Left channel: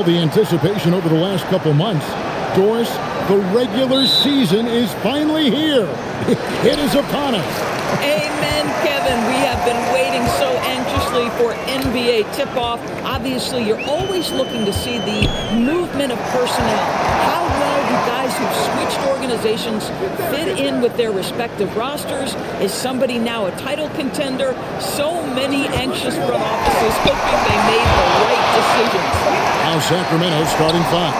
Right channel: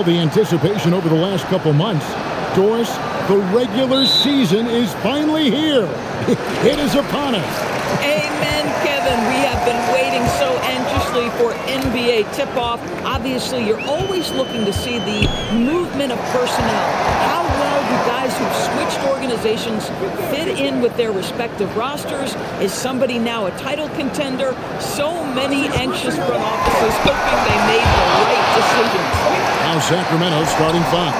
all the anticipation over the last couple months, Doris, the regular season is finally here. It is upon us. Amen, Kevin. We have been waiting so anxiously for NBA tip-off. Obviously, you're always looking to see the movement of personnel. How well do guys who've switched organizations fit in with their respective rosters? Is somebody now a title contender? So many anxious front offices hoping they made the right decisions. Now Sacramento starting five.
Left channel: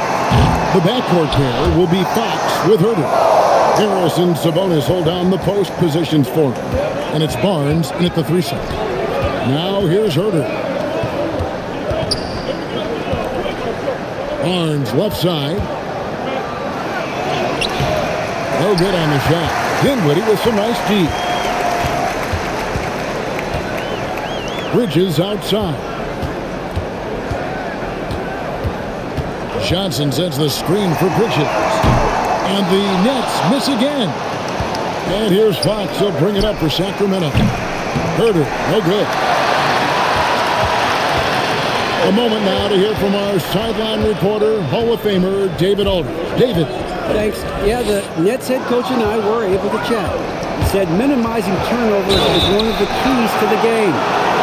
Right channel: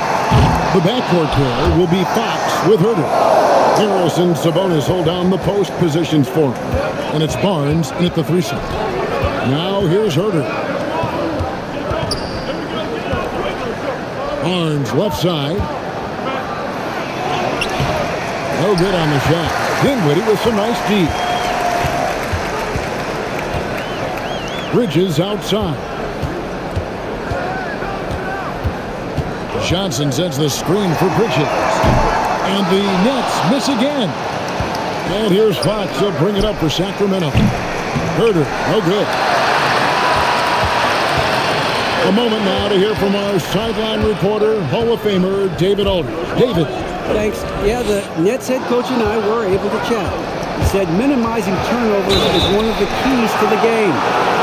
The backcourt pair will be Fox with Herder. Harris and Sabonis hold down the post positions for him. And it's Barnes in at the 3 side. Now here's Herder. Barnes left side. No good on the shot. Dinwiddie with some nice D. Bridges outside. Johnson sets the screen for Bridges. And the Nets miss again. And here's Fox. He'll bring it up for Sacramento. Herder, no good. A moment now to hear from our sideline reporter, Hall of Famer David Aldridge. David. Thanks. Yeah, the Nets head coach and I were able to chat. He said minimizing turnovers is one of the keys to the game.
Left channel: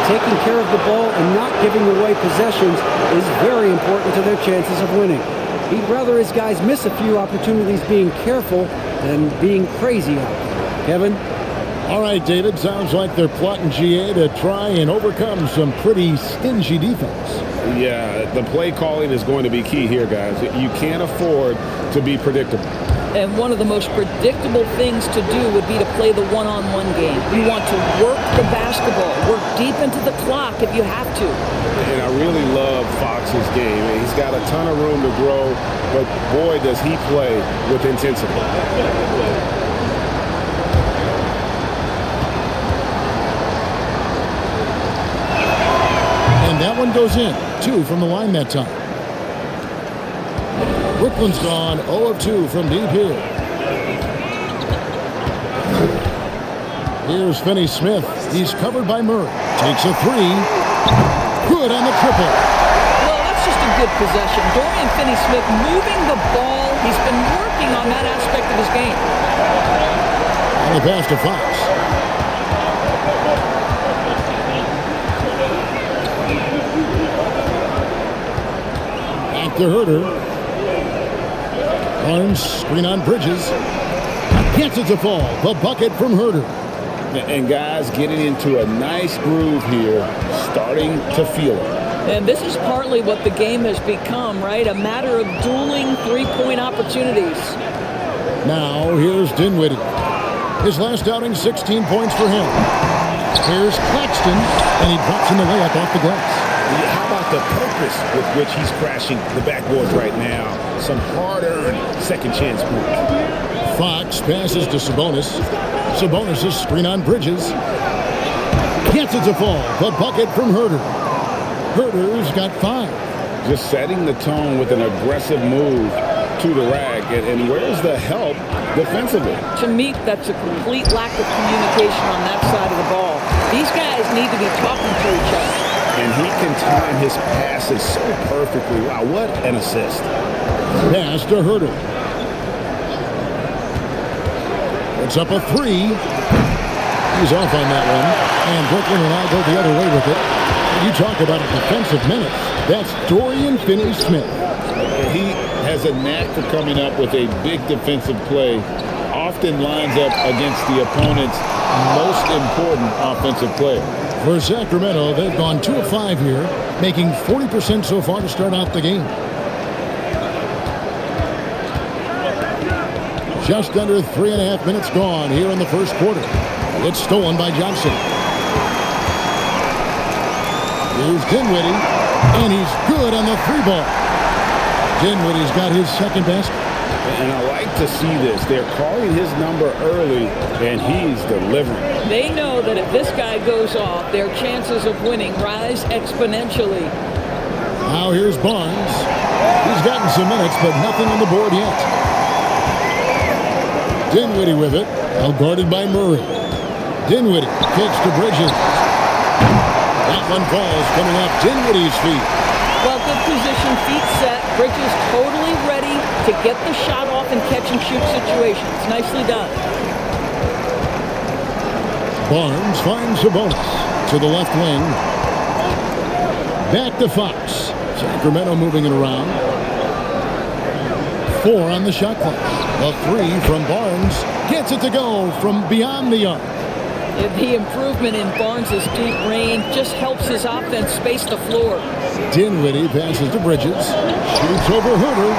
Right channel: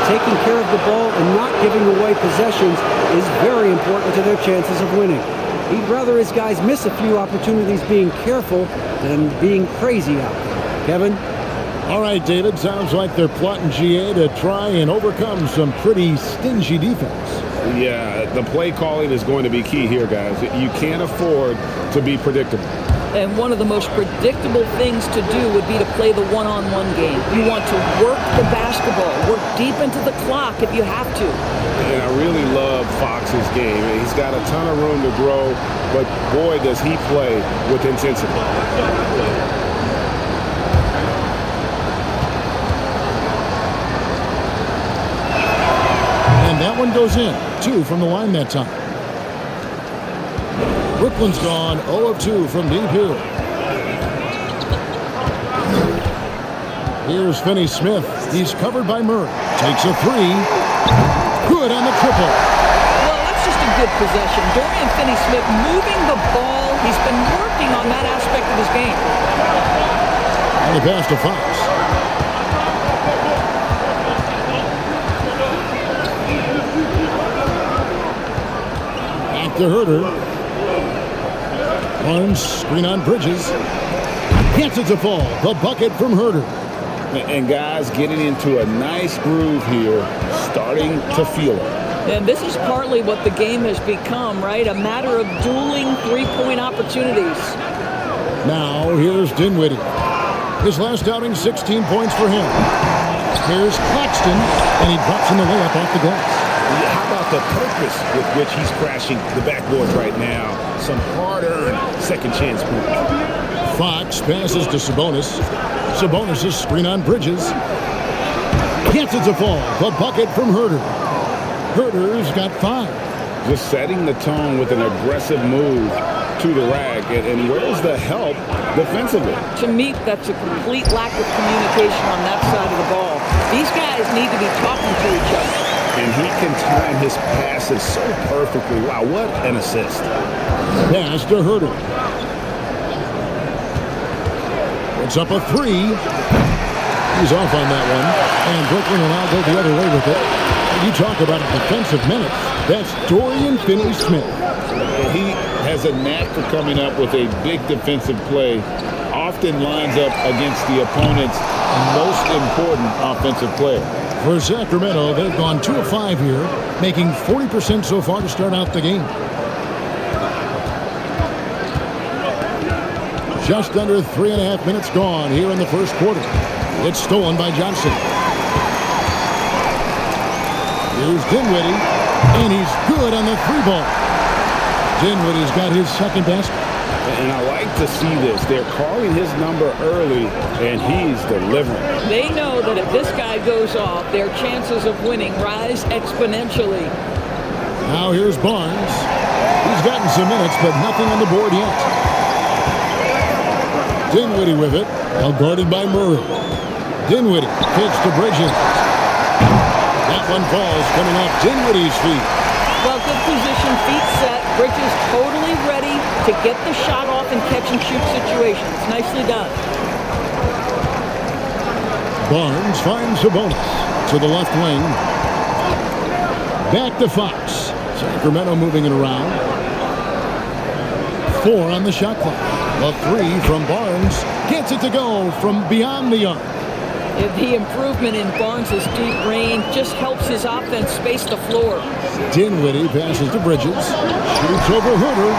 Taking care of the ball and not giving away possessions is very important to their chances of winning. He'd rather his guys miss a few opportunities being careful than being crazy out there. Kevin? All right, David. Sounds like they're plotting GA to try and overcome some pretty stingy defense. Yeah, the play calling is going to be key here, guys. You can't afford to be predictable. And one of the most predictable things to do would be to play the one-on-one game. You want to work the basketball, work deep into the clock if you have to. And I really love Fox's game. He's got a ton of room to grow, but boy, does he play with intensity. And that one goes in. 2 from the line that time. Brooklyn's gone 0 of 2 from deep here. Here's Finney-Smith. He's covered by Murray. Takes a 3. Good on the triple. Well, that's just a good possession. Dorian Finney-Smith moving the ball. He's been working on that aspect of his game. And the pass to Fox. Back to Herder. Barnes, screen on Bridges. Gets it to fall. The bucket from Herder. And guys getting into a nice groove here, starting to feel it. And this is partly what the game has become, right? A matter of dueling three-point opportunities. Now, here's Dinwiddie. His last outing, 16 points for him. Here's Claxton, and he drops in the layup off the glass. How about the purpose with which he's crashing the backboards right now? Some hard-earned second chance points. Fox passes to Sabonis. Sabonis' screen on Bridges. Gets it to fall. The bucket from Herder. Herder's got 5. Just setting the tone with an aggressive move to the rack. And where's the help defensively? To me, that's a complete lack of communication on that side of the ball. These guys need to be talking to each other. And he can time his passes so perfectly. Wow, what an assist. Pass to Herder. Puts up a 3. He's off on that one. And Brooklyn will now go the other way with it. You talk about a defensive menace. That's Dorian Finney-Smith. He has a knack for coming up with a big defensive play. Often lines up against the opponent's most important offensive player. For Sacramento, they've gone 2 of 5 here, making 40% so far to start out the game. Just under 3.5 minutes gone here in the first quarter. It's stolen by Johnson. Here's Dinwiddie, and he's good on the 3-ball. Dinwiddie's got his second basket. And I like to see this. They're calling his number early, and he's delivering. They know that if this guy goes off, their chances of winning rise exponentially. Now here's Barnes. He's gotten some minutes, but nothing on the board yet. Dinwiddie with it, now guarded by Murray. Dinwiddie kicks to Bridges. That one falls, coming off Dinwiddie's feet. Well, good position, feet set. Bridges totally ready to get the shot off in catch-and-shoot situations. Nicely done. Barnes finds Sabonis to the left wing. Back to Fox. Sacramento moving it around. 4 on the shot clock. The 3 from Barnes gets it to go from beyond the arc. The improvement in Barnes' deep range just helps his offense space the floor. Dinwiddie passes to Bridges. Shoots over Herter.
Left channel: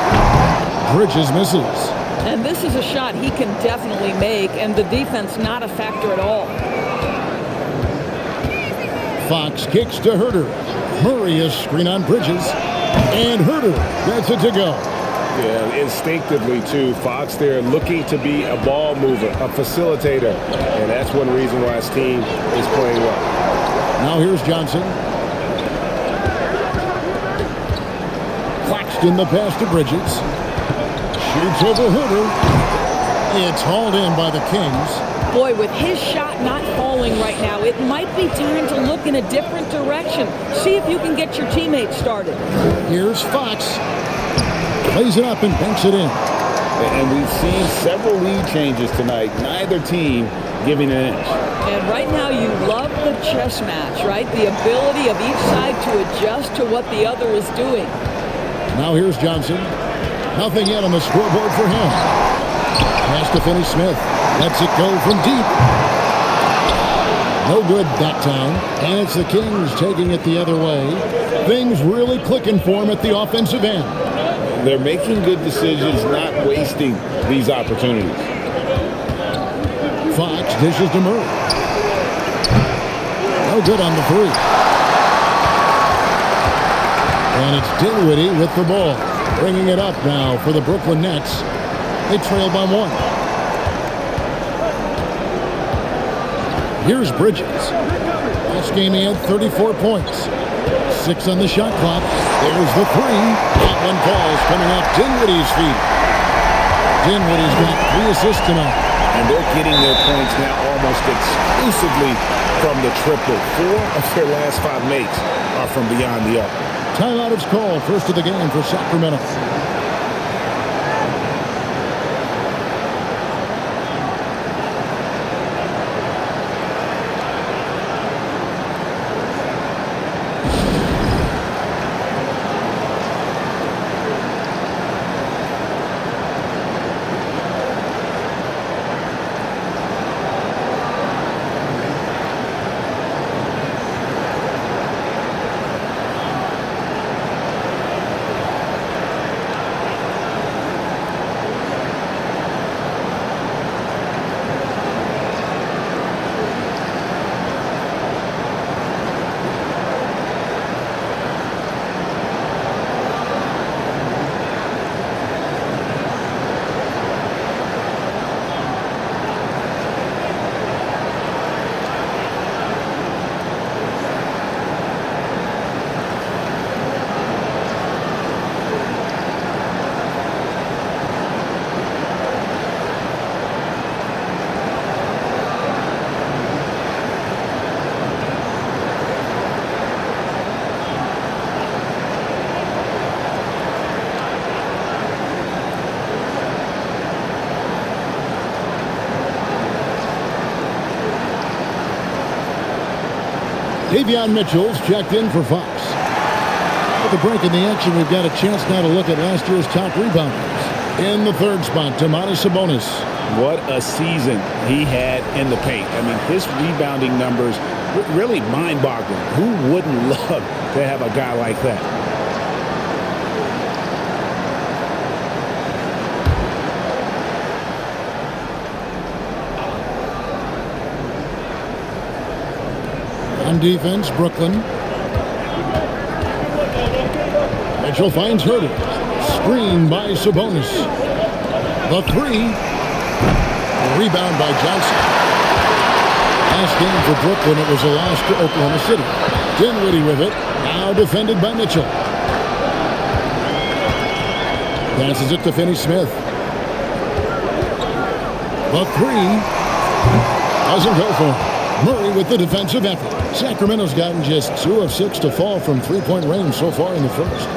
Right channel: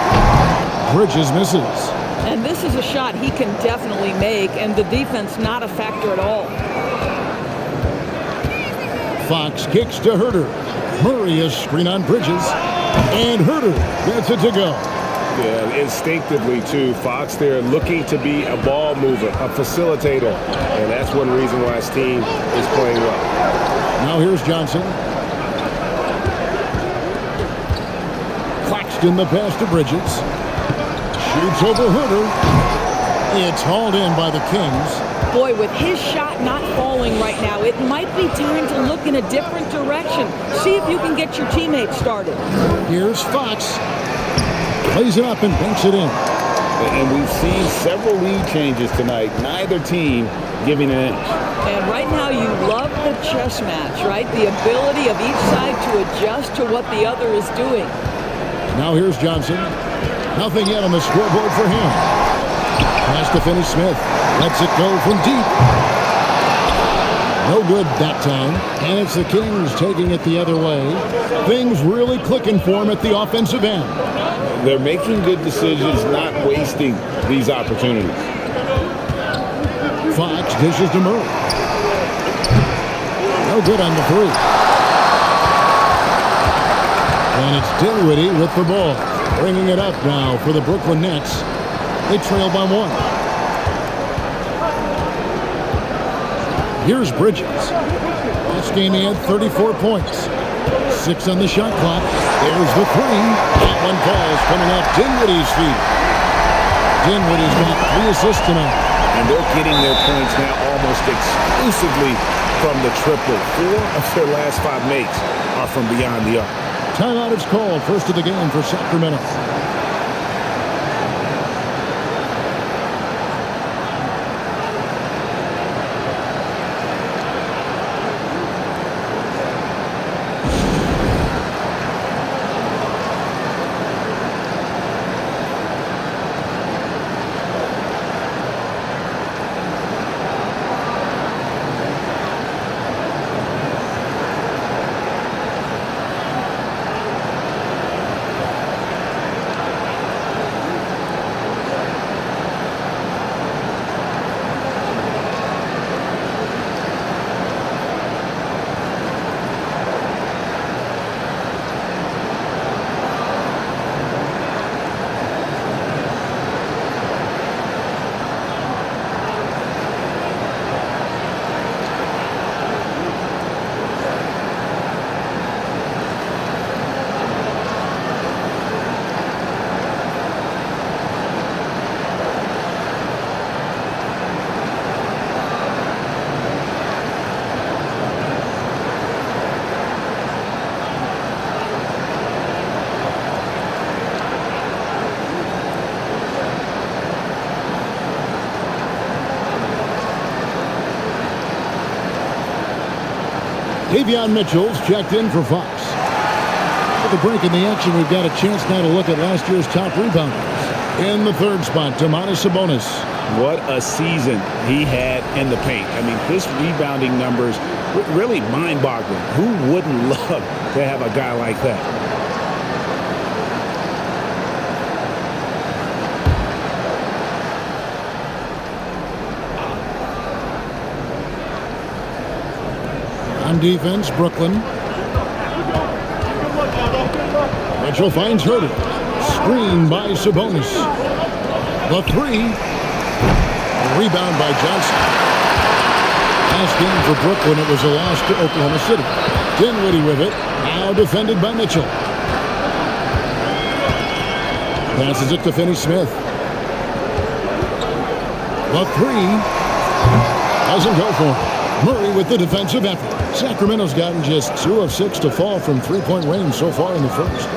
Bridges misses. And this is a shot he can definitely make, and the defense not a factor at all. Fox kicks to Herter. Murray is screen on Bridges. And Herter gets it to go. Yeah, instinctively, too. Fox there looking to be a ball mover, a facilitator. And that's one reason why his team is playing well. Now here's Johnson. Claxton the pass to Bridges. Shoots over Herter. It's hauled in by the Kings. Boy, with his shot not falling right now, it might be time to look in a different direction. See if you can get your teammates started. Here's Fox. Plays it up and banks it in. And we've seen several lead changes tonight. Neither team giving an inch. And right now you love the chess match, right? The ability of each side to adjust to what the other is doing. Now here's Johnson. Nothing yet on the scoreboard for him. Pass to Finney-Smith. Lets it go from deep. No good that time. And it's the Kings taking it the other way. Things really clicking for him at the offensive end. They're making good decisions, not wasting these opportunities. Fox dishes to Murray. No good on the 3. And it's Dinwiddie with the ball. Bringing it up now for the Brooklyn Nets. They trail by 1. Here's Bridges. Last game he had 34 points. 6 on the shot clock. There's the 3. That one falls coming off Dinwiddie's feet. Dinwiddie's got 3 assists tonight. And they're getting their points now almost exclusively from the triple. 4 of their last 5 makes are from beyond the arc. Timeout is called. First of the game for Sacramento. Davion Mitchell's checked in for Fox. With the break in the action, we've got a chance now to look at last year's top rebounders. In the 3rd spot, Domantas Sabonis. What a season he had in the paint. I mean, his rebounding numbers really mind-boggling. Who wouldn't love to have a guy like that? On defense, Brooklyn. Mitchell finds Herter. Screened by Sabonis. The 3. The rebound by Johnson. Last game for Brooklyn, it was a loss to Oklahoma City. Dinwiddie with it. Now defended by Mitchell. Passes it to Finney-Smith. The 3. Doesn't go for him. Murray with the defensive effort. Sacramento's gotten just 2 of 6 to fall from three-point range so far in the first.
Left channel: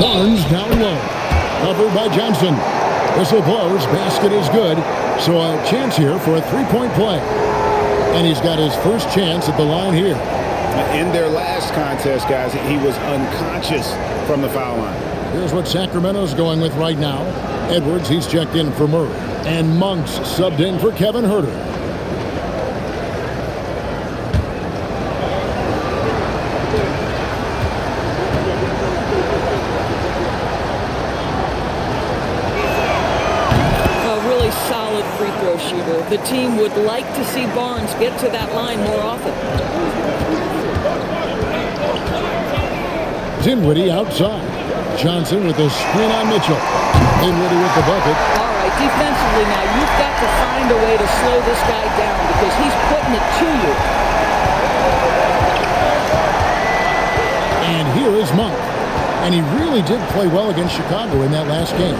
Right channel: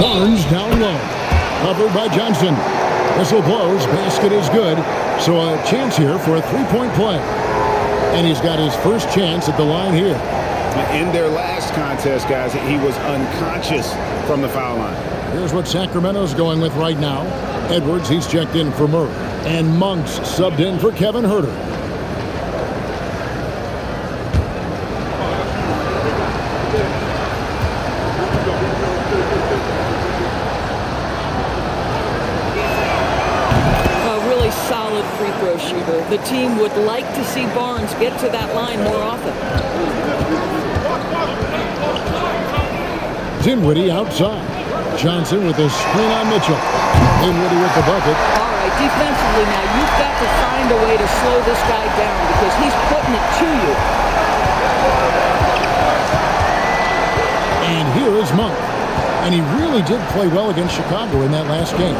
Barnes down low. Covered by Johnson. Whistle blows. Basket is good. So a chance here for a three-point play. And he's got his first chance at the line here. In their last contest, guys, he was unconscious from the foul line. Here's what Sacramento's going with right now. Edwards, he's checked in for Murray. And Monks subbed in for Kevin Huerter. A really solid free throw shooter. The team would like to see Barnes get to that line more often. Dinwiddie outside. Johnson with a screen on Mitchell. Dinwiddie with the bucket. All right, defensively now, you've got to find a way to slow this guy down because he's putting it to you. And here is Monk. And he really did play well against Chicago in that last game.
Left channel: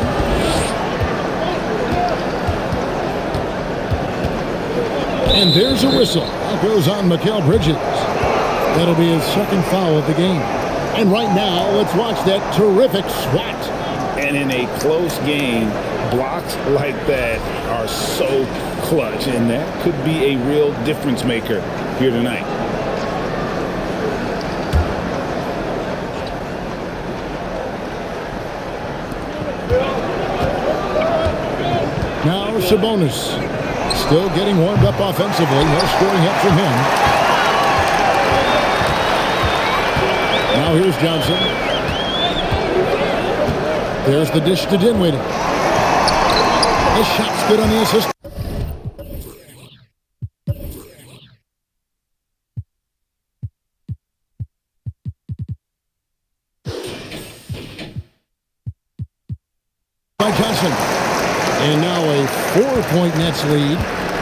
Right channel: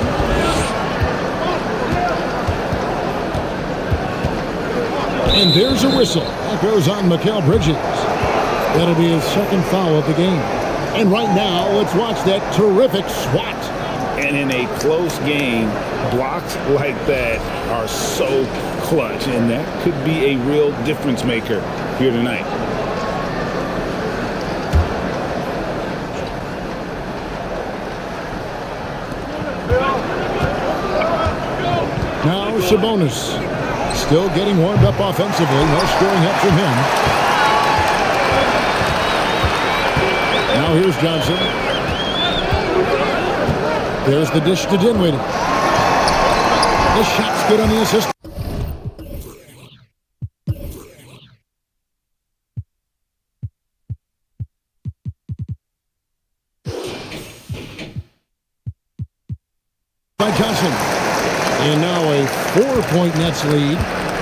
And there's a whistle. That goes on Mikal Bridges. That'll be his second foul of the game. And right now, let's watch that terrific swat. And in a close game, blocks like that are so clutch. And that could be a real difference maker here tonight. Now Sabonis. Still getting warmed up offensively. No scoring yet from him. Now here's Johnson. There's the dish to Dinwiddie. The shot's good on the assist. By Johnson. And now a 4-point Nets lead.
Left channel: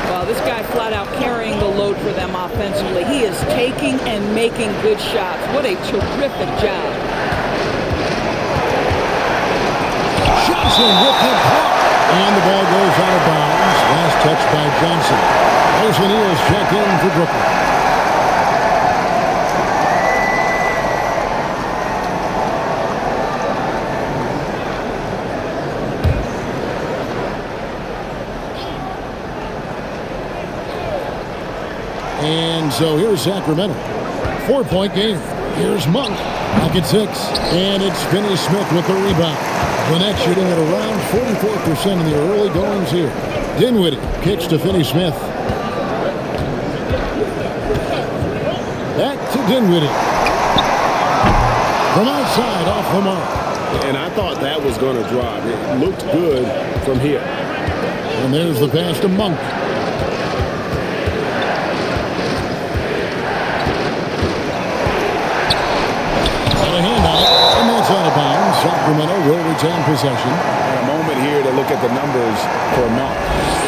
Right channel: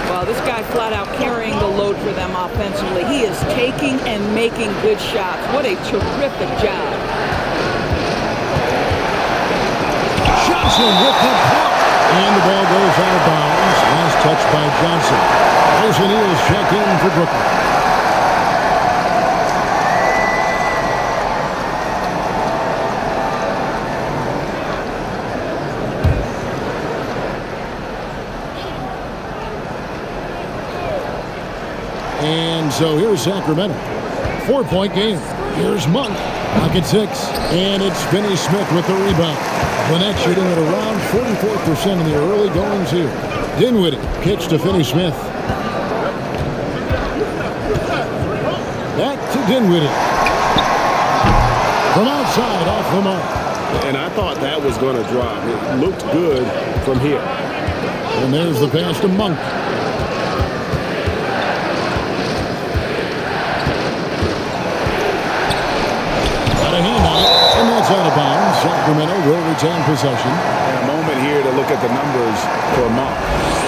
Well, this guy flat out carrying the load for them offensively. He is taking and making good shots. What a terrific job. Johnson with the block. And the ball goes out of bounds. Last touch by Johnson. Royce O'Neal's checked in for Brooklyn. And so here's Sacramento. 4-point game. Here's Monk. Pocket 6. And it's Finney Smith with the rebound. Lynette shooting at around 44% in the early goings here. Dinwiddie kicks to Finney Smith. Back to Dinwiddie. From outside, off the mark. And I thought that was going to drop. It looked good from here. And there's the pass to Monk. A hand on it, and that's out of bounds. Sacramento will retain possession. And a moment here to look at the numbers for Monk.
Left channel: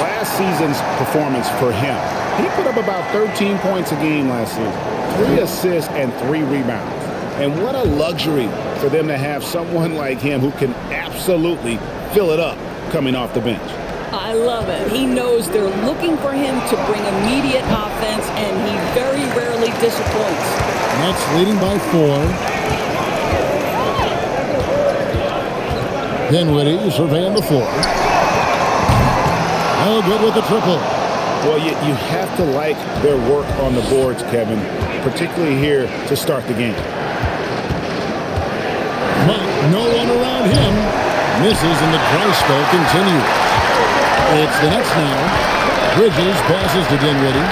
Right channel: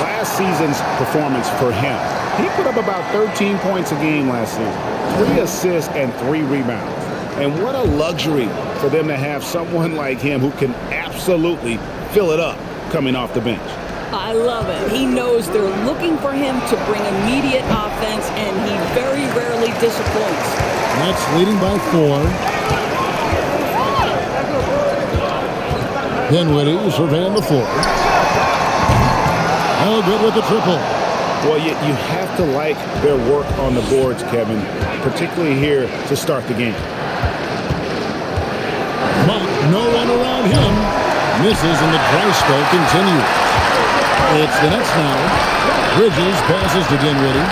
Last season's performance for him. He put up about 13 points a game last season. 3 assists and 3 rebounds. And what a luxury for them to have someone like him who can absolutely fill it up coming off the bench. I love it. He knows they're looking for him to bring immediate offense, and he very rarely disappoints. Nets leading by 4. Dinwiddie surveying the floor. No good with the triple. Well, you have to like their work on the boards, Kevin, particularly here to start the game. Monk, no one around him. Misses, and the dry spell continues. It's the Nets now. Bridges passes to Dinwiddie.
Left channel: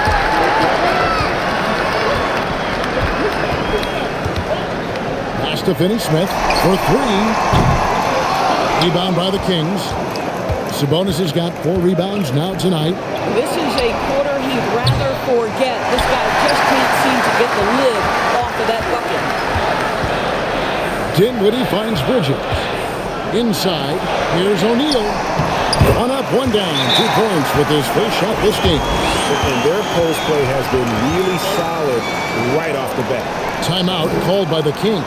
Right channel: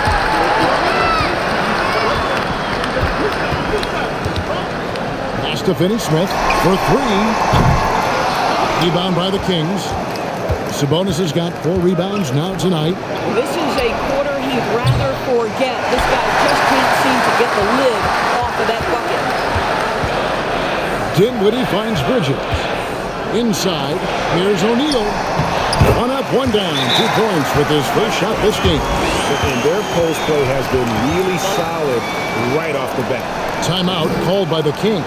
Pass to Finney Smith for 3. Rebound by the Kings. Sabonis has got 4 rebounds now tonight. This is a quarter he'd rather forget. This guy just can't seem to get the lid off of that bucket. Dinwiddie finds Bridges. Inside, here's O'Neal. 1 up, 1 down. 2 points with his first shot this game. And their post play has been really solid right off the bat. Timeout called by the Kings.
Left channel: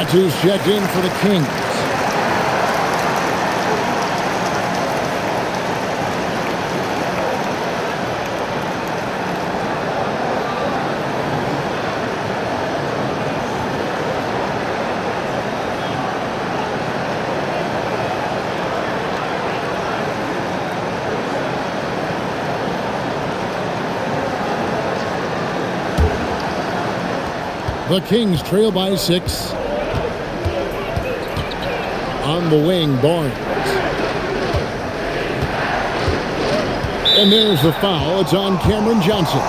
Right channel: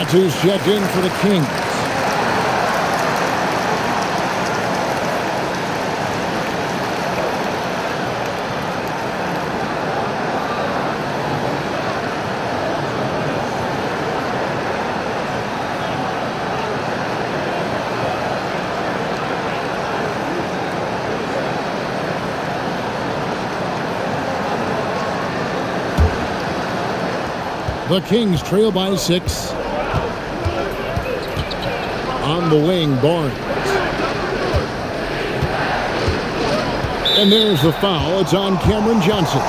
That's who's checked in for the Kings. The Kings trail by 6. On the wing, Barnes. And there's the foul. It's on Cameron Johnson.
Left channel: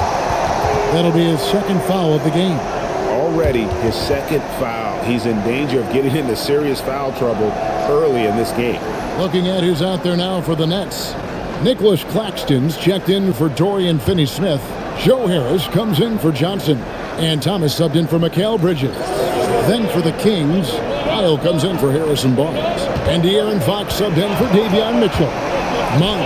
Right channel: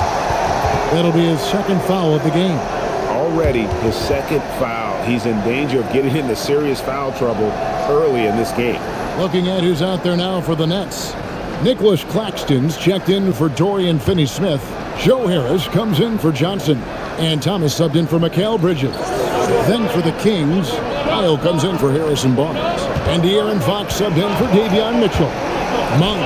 That'll be his second foul of the game. Already his second foul. He's in danger of getting into serious foul trouble early in this game. Looking at who's out there now for the Nets. Nicholas Claxton's checked in for Dorian Finney-Smith. Joe Harris comes in for Johnson. And Thomas subbed in for Mikal Bridges. Then for the Kings, Lyle comes in for Harrison Barnes. And De'Aaron Fox subbed in for Davion Mitchell. Monk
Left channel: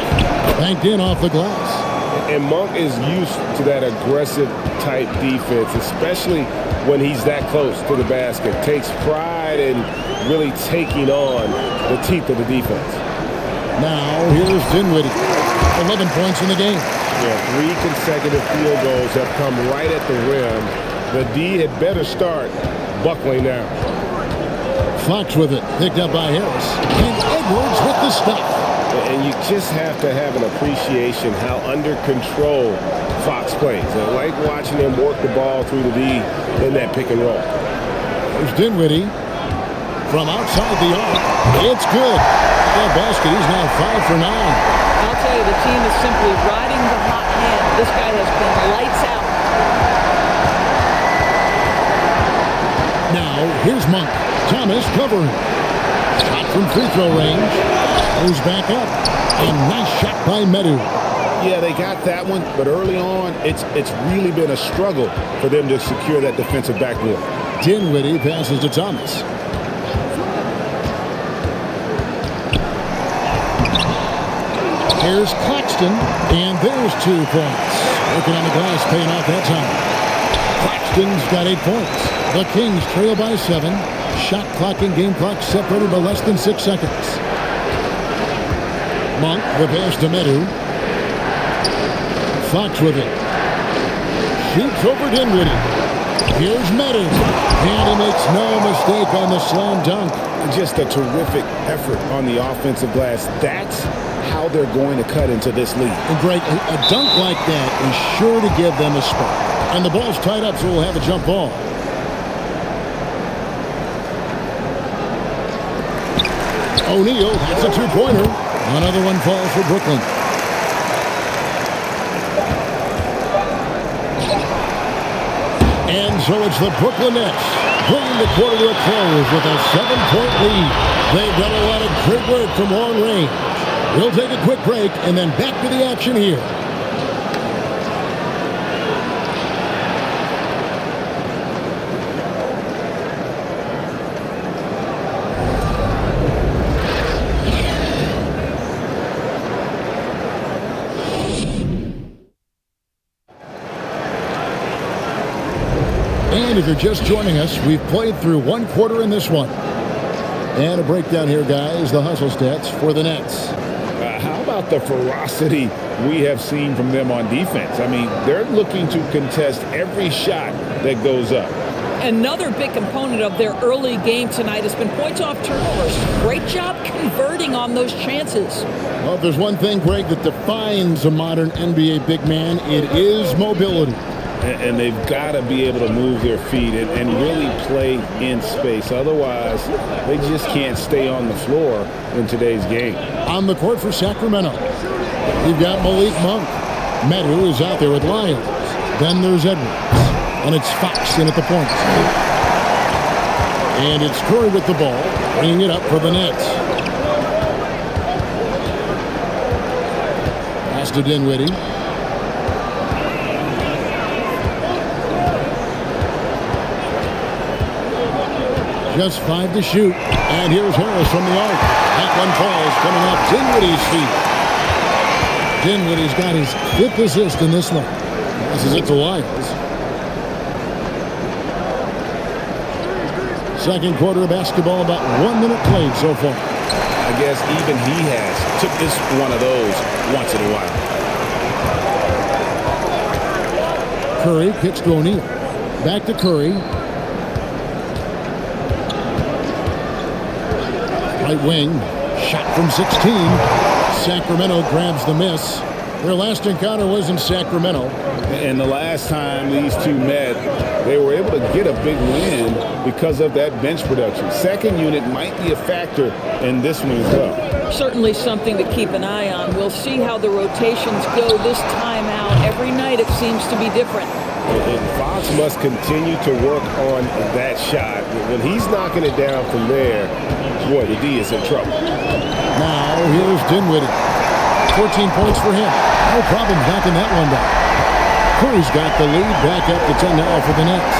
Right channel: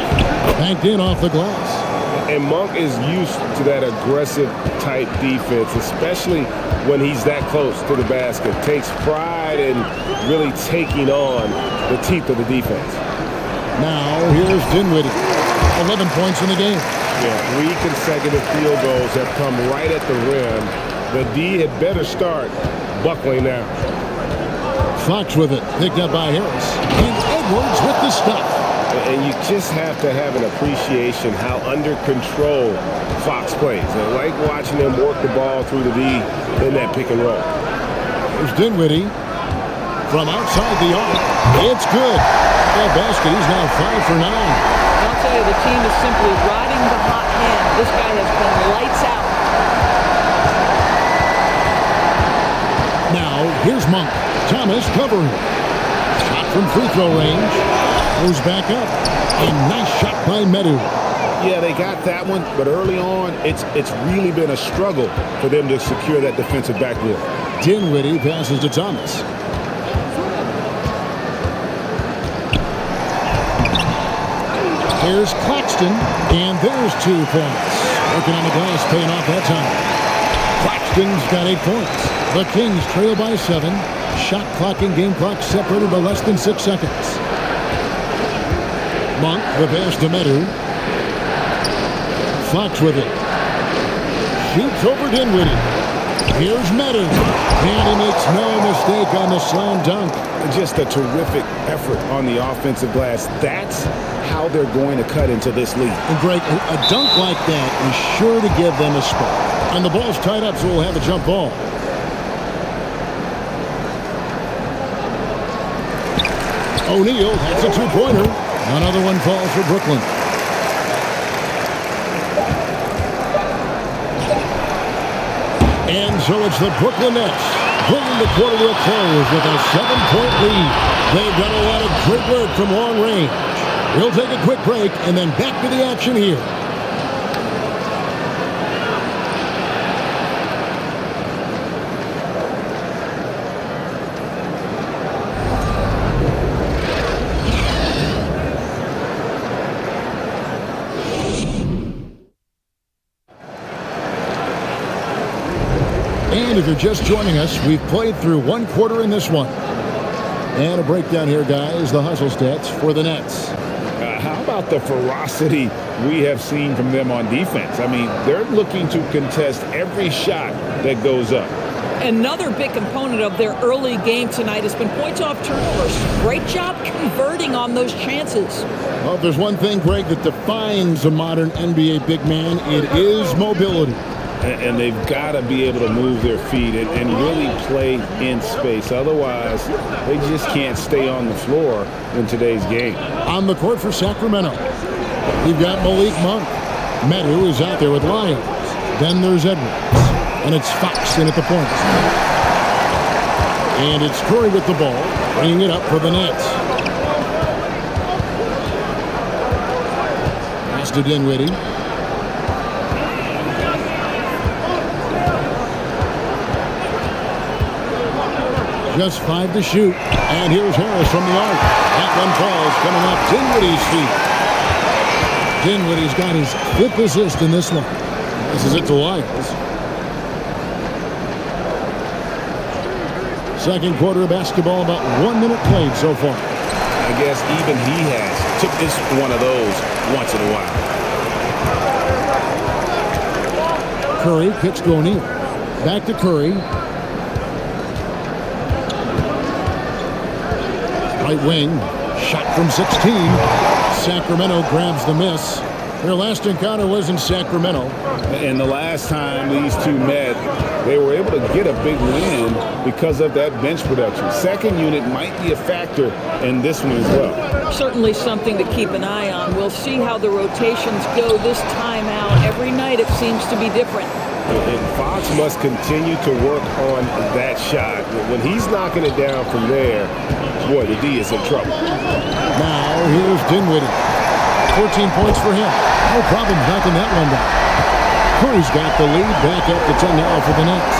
banked in off the glass. And Monk is used to that aggressive type defense, especially when he's that close to the basket. Takes pride in really taking on the teeth of the defense. Now here's Dinwiddie. 11 points in the game. Yeah, 3 consecutive field goals have come right at the rim. The D had better start buckling down. Fox with it, picked up by Harris. And Edwards with the stuff. And you just have to have an appreciation how under control Fox plays. I like watching him work the ball through the D in that pick and roll. There's Dinwiddie from outside the arc. It's good. That basket, he's now 5 for 9. I'll tell you, the team is simply riding the hot hand. This guy has been lights out. Now, here's Monk. Thomas covering. Shot from free throw range. Goes back up. A nice shot by Medu. Yeah, they got that one, but early on, it's really been a struggle for them to secure that defensive backboard. Dinwiddie passes to Thomas. Here's Claxton, and there's 2 points. Working on the glass, paying off that time. Claxton's got 8 points. The Kings trail by 7. Shot clock and game clock separated by less than 6 seconds. Monk, the pass to Medu. Fox with it. Shoots over Dinwiddie. Here's Medu. And he makes no mistake on the slam dunk. Just a terrific effort on the offensive glass. That's how they're going to cut into this lead. And Greg, a dunk like that is sure to give them a spark. And the ball's tied up, so we'll have a jump ball. O'Neal, that's a 2-pointer. Another one falls for Brooklyn. And so it's the Brooklyn Nets bringing the quarter to a close with a 7-point lead. They've done a lot of great work from long range. We'll take a quick break and then back to the action here. And if you're just joining us, we've played through 1 quarter in this one. And a breakdown here, guys, the hustle stats for the Nets. How about the ferocity we have seen from them on defense? I mean, they're looking to contest every shot that goes up. Another big component of their early game tonight has been points off turnovers. Great job converting on those chances. Well, if there's one thing, Greg, that defines a modern NBA big man, it is mobility. And they've got to be able to move their feet and really play in space. Otherwise, they just can't stay on the floor in today's game. On the court for Sacramento, you've got Malik Monk. Medu is out there with Lyles. Then there's Edwards. And it's Fox in at the point. And it's Curry with the ball, bringing it up for the Nets. Pass to Dinwiddie. Just 5 to shoot. And here's Harris from the arc. That one falls, coming off Dinwiddie's feet. Dinwiddie's got his 5th assist in this one. Passes it to Lyles. Second quarter of basketball, about 1 minute played so far. I guess even he took this one of those once in a while. Curry kicks to O'Neal. Back to Curry. Right wing. Shot from 16. Sacramento grabs the miss. Their last encounter was in Sacramento. And the last time these two met, they were able to get a big win because of that bench production. Second unit might be a factor in this one as well. Certainly something to keep an eye on. We'll see how the rotations go this time out. Every night it seems to be different. And Fox must continue to work on that shot. When he's knocking it down from there, boy, the D is in trouble. Now here's Dinwiddie. 14 points for him. No problem knocking that one down. Curry's got the lead. Back up to 10 now for the Nets.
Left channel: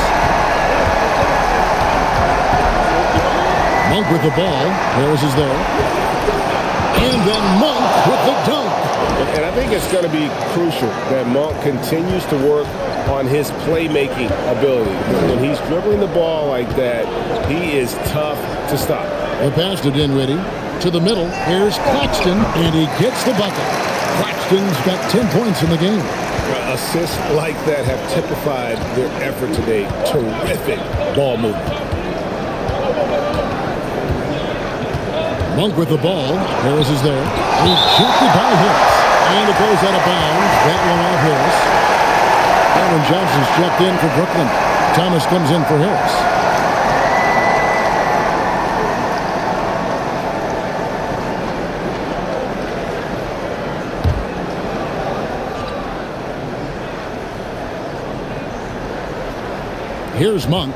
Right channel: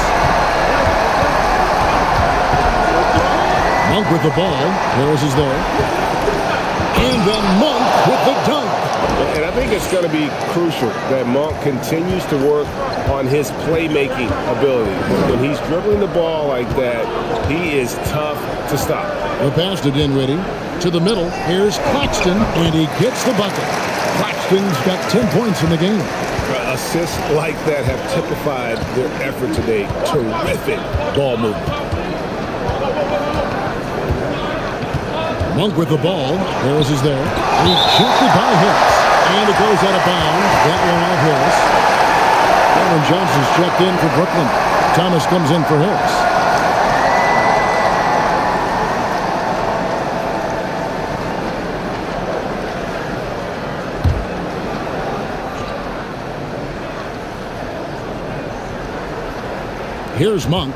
Monk with the ball. Harris is there. And then Monk with the dunk. And I think it's going to be crucial that Monk continues to work on his playmaking ability. When he's dribbling the ball like that, he is tough to stop. The pass to Dinwiddie. To the middle. Here's Claxton, and he gets the bucket. Claxton's got 10 points in the game. Assists like that have typified their effort today. Terrific ball movement. Monk with the ball. Harris is there. Rejected by Harris. And it goes out of bounds. That one off Harris. Cameron Johnson's checked in for Brooklyn. Thomas comes in for Harris. Here's Monk.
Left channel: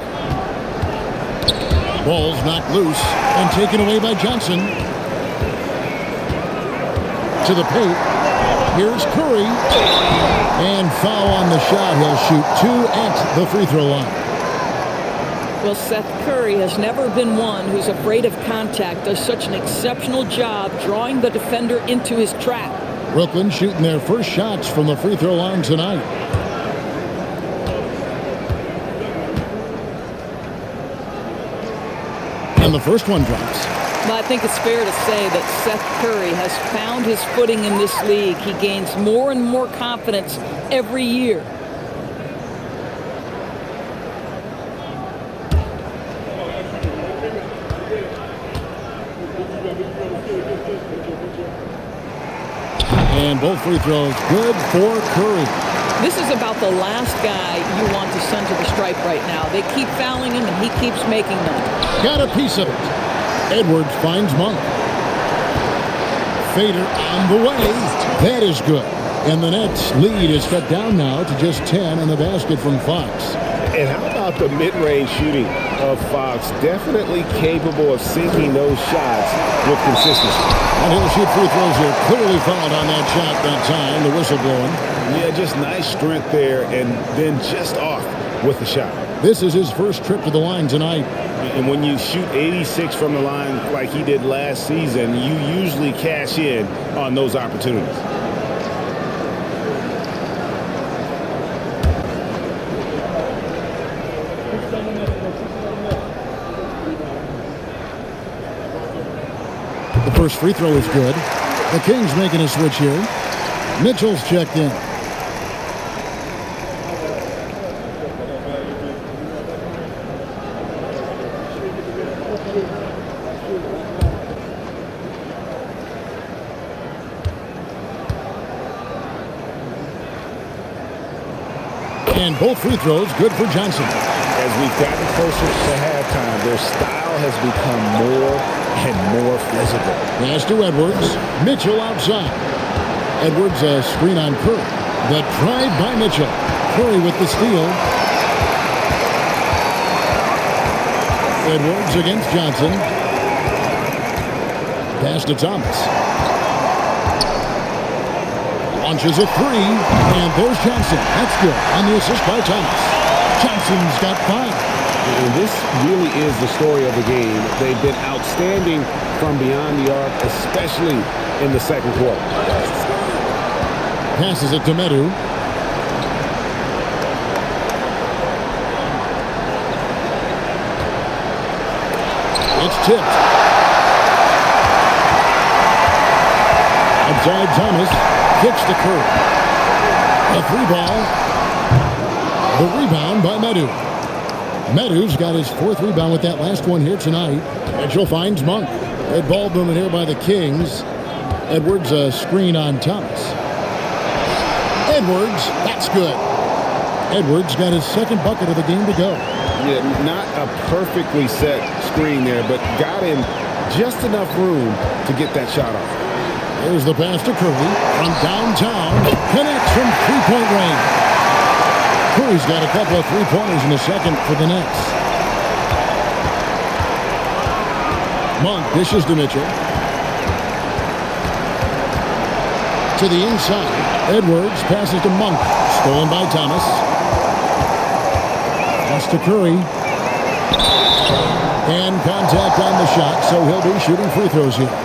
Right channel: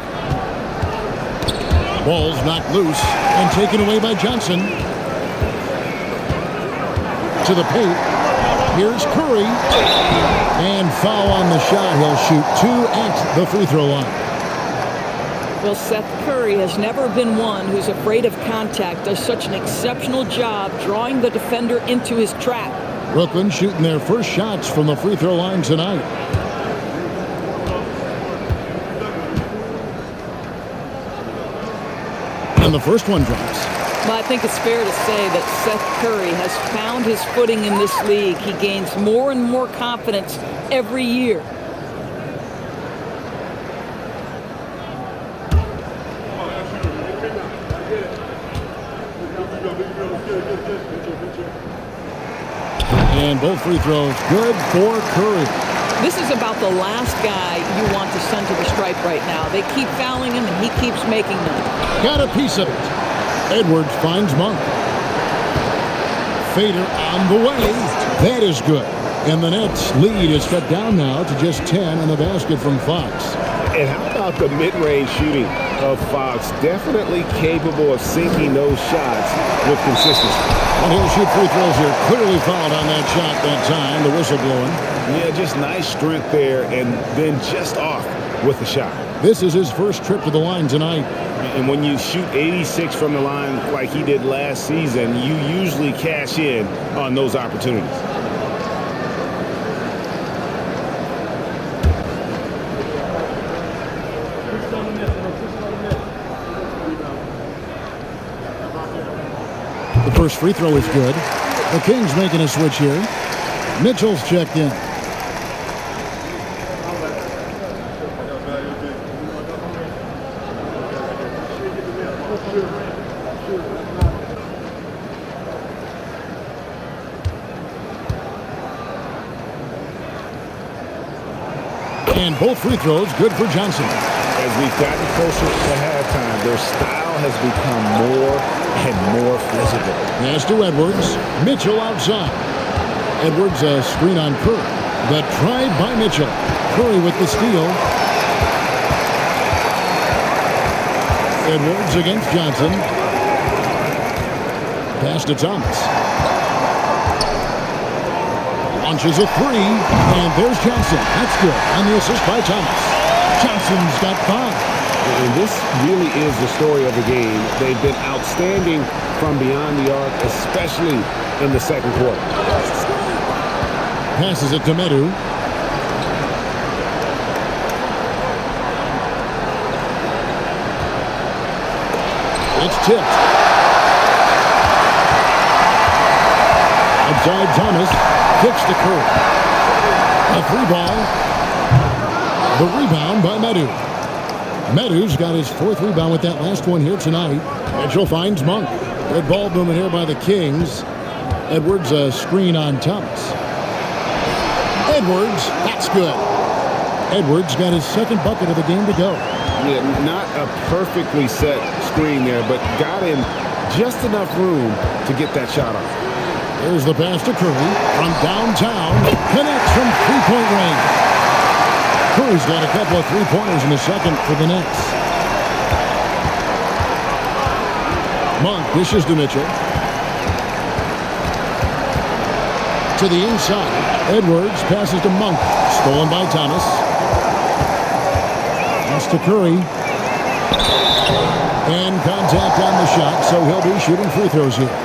Ball's knocked loose and taken away by Johnson. To the paint. Here's Curry. And foul on the shot. He'll shoot 2 at the free throw line. Well, Seth Curry has never been one who's afraid of contact. Does such an exceptional job drawing the defender into his trap. Brooklyn shooting their first shots from the free throw line tonight. And the first one drops. Well, I think it's fair to say that Seth Curry has found his footing in this league. He gains more and more confidence every year. And both free throws good for Curry. This is about the last guy you want to send to the stripe right now. They keep fouling him, and he keeps making them. Got a piece of it. Edwards finds Monk. Fader on the way. That is good. And the Nets' lead is cut down now to just 10 on the basket from Fox. And how about the mid-range shooting of Fox? Definitely capable of sinking those shots with consistency. And he'll shoot free throws here. Clearly fouled on that shot that time. The whistle blowing. Yeah, just nice strength there, and then just off with the shot. This is his first trip to the line tonight. And when you shoot 86 from the line like he did last season, you usually cash in on those opportunities. The first free throw is good. The Kings making a switch here. Mitchell's checked in. And both free throws good for Johnson. As we've gotten closer to halftime, their style has become more and more physical. Pass to Edwards. Mitchell outside. Edwards a screen on Curry. The drive by Mitchell. Curry with the steal. Edwards against Johnson. Pass to Thomas. Launches a three, and there's Johnson. That's good on the assist by Thomas. Johnson's got 5. And this really is the story of the game. They've been outstanding from beyond the arc, especially in the second quarter. Passes it to Medu. It's tipped. Outside Thomas. Kicks to Curry. A 3-ball. The rebound by Medu. Medu's got his 4th rebound with that last one here tonight. Mitchell finds Monk. Good ball movement here by the Kings. Edwards a screen on Thomas. Edwards, that's good. Edwards got his 2nd bucket of the game to go. Yeah, not a perfectly set screen there, but got him just enough room to get that shot off. There's the pass to Curry from downtown. Connects from 3-point range. Curry's got a couple of 3-pointers in the second for the Nets. Monk dishes to Mitchell. To the inside. Edwards passes to Monk. Stolen by Thomas. Pass to Curry. And contact on the shot, so he'll be shooting free throws here.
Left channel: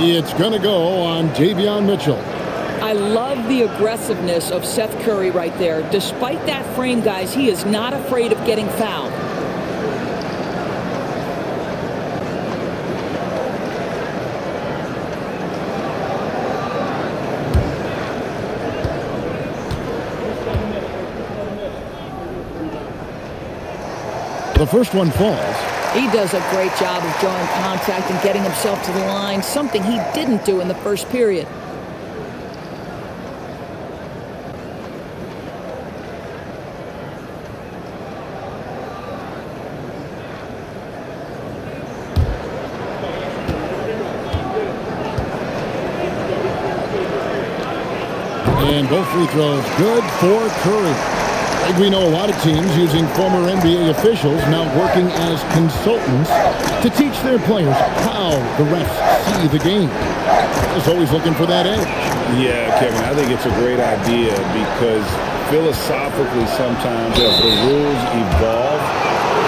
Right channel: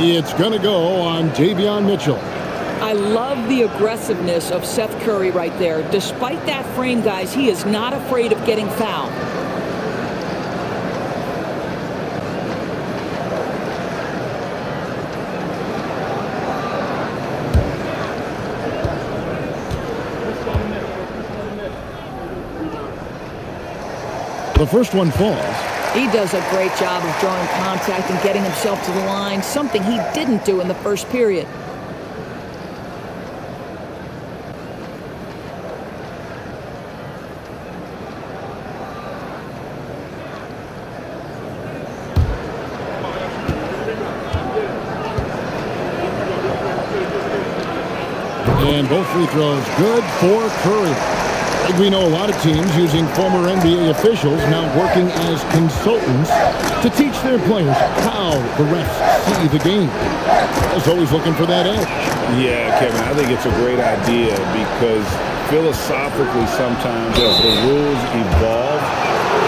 It's going to go on Davion Mitchell. I love the aggressiveness of Seth Curry right there. Despite that frame, guys, he is not afraid of getting fouled. The first one falls. He does a great job of drawing contact and getting himself to the line, something he didn't do in the first period. And both free throws good for Curry. We know a lot of teams using former NBA officials now working as consultants to teach their players how the refs see the game. Is always looking for that edge. Yeah, Kevin, I think it's a great idea because philosophically sometimes as the rules evolve,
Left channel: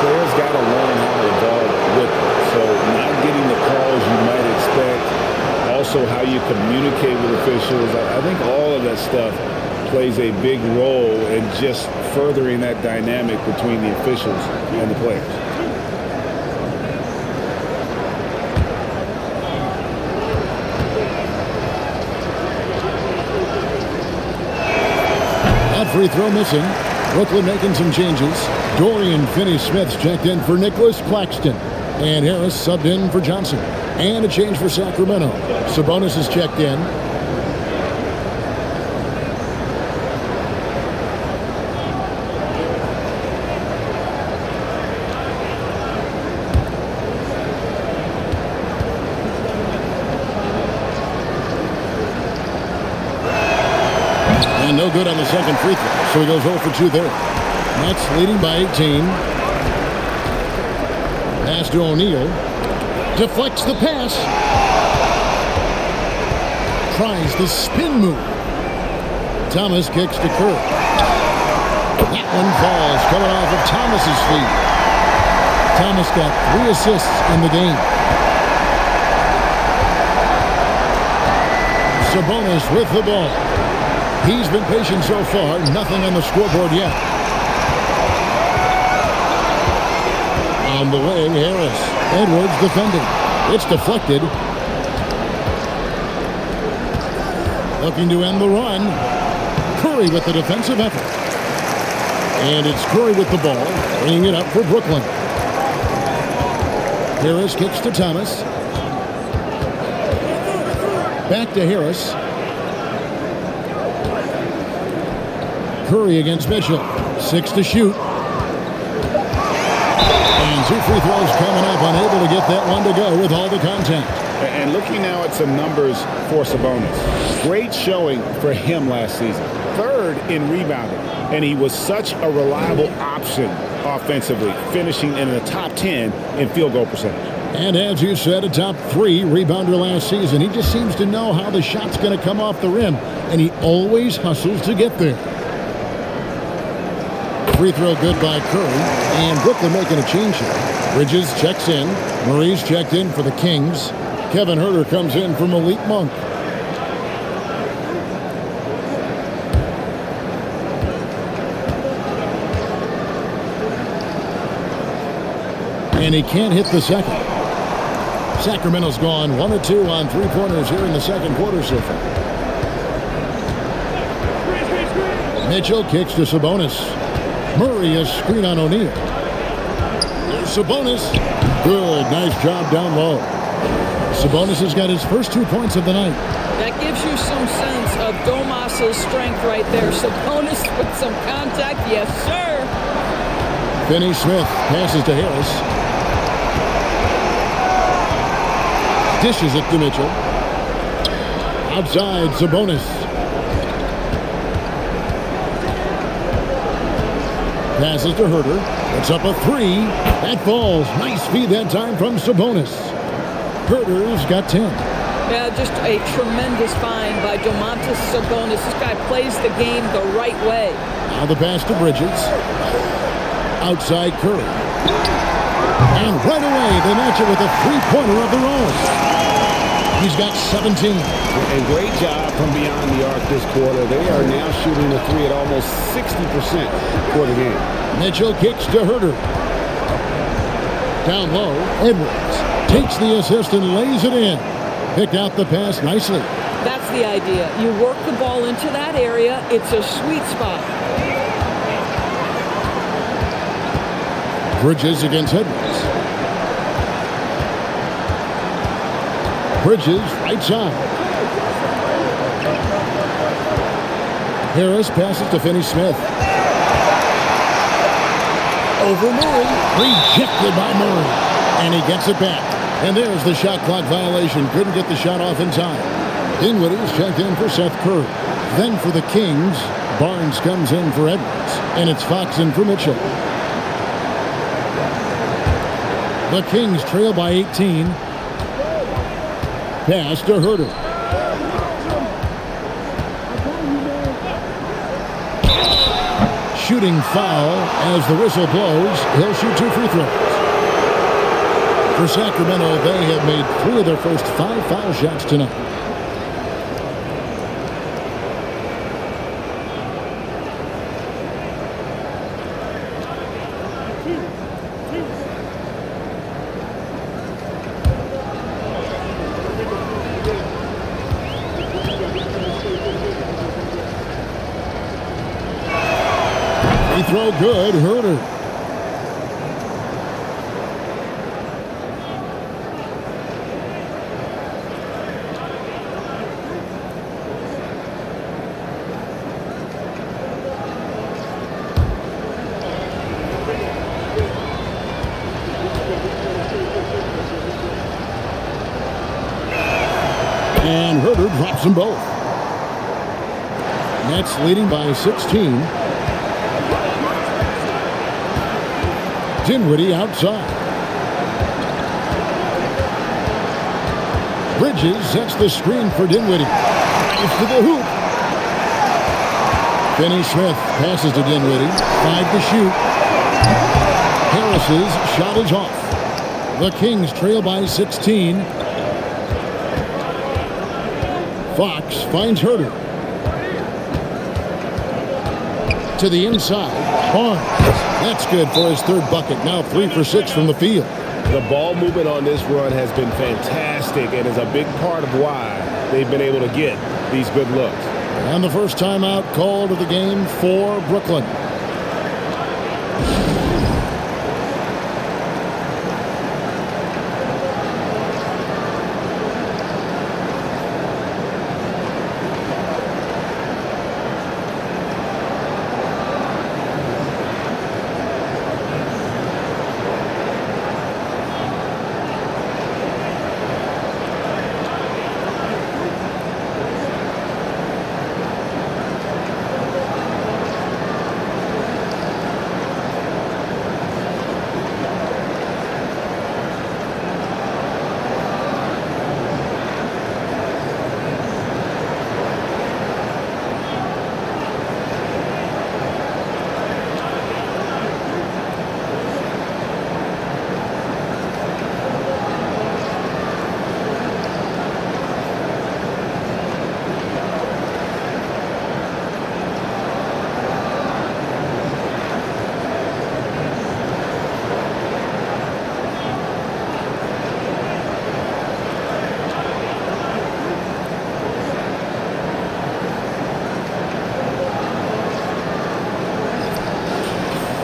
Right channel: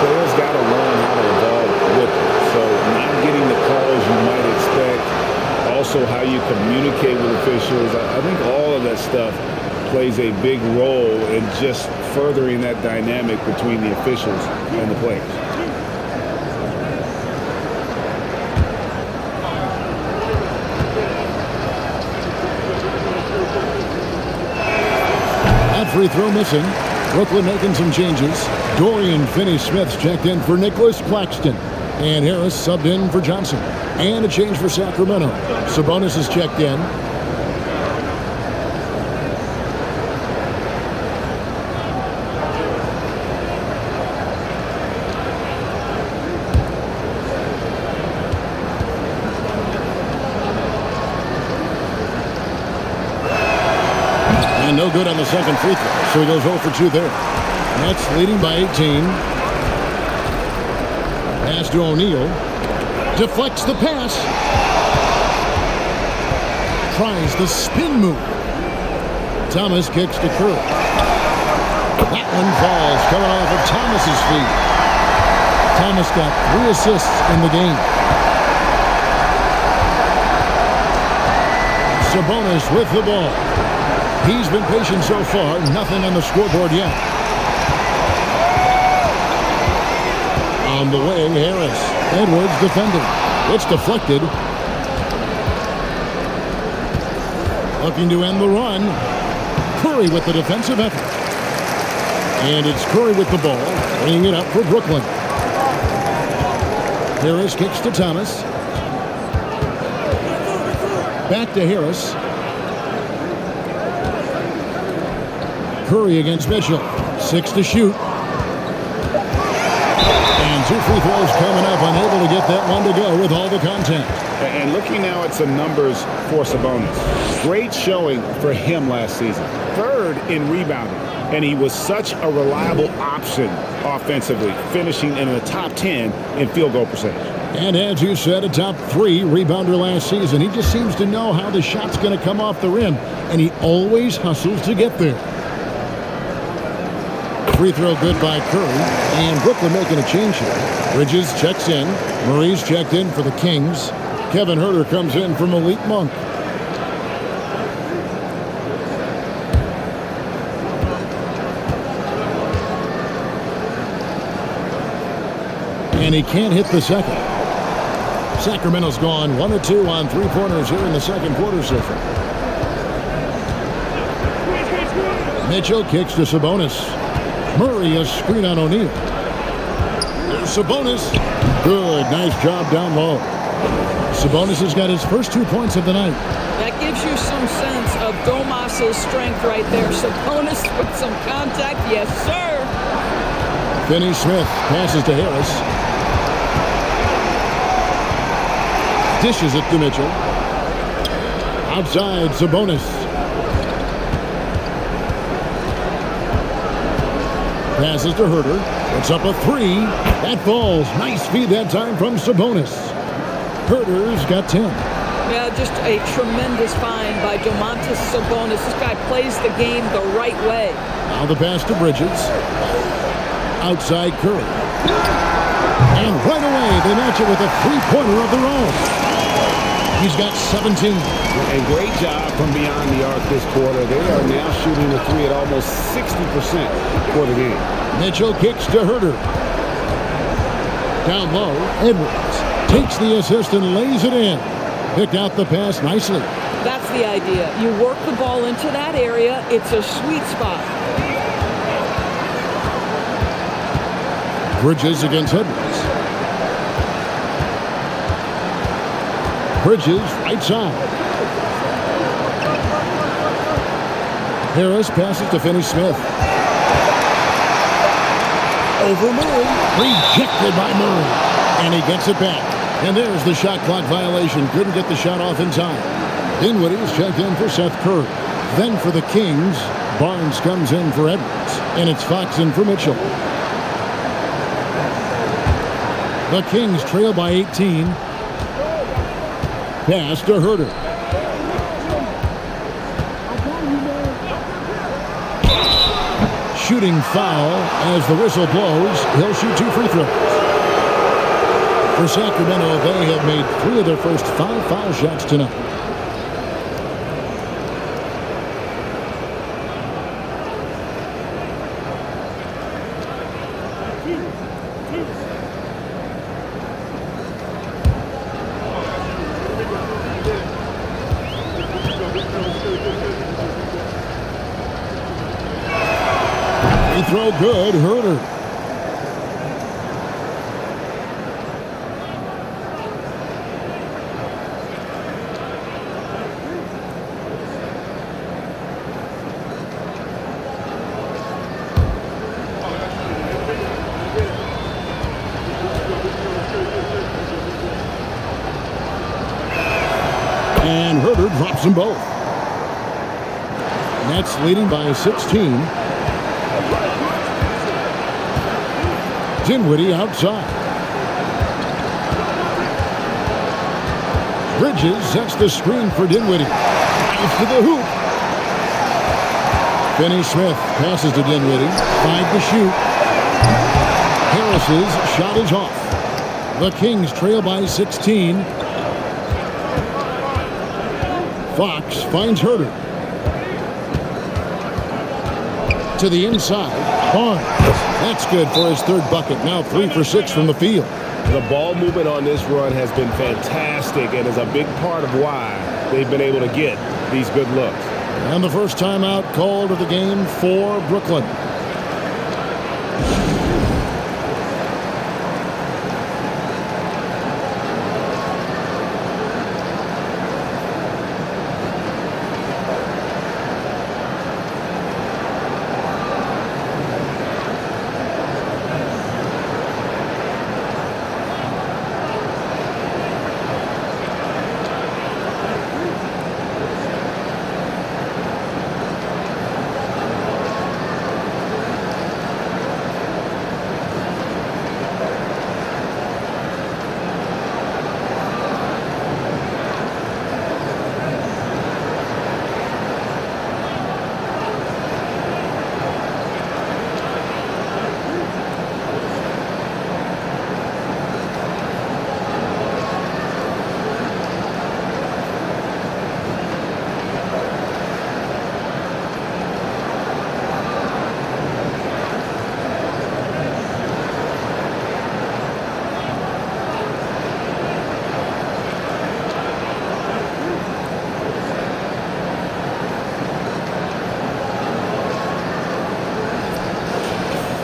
players got to learn how to evolve with them. So not getting the calls you might expect, also how you communicate with officials. I think all of that stuff plays a big role in just furthering that dynamic between the officials and the players. That free throw missing. Brooklyn making some changes. Dorian Finney-Smith's checked in for Nicholas Claxton. And Harris subbed in for Johnson. And a change for Sacramento. Sabonis is checked in. And no good on the second free throw, so he goes 0 for 2 there. Nets leading by 18. Pass to O'Neal. Deflects the pass. Tries the spin move. Thomas kicks to Curry. That one falls, coming off of Thomas's feet. Thomas got 3 assists in the game. Sabonis with the ball. He's been patient so far. Nothing on the scoreboard yet. On the wing, Harris. Edwards defending. It's deflected. Looking to end the run. Curry with the defensive effort. And it's Curry with the ball, bringing it up for Brooklyn. Harris kicks to Thomas. Back to Harris. Curry against Mitchell. 6 to shoot. And 2 free throws coming up. Unable to get that one to go with all the contact. And looking now at some numbers for Sabonis. Great showing for him last season. 3rd in rebounding. And he was such a reliable option offensively, finishing in the top 10 in field goal percentage. And as you said, a top 3 rebounder last season. He just seems to know how the shot's going to come off the rim. And he always hustles to get there. Free throw good by Curry. And Brooklyn making a change here. Bridges checks in. Murray's checked in for the Kings. Kevin Huerter comes in for Malik Monk. And he can't hit the second. Sacramento's gone 1 of 2 on three-pointers here in the second quarter so far. Mitchell kicks to Sabonis. Murray a screen on O'Neal. There's Sabonis. Good, nice job down low. Sabonis has got his first 2 points of the night. That gives you some sense of Domas's strength right there. Sabonis with some contact. Yes, sir. Finney-Smith passes to Harris. Dishes it to Mitchell. Outside, Sabonis. Passes to Herter. Puts up a 3. That falls. Nice feed that time from Sabonis. Herter's got 10. Yeah, just a tremendous find by Domantas Sabonis. This guy plays the game the right way. Now the pass to Bridges. Outside Curry. And right away they match it with a three-pointer of their own. He's got 17. And great job from beyond the arc this quarter. They are now shooting the 3 at almost 60% for the game. Mitchell kicks to Herter. Down low, Edwards takes the assist and lays it in. Picked out the pass nicely. That's the idea. You work the ball into that area. It's a sweet spot. Bridges against Edwards. Bridges, right side. Harris passes to Finney-Smith. Over Murray. Rejected by Murray. And he gets it back. And there's the shot clock violation. Couldn't get the shot off in time. Dinwiddie is checked in for Seth Curry. Then for the Kings, Barnes comes in for Edwards. And it's Fox in for Mitchell. The Kings trail by 18. Pass to Herter. Shooting foul as the whistle blows. He'll shoot 2 free throws. For Sacramento, they have made 3 of their first 5 foul shots tonight. Free throw good, Herter. And Herter drops them both. Nets leading by 16. Dinwiddie outside. Bridges sets the screen for Dinwiddie. Drives to the hoop. Finney-Smith passes to Dinwiddie. 5 to shoot. Harris's shot is off. The Kings trail by 16. Fox finds Herter. To the inside. Barnes. That's good for his 3rd bucket. Now 3 for 6 from the field. The ball movement on this run has been fantastic and is a big part of why they've been able to get these good looks. And the first timeout called of the game for Brooklyn.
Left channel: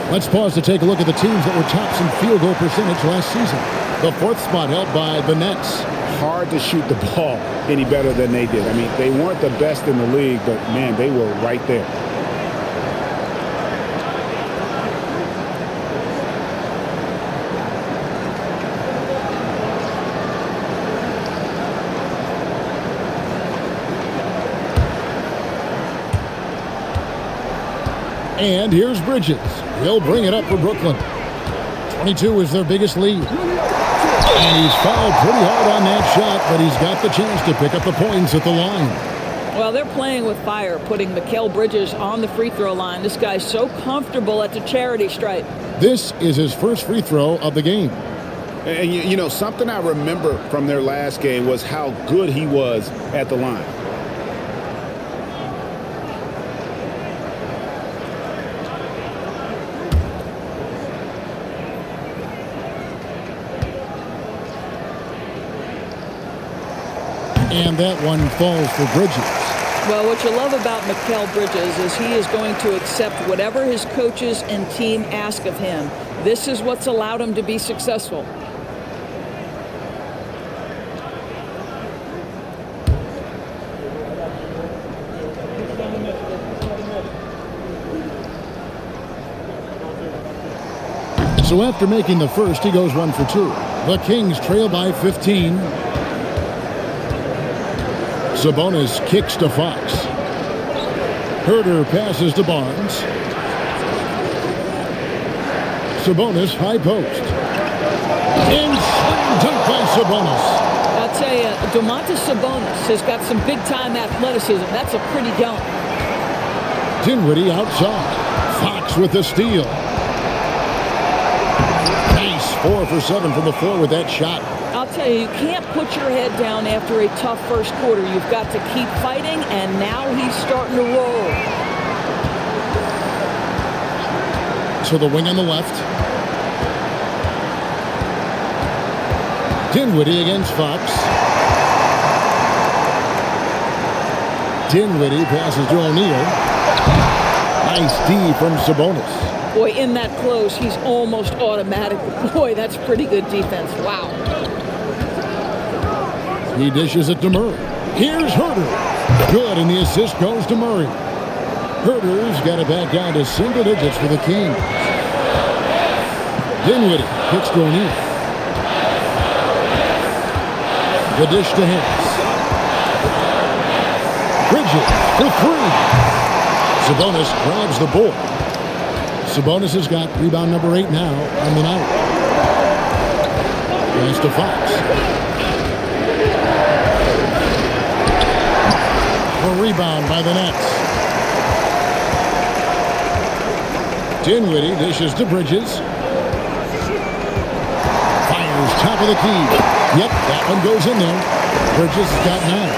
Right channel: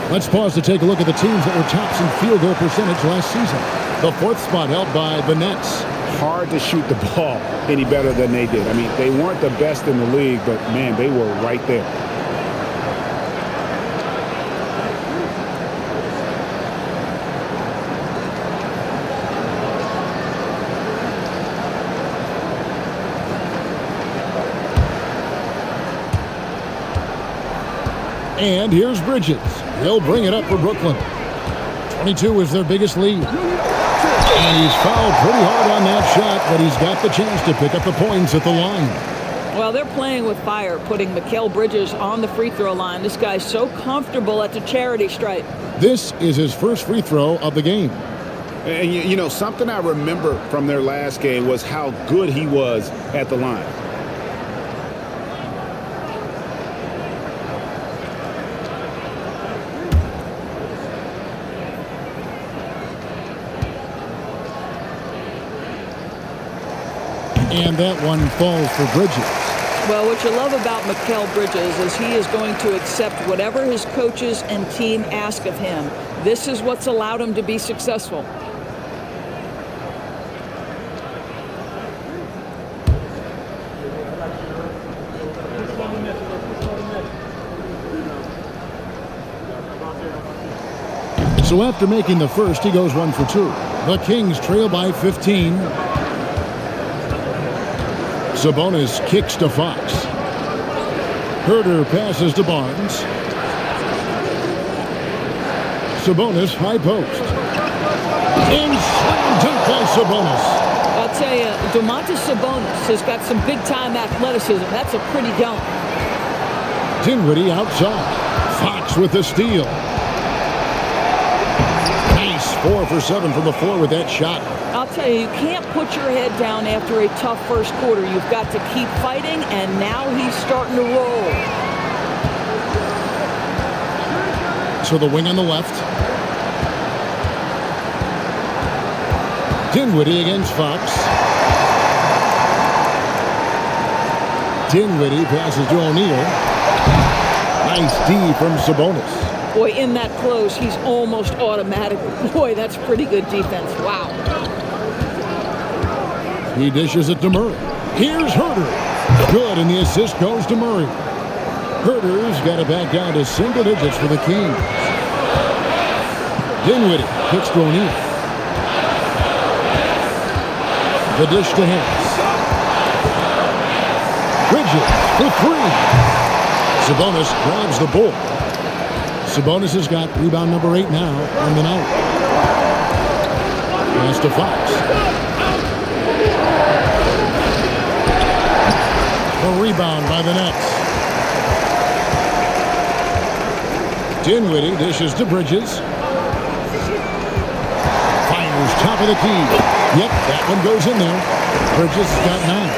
Let's pause to take a look at the teams that were tops in field goal percentage last season. The fourth spot held by the Nets. Hard to shoot the ball any better than they did. I mean, they weren't the best in the league, but, man, they were right there. And here's Bridges. He'll bring it up for Brooklyn. 22 is their biggest lead. And he's fouled pretty hard on that shot, but he's got the chance to pick up the points at the line. Well, they're playing with fire, putting Mikal Bridges on the free throw line. This guy's so comfortable at the charity stripe. This is his first free throw of the game. And, you know, something I remember from their last game was how good he was at the line. And that one falls for Bridges. Well, what you love about Mikal Bridges is he is going to accept whatever his coaches and team ask of him. This is what's allowed him to be successful. So after making the first, he goes 1 for 2. The Kings trail by 15. Sabonis kicks to Fox. Herder passes to Barnes. Sabonis high post. And slam dunk by Sabonis. I'll tell you, Domantas Sabonis has got some big-time athleticism. That's a pretty dunk. Dinwiddie outside. Fox with the steal. Nice 4 for 7 from the floor with that shot. I'll tell you, you can't put your head down after a tough first quarter. You've got to keep fighting, and now he's starting to roll. To the wing on the left. Dinwiddie against Fox. Dinwiddie passes to O'Neal. Nice D from Sabonis. Boy, in that close, he's almost automatic. Boy, that's pretty good defense. Wow. He dishes it to Murray. Here's Herder. Good, and the assist goes to Murray. Herder's got it back down to single digits for the Kings. Dinwiddie kicks to O'Neal. The dish to Harris. Bridges for 3. Sabonis grabs the board. Sabonis has got rebound number 8 now on the night. Pass to Fox. A rebound by the Nets. Dinwiddie dishes to Bridges. Fires top of the key. Yep, that one goes in there. Bridges has got 9.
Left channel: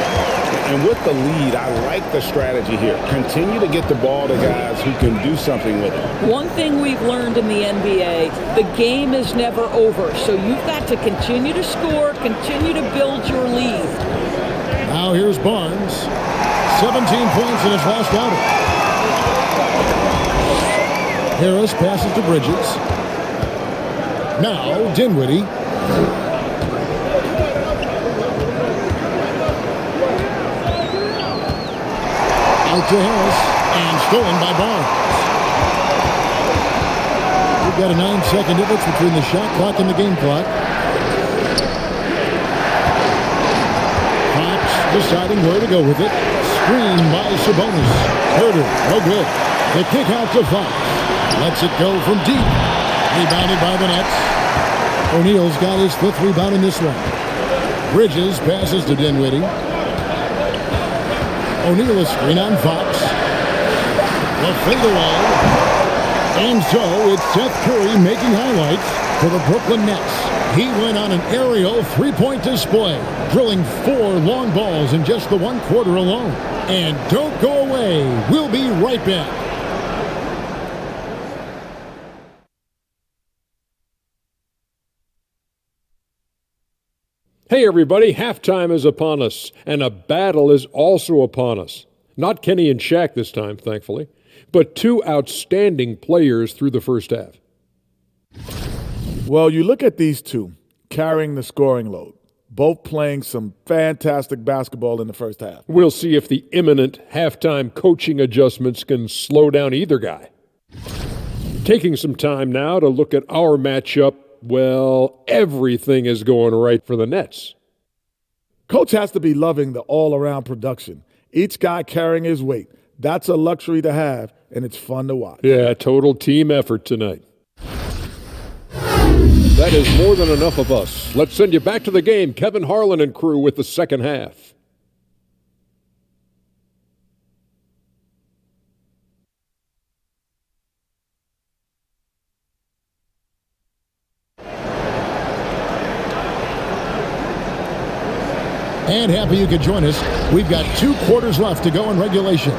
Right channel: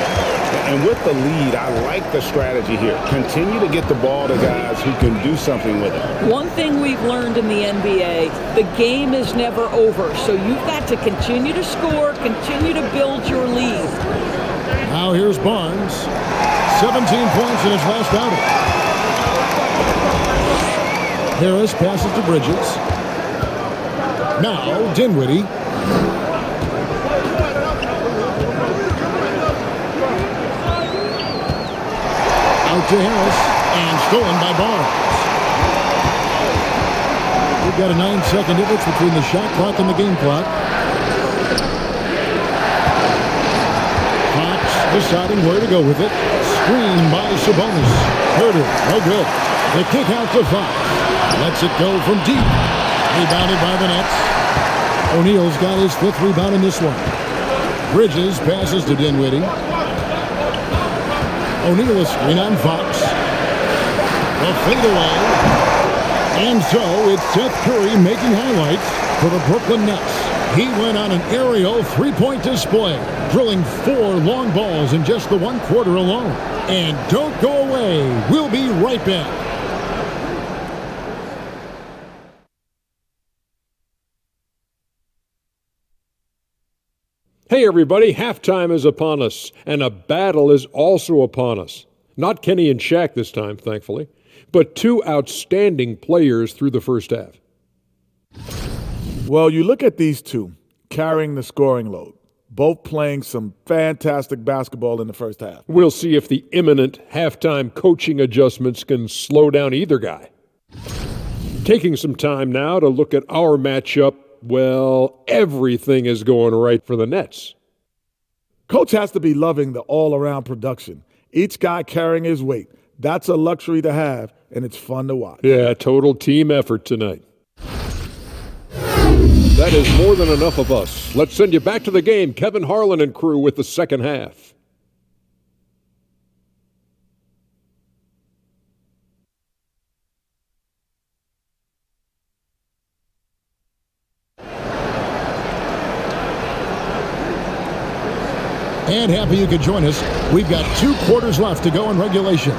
And with the lead, I like the strategy here. Continue to get the ball to guys who can do something with it. One thing we've learned in the NBA, the game is never over. So you've got to continue to score, continue to build your lead. Now here's Barnes. 17 points in his last outing. Harris passes to Bridges. Now Dinwiddie. Out to Harris, and stolen by Barnes. We've got a 9-second difference between the shot clock and the game clock. Fox deciding where to go with it. Screen by Sabonis. Herder, no good. The kick out to Fox. Lets it go from deep. Rebounded by the Nets. O'Neal's got his 5th rebound in this one. Bridges passes to Dinwiddie. O'Neal a screen on Fox. A fadeaway. And so it's Seth Curry making highlights for the Brooklyn Nets. He went on an aerial 3-point display, drilling 4 long balls in just the 1 quarter alone. And don't go away. We'll be right back. Hey everybody, halftime is upon us, and a battle is also upon us. Not Kenny and Shaq this time, thankfully. but two outstanding players through the first half. Well, you look at these two carrying the scoring load, both playing some fantastic basketball in the first half. We'll see if the imminent halftime coaching adjustments can slow down either guy. Taking some time now to look at our matchup, well, everything is going right for the Nets. Coach has to be loving the all-around production. Each guy carrying his weight. That's a luxury to have, and it's fun to watch. Yeah, total team effort tonight. That is more than enough of us. Let's send you back to the game. Kevin Harlan and crew with the second half. And happy you could join us. We've got 2 quarters left to go in regulation.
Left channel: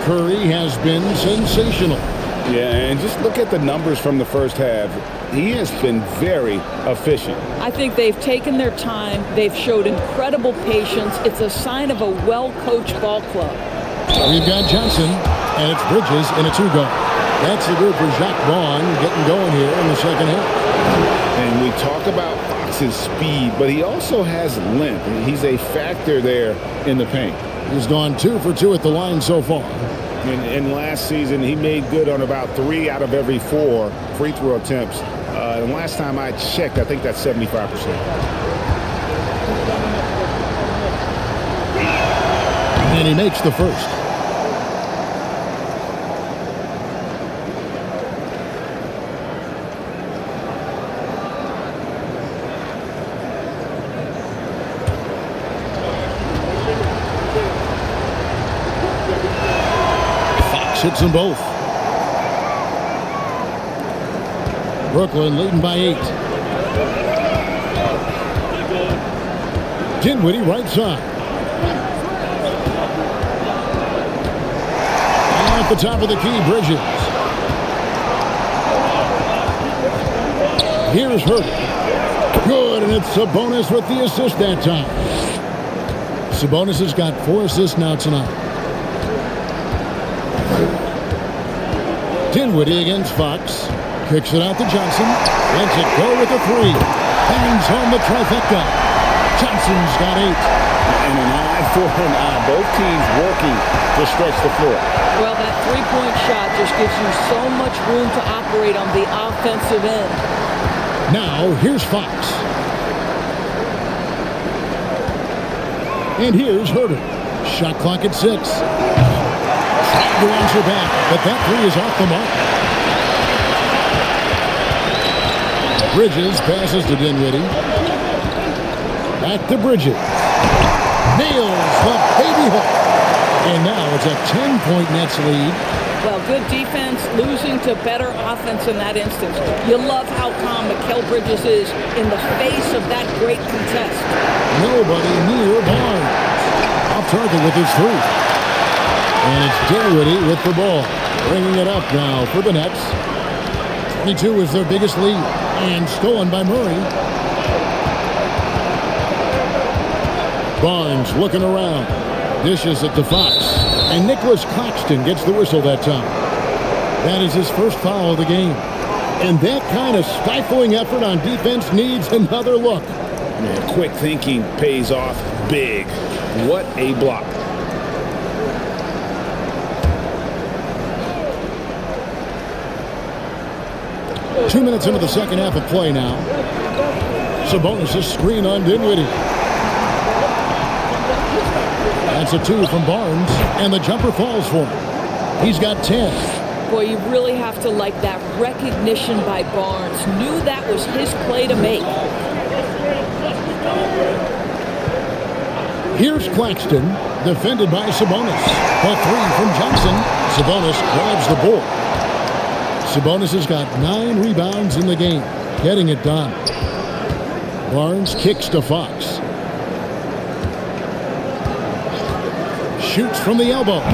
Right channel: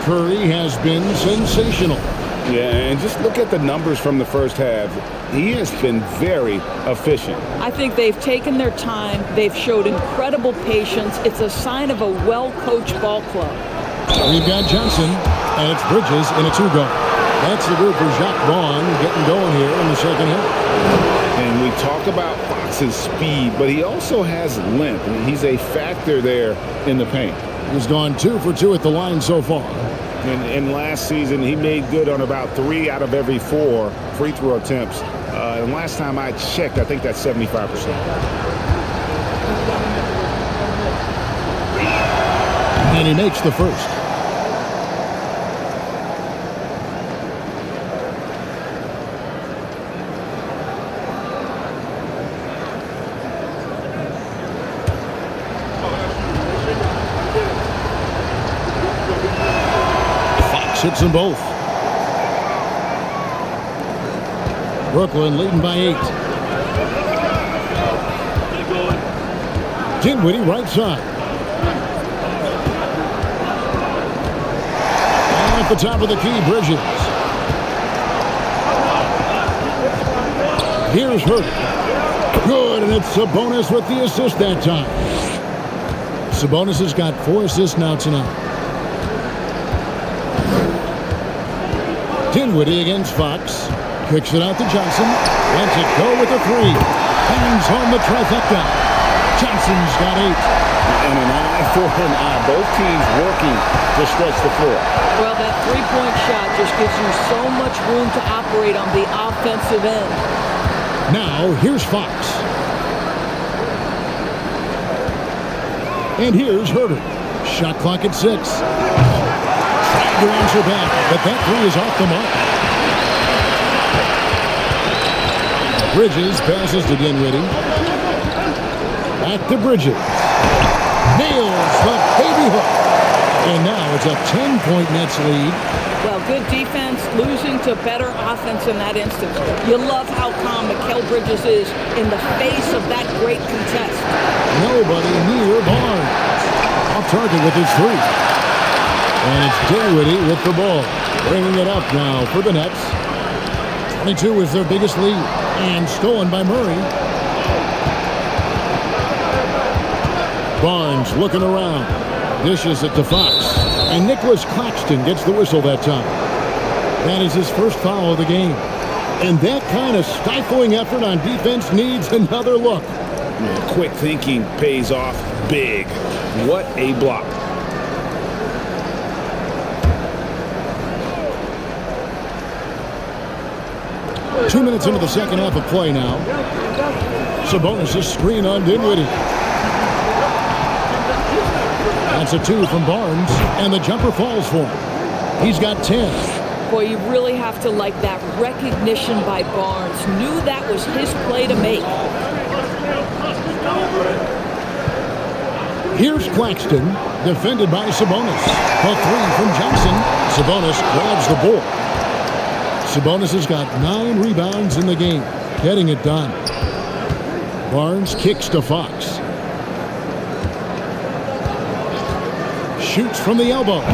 Curry has been sensational. Yeah, and just look at the numbers from the first half. He has been very efficient. I think they've taken their time. They've showed incredible patience. It's a sign of a well-coached ball club. We've got Johnson, and it's Bridges in a 2-guard. That's the group for Jacques Vaughn getting going here in the second half. And we talk about Fox's speed, but he also has length. He's a factor there in the paint. He's gone 2 for 2 at the line so far. And last season, he made good on about 3 out of every 4 free throw attempts. And last time I checked, I think that's 75%. And he makes the first. Hits them both. Brooklyn leading by 8. Dinwiddie right side. At the top of the key, Bridges. Here's Harden. Good, and it's Sabonis with the assist that time. Sabonis has got 4 assists now tonight. Dinwiddie against Fox. Kicks it out to Johnson. Lets it go with a 3. Bangs home the trifecta. Johnson's got 8. And an eye for an eye. Both teams working to stretch the floor. Well, that three-point shot just gives you so much room to operate on the offensive end. Now, here's Fox. And here's Harden. Shot clock at 6. Trying to answer back, but that 3 is off the mark. Bridges passes to Dinwiddie. Back to Bridges. Nails the baby hook. And now it's a 10-point Nets lead. Well, good defense, losing to better offense in that instance. You love how calm Mikal Bridges is in the face of that great contest. Nobody near Barnes. Off target with his 3. And it's Dinwiddie with the ball. Bringing it up now for the Nets. 22 is their biggest lead. And stolen by Murray. Barnes looking around. Dishes it to Fox. And Nicholas Claxton gets the whistle that time. That is his first foul of the game. And that kind of stifling effort on defense needs another look. Yeah, quick thinking pays off big. What a block. Two minutes into the second half of play now. Sabonis' screen on Dinwiddie. That's a 2 from Barnes, and the jumper falls for him. He's got 10. Boy, you really have to like that recognition by Barnes. Knew that was his play to make. Here's Claxton, defended by Sabonis. The 3 from Johnson. Sabonis grabs the board. Sabonis has got 9 rebounds in the game, getting it done. Barnes kicks to Fox. Shoots from the elbow.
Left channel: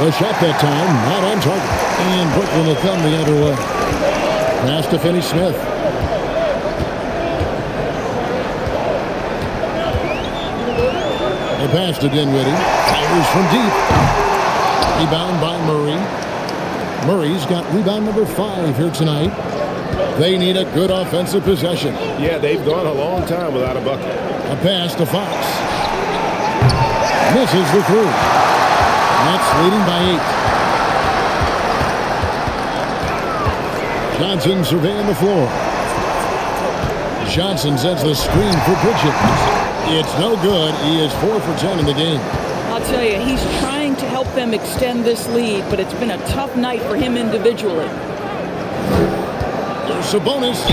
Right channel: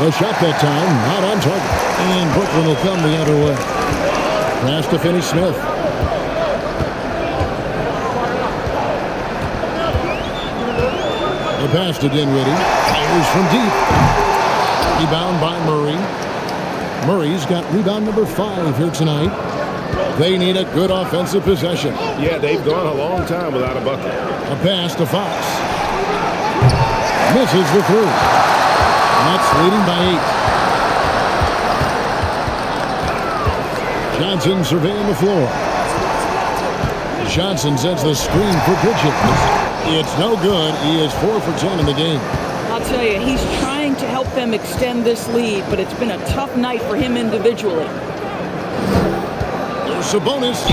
The shot that time, not on target. And Brooklyn will come the other way. Pass to Finney-Smith. The pass to Dinwiddie. Fires from deep. Rebound by Murray. Murray's got rebound number 5 here tonight. They need a good offensive possession. Yeah, they've gone a long time without a bucket. A pass to Fox. Misses the 3. Nets leading by 8. Johnson surveying the floor. Johnson sets the screen for Bridges. It's no good. He is 4 for 10 in the game. I'll tell you, he's trying to help them extend this lead, but it's been a tough night for him individually. Here's Sabonis.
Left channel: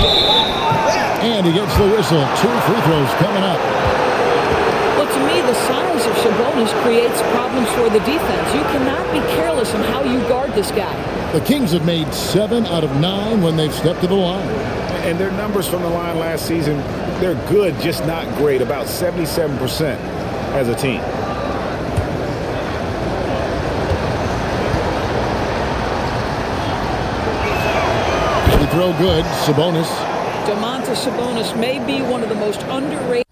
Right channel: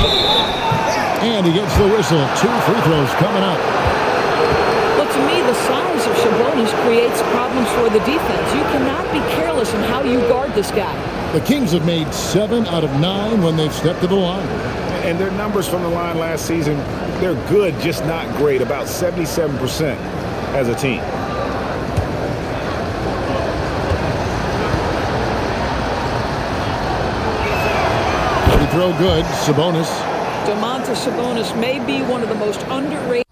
And he gets the whistle. 2 free throws coming up. Well, to me, the size of Sabonis creates problems for the defense. You cannot be careless in how you guard this guy. The Kings have made 7 out of 9 when they've stepped to the line. And their numbers from the line last season, they're good, just not great. About 77% as a team. Free throw good. Sabonis. Domantas Sabonis may be one of the most underrated.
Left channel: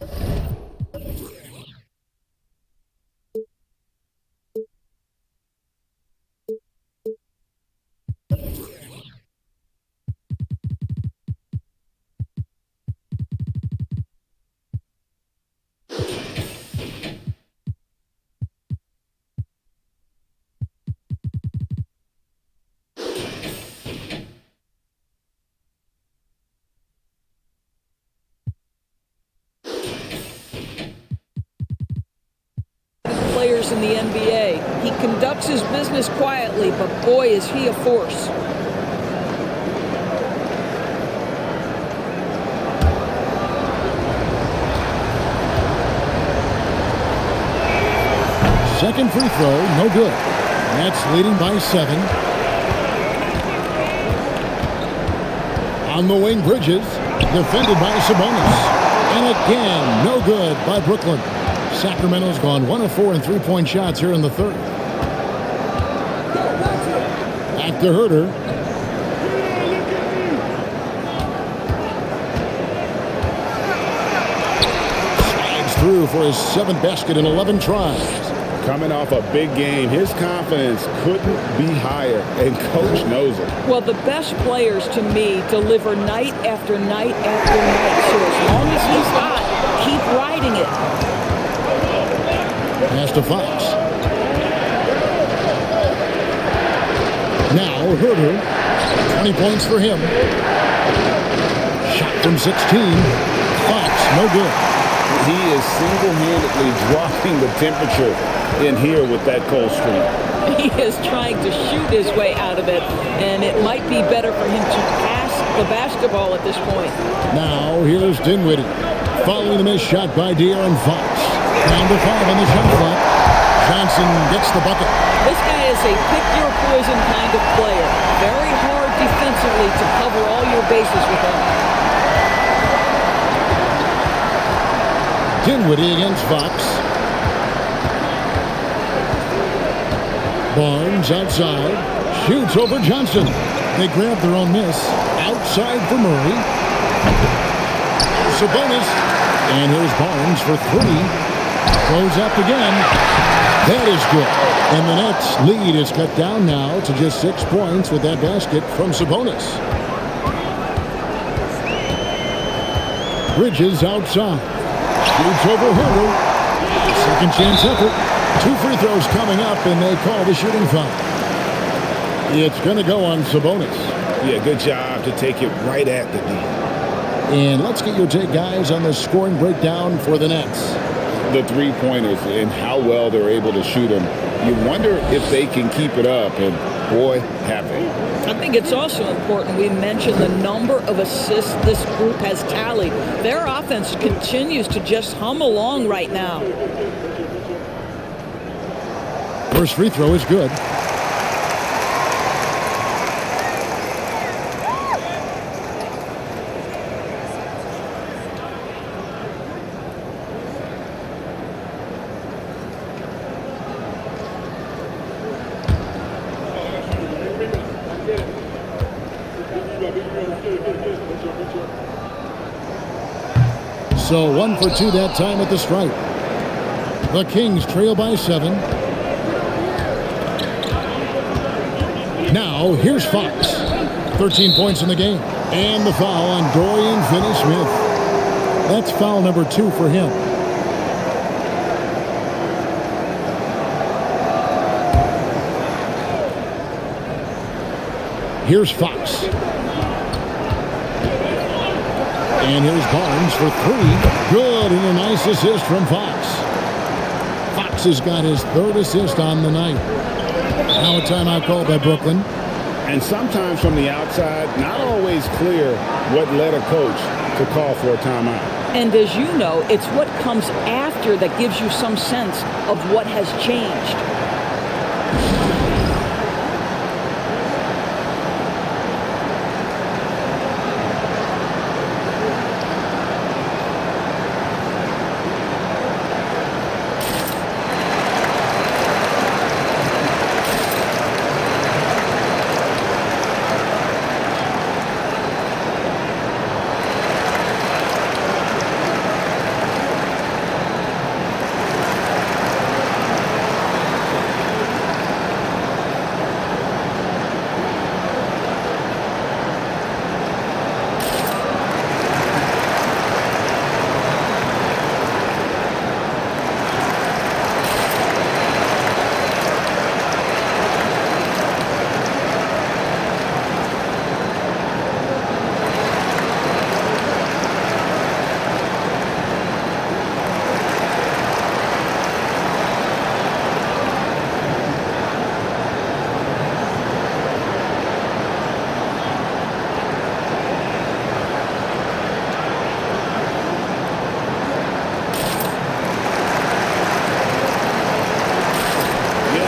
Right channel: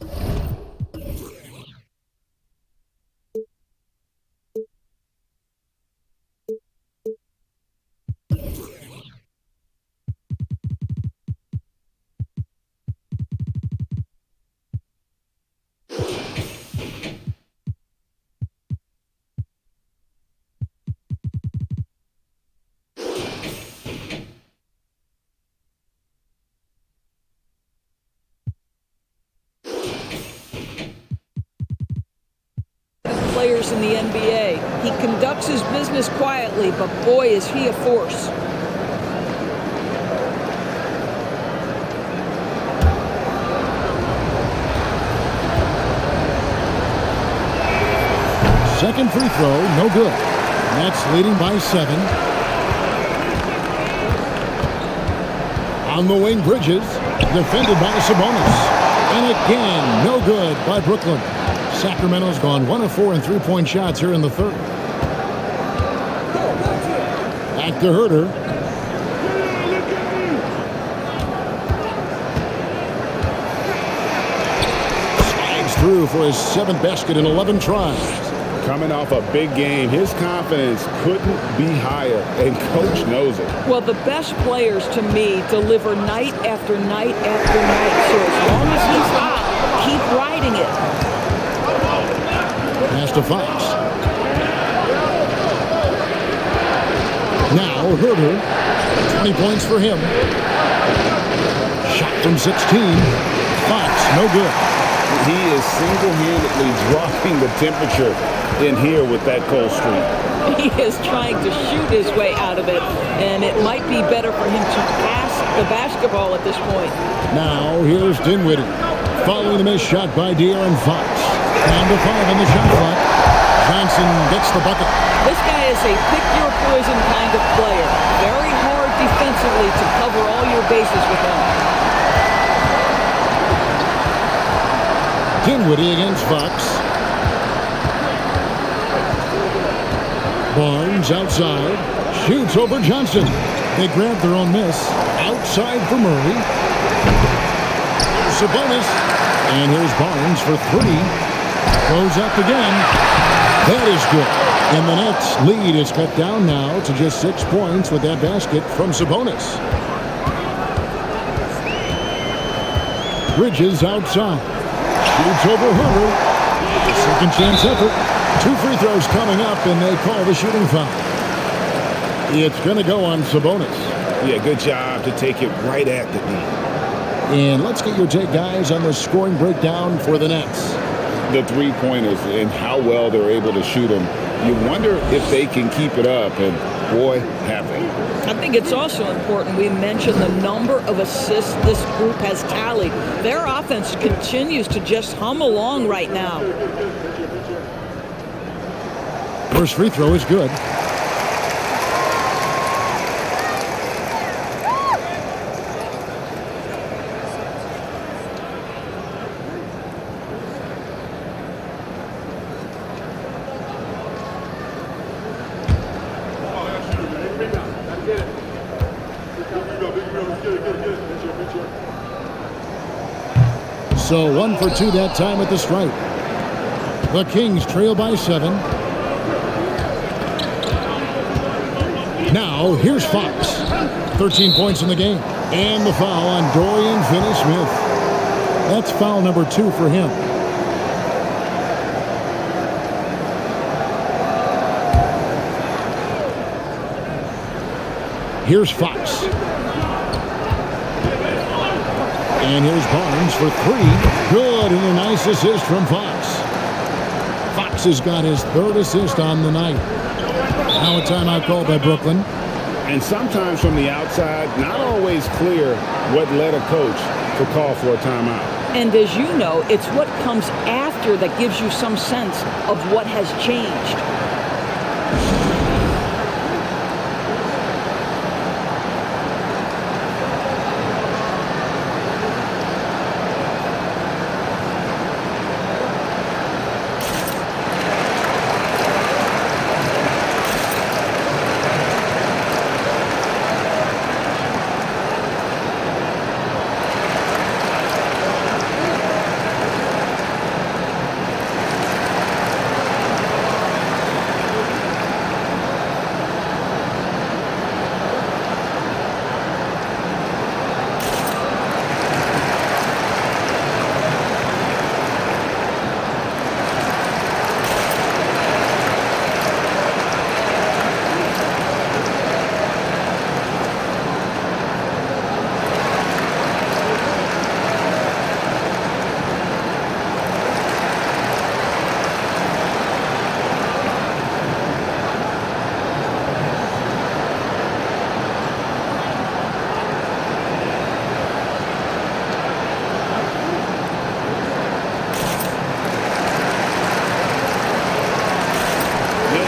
Players in the NBA. He conducts his business quietly, but boy, is he a force. Second free throw, no good. Nets leading by 7. On the wing, Bridges, defended by Sabonis. And again, no good by Brooklyn. Sacramento's gone 1 of 4 in three-point shots here in the third. Back to Herder. Slides through for his 7th basket in 11 tries. Coming off a big game, his confidence couldn't be higher, and coach knows it. Well, the best players to me deliver night after night after night. So as long as he's hot, keep riding it. Pass to Fox. Now Herder, 20 points for him. Shot from 16. Fox, no good. He is single-handedly dropping the temperature in here with that cold streak. He is trying to shoot his way out of it, and it might be better for him to pass the basketball at this point. Now here's Dinwiddie. Following the missed shot by De'Aaron Fox. Down to 5 on the shot clock. Johnson gets the bucket. This guy is a pick-your-poison kind of player. Very hard defensively to cover all your bases with him. Dinwiddie against Fox. Barnes outside. Shoots over Johnson. They grab their own miss. Outside for Murray. Sabonis. And here's Barnes for 3. Goes up again. That is good. And the Nets' lead is cut down now to just 6 points with that basket from Sabonis. Bridges outside. Shoots over Herder. Second chance effort. 2 free throws coming up, and they call the shooting foul. It's going to go on Sabonis. Yeah, good job to take it right at the D. And let's get your take, guys, on the scoring breakdown for the Nets. The three-pointers and how well they're able to shoot them. You wonder if they can keep it up, and boy, have they. I think it's also important we mention the number of assists this group has tallied. Their offense continues to just hum along right now. First free throw is good. So 1 for 2 that time at the stripe. The Kings trail by 7. Now, here's Fox. 13 points in the game. And the foul on Dorian Finney-Smith. That's foul number 2 for him. Here's Fox. And here's Barnes for 3. Good, and a nice assist from Fox. Fox has got his 3rd assist on the night. Now a timeout called by Brooklyn. And sometimes from the outside, not always clear what led a coach to call for a timeout. And as you know, it's what comes after that gives you some sense of what has changed.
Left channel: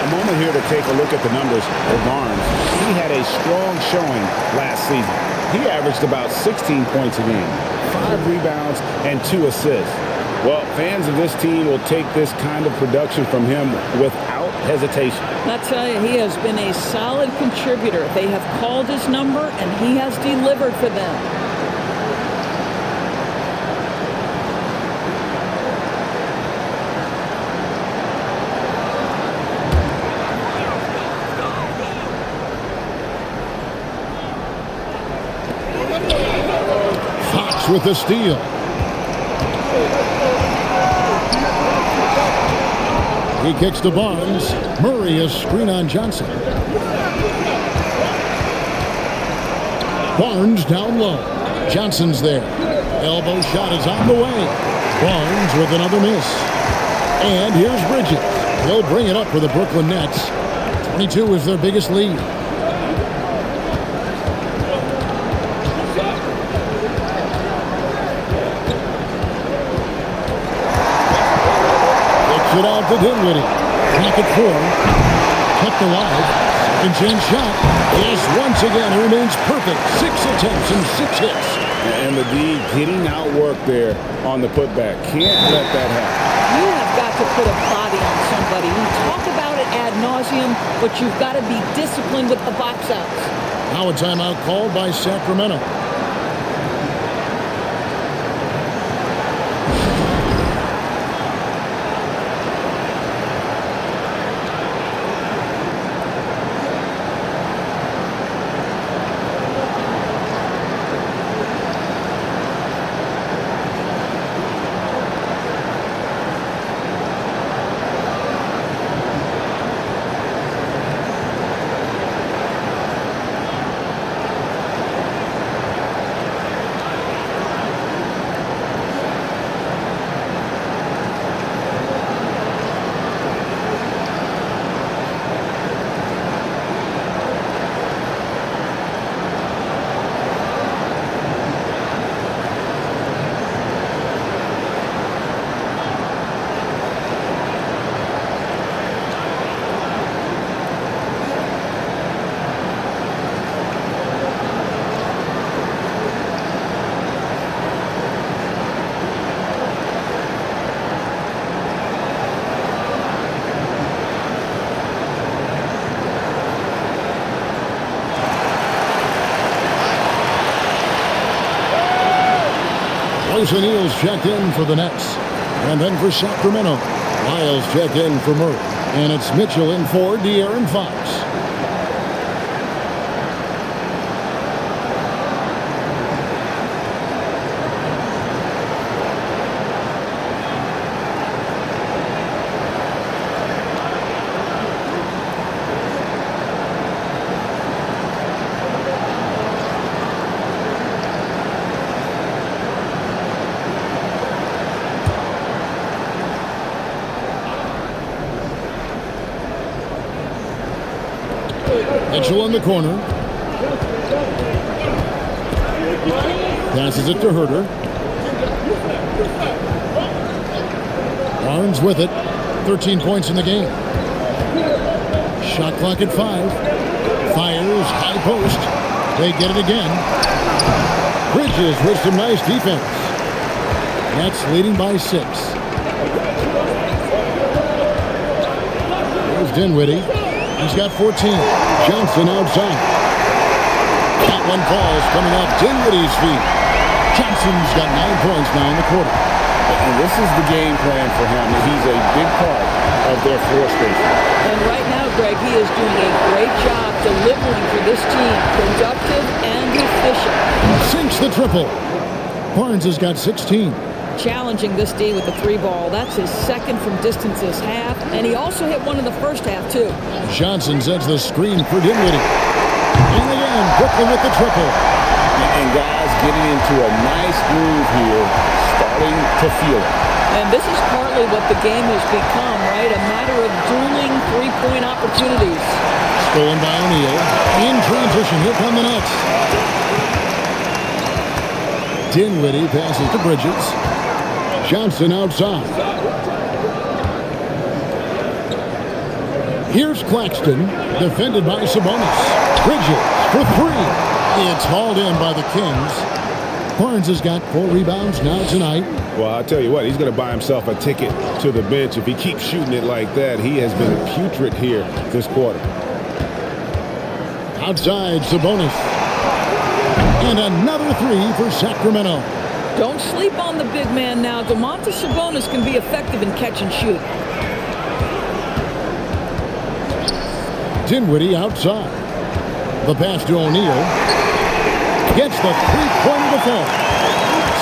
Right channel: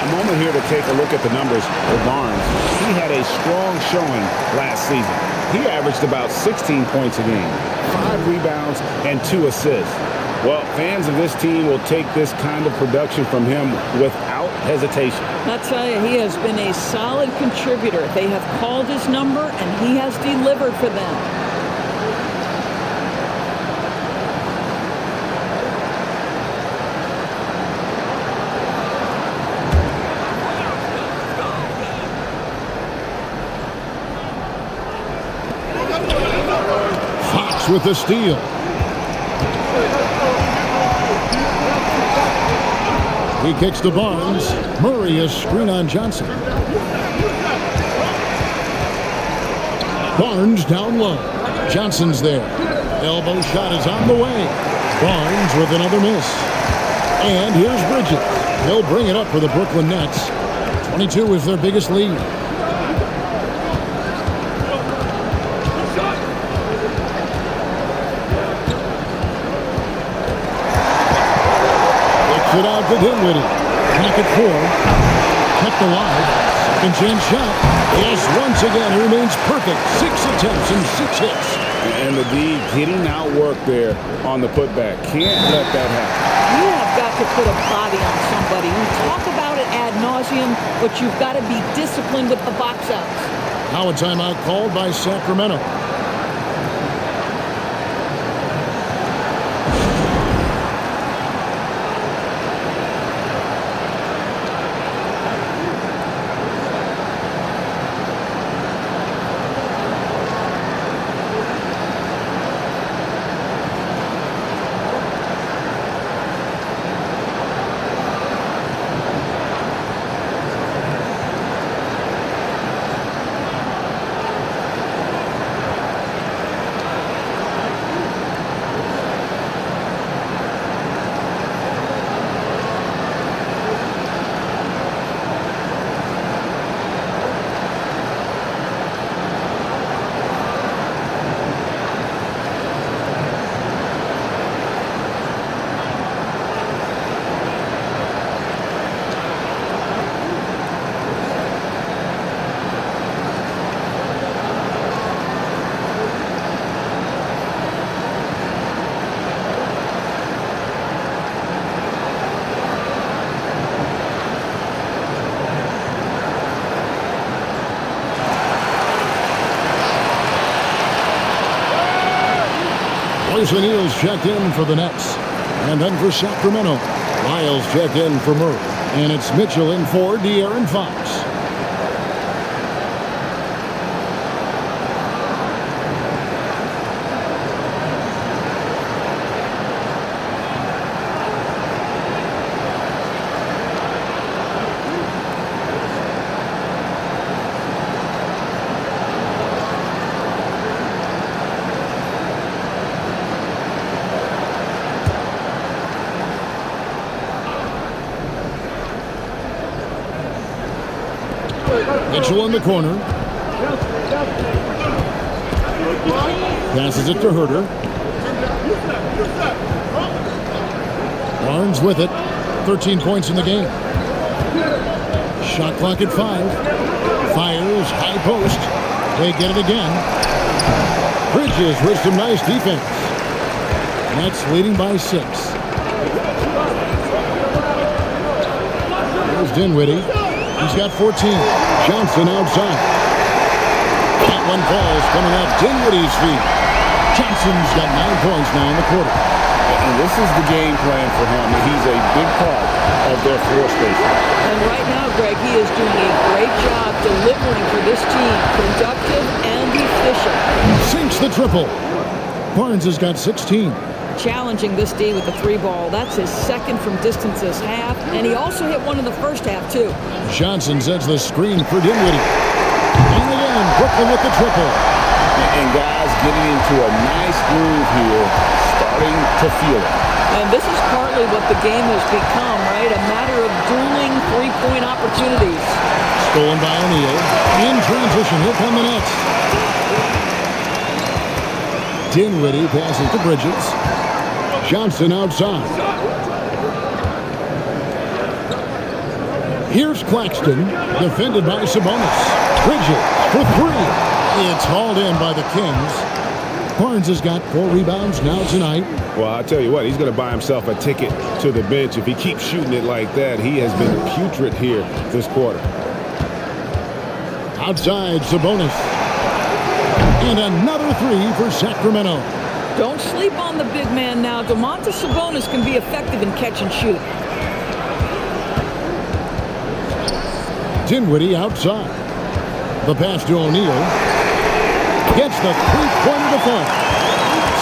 Moment here to take a look at the numbers for Barnes. He had a strong showing last season. He averaged about 16 points a game, 5 rebounds, and 2 assists. Well, fans of this team will take this kind of production from him without hesitation. I'll tell you, he has been a solid contributor. They have called his number, and he has delivered for them. With the steal. He kicks to Barnes. Murray a screen on Johnson. Barnes down low. Johnson's there. Elbow shot is on the way. Barnes with another miss. And here's Bridges. He'll bring it up for the Brooklyn Nets. 22 is their biggest lead. It out to Dinwiddie. Clock at 4. Kept alive. Second chance shot. Yes, once again, it remains perfect. 6 attempts and 6 hits. And the D getting outworked there on the putback. Can't let that happen. You have got to put a body on somebody. We talk about it ad nauseum, but you've got to be disciplined with the box outs. Now a timeout called by Sacramento. Royce O'Neal's checked in for the Nets. And then for Sacramento, Lyles checked in for Murray. And it's Mitchell in for De'Aaron Fox. Mitchell in the corner. Passes it to Herder. Barnes with it. 13 points in the game. Shot clock at 5. Fires, high post. They get it again. Bridges with some nice defense. Nets leading by 6. There's Dinwiddie. He's got 14. Johnson outside. That one falls coming off Dinwiddie's feet. Johnson's got 9 points now in the quarter. And this is the game plan for him. He's a big part of their floor spacing. And right now, Greg, he is doing a great job delivering for this team. Productive and efficient. Sinks the triple. Barnes has got 16. Challenging this D with the 3 ball. That's his second from distance this half. And he also hit one in the first half, too. Johnson sets the screen for Dinwiddie. And again, Brooklyn with the triple. And guys getting into a nice groove here, starting to feel it. And this is partly what the game has become, right? A matter of dueling three-point opportunities. Stolen by O'Neal. In transition, here come the Nets. Dinwiddie passes to Bridges. Johnson outside. Here's Claxton, defended by Sabonis. Bridges for 3. It's hauled in by the Kings. Barnes has got 4 rebounds now tonight. Well, I'll tell you what, he's going to buy himself a ticket to the bench. If he keeps shooting it like that, he has been putrid here this quarter. Outside, Sabonis. And another 3 for Sacramento. Don't sleep on the big man now. Domantas Sabonis can be effective in catch and shoot. Dinwiddie outside. The pass to O'Neal. Gets the three-pointer to fall.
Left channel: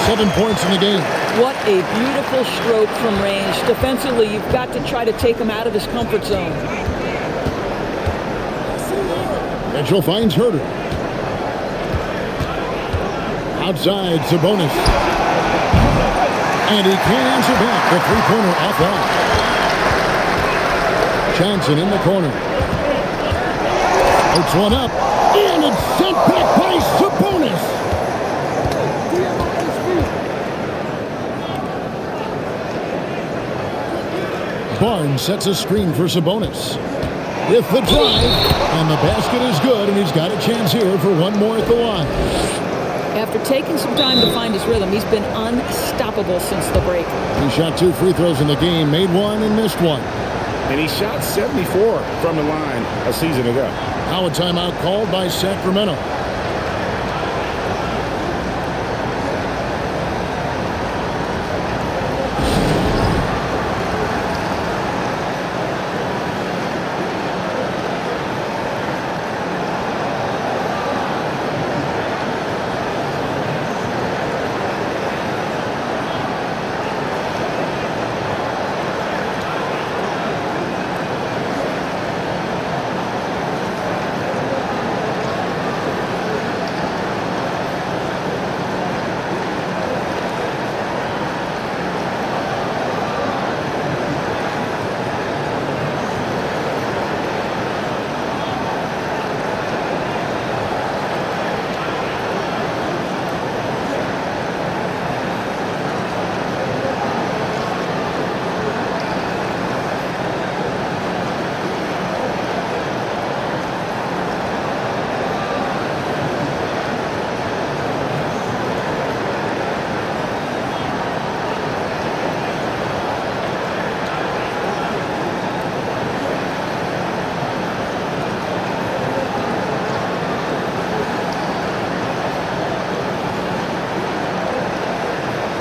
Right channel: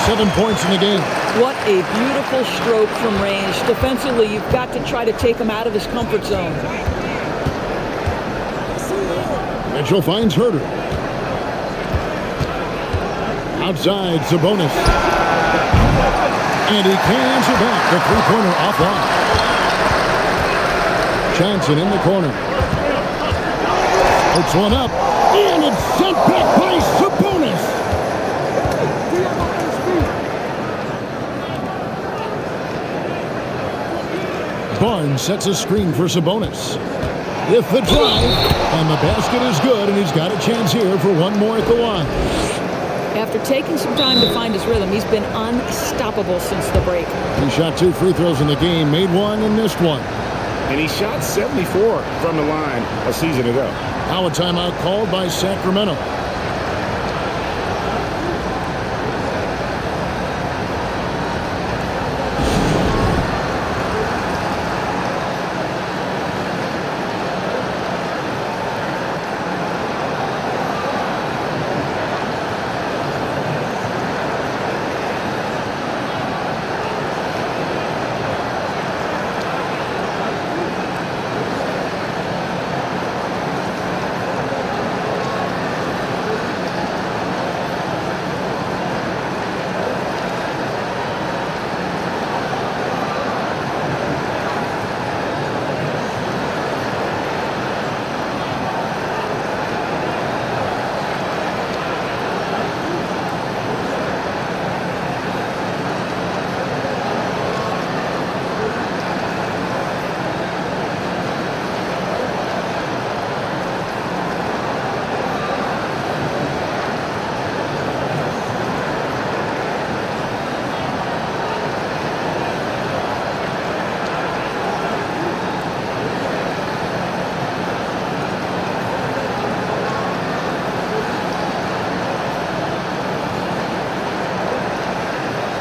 7 points in the game. What a beautiful stroke from range. Defensively, you've got to try to take him out of his comfort zone. Mitchell finds Herder. Outside, Sabonis. And he can't answer back. The three-pointer offline. Johnson in the corner. Puts one up. And it's sent back by Sabonis. Barnes sets a screen for Sabonis. With the drive. And the basket is good. And he's got a chance here for one more at the line. After taking some time to find his rhythm, he's been unstoppable since the break. He shot 2 free throws in the game. Made one and missed one. And he shot 74 from the line a season ago. Now a timeout called by Sacramento.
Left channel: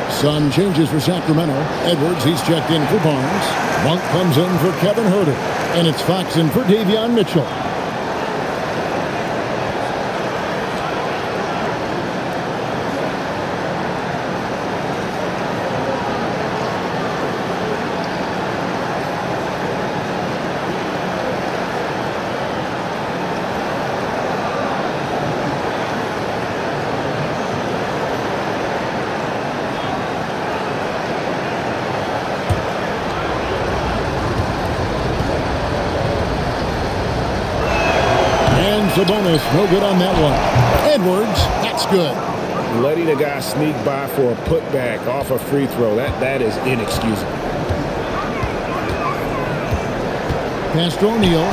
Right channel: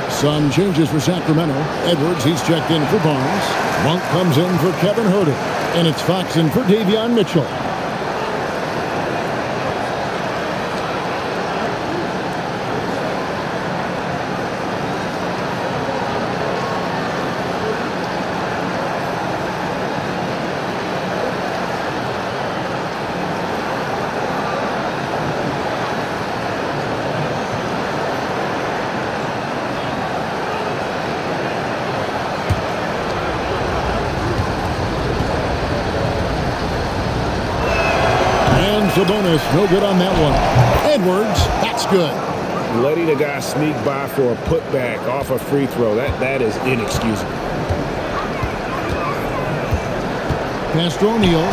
Some changes for Sacramento. Edwards, he's checked in for Barnes. Monk comes in for Kevin Herter. And it's Fox in for Davion Mitchell. Sabonis, no good on that one. Edwards, that's good. Letting a guy sneak by for a putback off a free throw, that is inexcusable. Pass to O'Neal.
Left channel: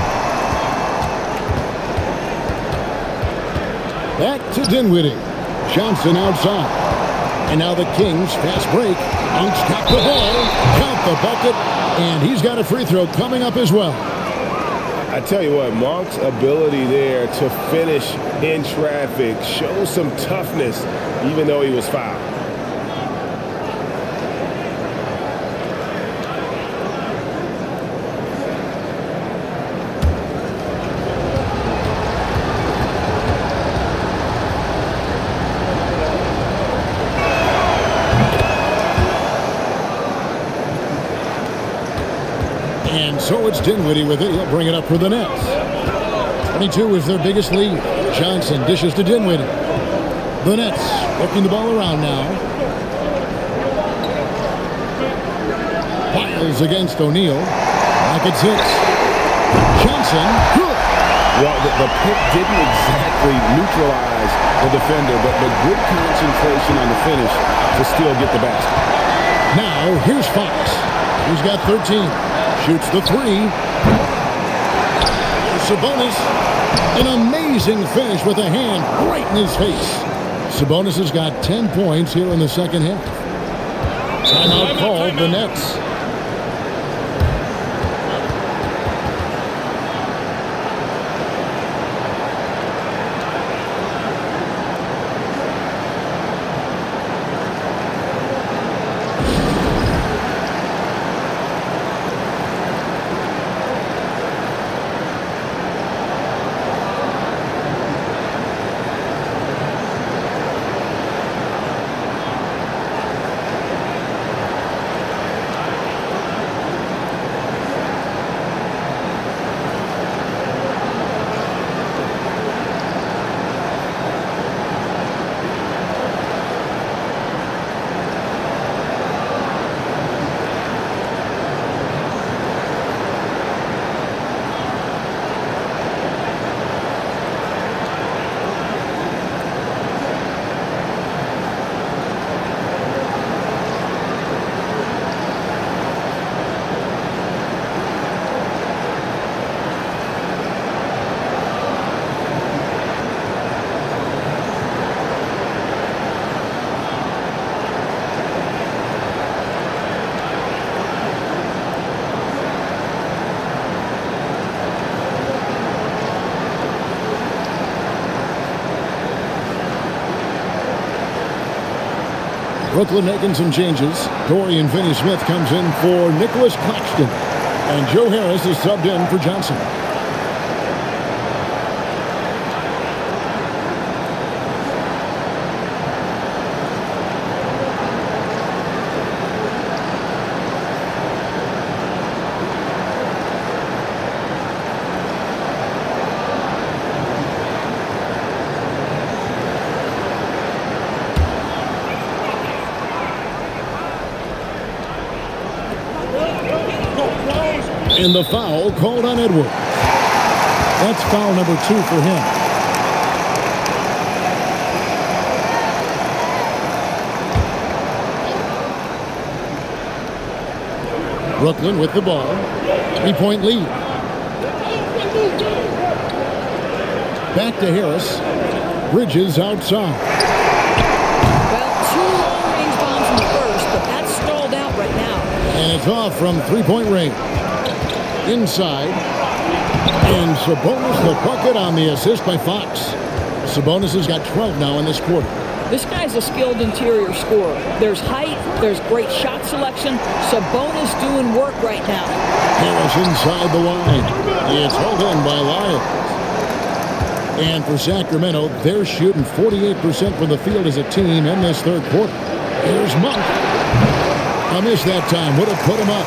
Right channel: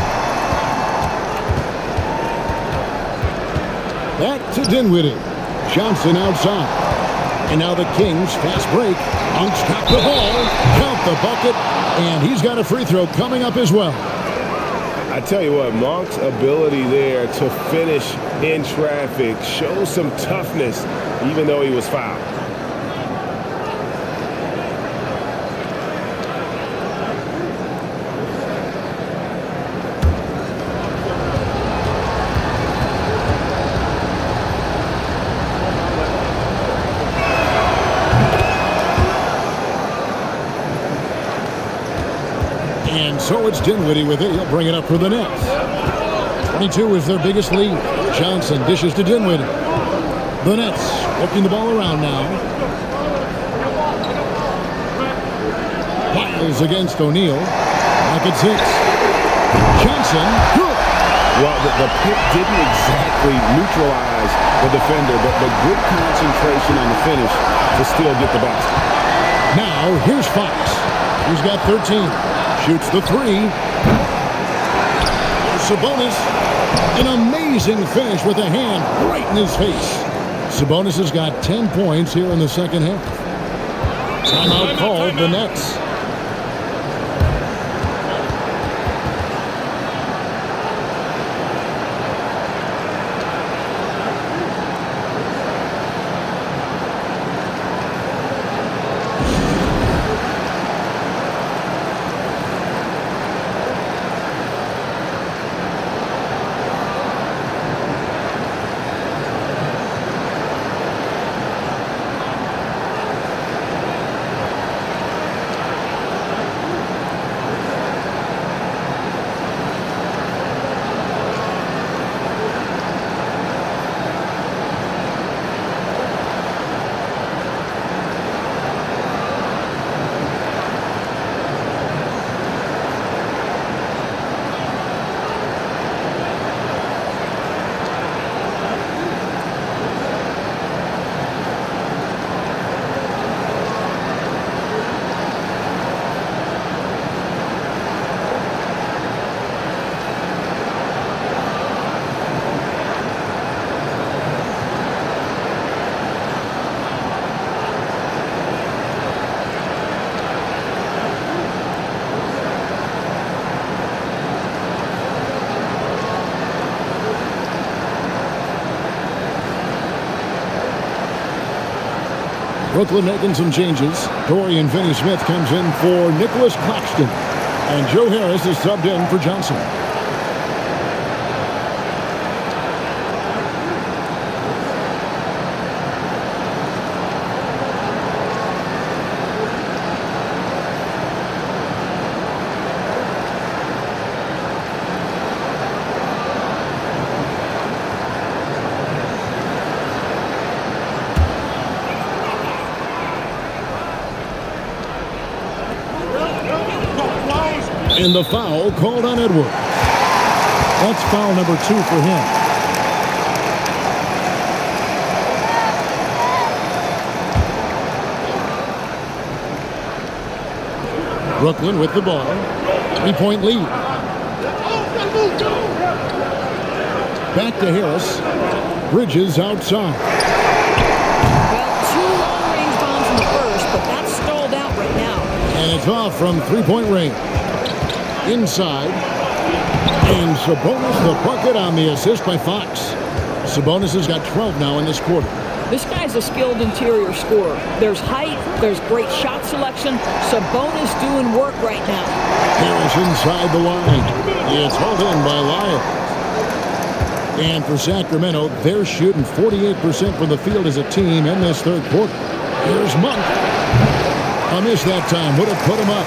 Back to Dinwiddie. Johnson outside. And now the Kings, fast break. Monk's got the ball. Count the bucket. And he's got a free throw coming up as well. I tell you what, Monk's ability there to finish in traffic shows some toughness, even though he was fouled. And so it's Dinwiddie with it. He'll bring it up for the Nets. 22 is their biggest lead. Johnson dishes to Dinwiddie. The Nets working the ball around now. Piles against O'Neal. Lock at 6. Johnson, good. Well, the pick didn't exactly neutralize the defender, but good concentration on the finish to still get the basket. Now, here's Fox. He's got 13. Shoots the 3. Sabonis, an amazing finish with a hand right in his face. Sabonis has got 10 points here in the second half. Timeout called, the Nets. Brooklyn making some changes. Dorian Finney-Smith comes in for Nicholas Claxton. And Joe Harris is subbed in for Johnson. And the foul called on Edwards. That's foul number 2 for him. Brooklyn with the ball. 3-point lead. Back to Harris. Bridges outside. Well, 2 long-range bombs in the first, but that's stalled out right now. And it's off from 3-point range. Inside. And Sabonis the bucket on the assist by Fox. Sabonis has got 12 now in this quarter. This guy's a skilled interior scorer. There's height, there's great shot selection. Sabonis doing work right now. Harris inside the line. It's hauled in by Lyles. And for Sacramento, they're shooting 48% from the field as a team in this third quarter. Here's Monk. A miss that time. Would have put him up.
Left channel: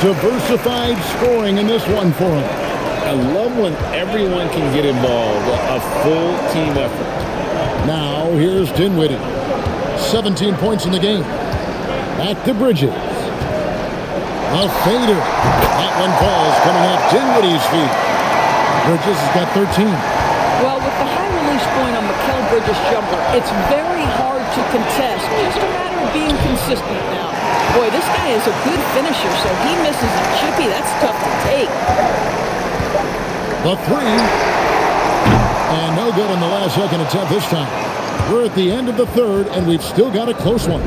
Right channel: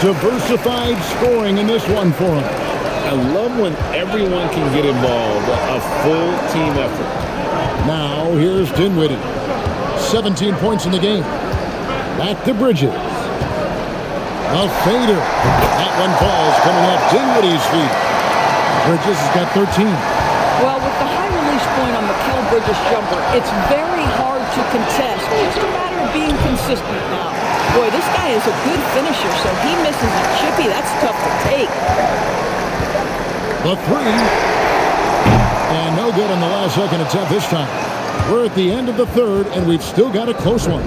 Diversified scoring in this one for him. I love when everyone can get involved, a full team effort. Now here's Dinwiddie. 17 points in the game. Back to Bridges. The fader. That one falls coming off Dinwiddie's feet. Bridges has got 13. Well, with the high release point on Mikal Bridges' jumper, it's very hard to contest. Just a matter of being consistent now. Boy, this guy is a good finisher, so he misses a chippy. That's tough to take. The three. And no good on the last second attempt this time. We're at the end of the third, and we've still got a close one.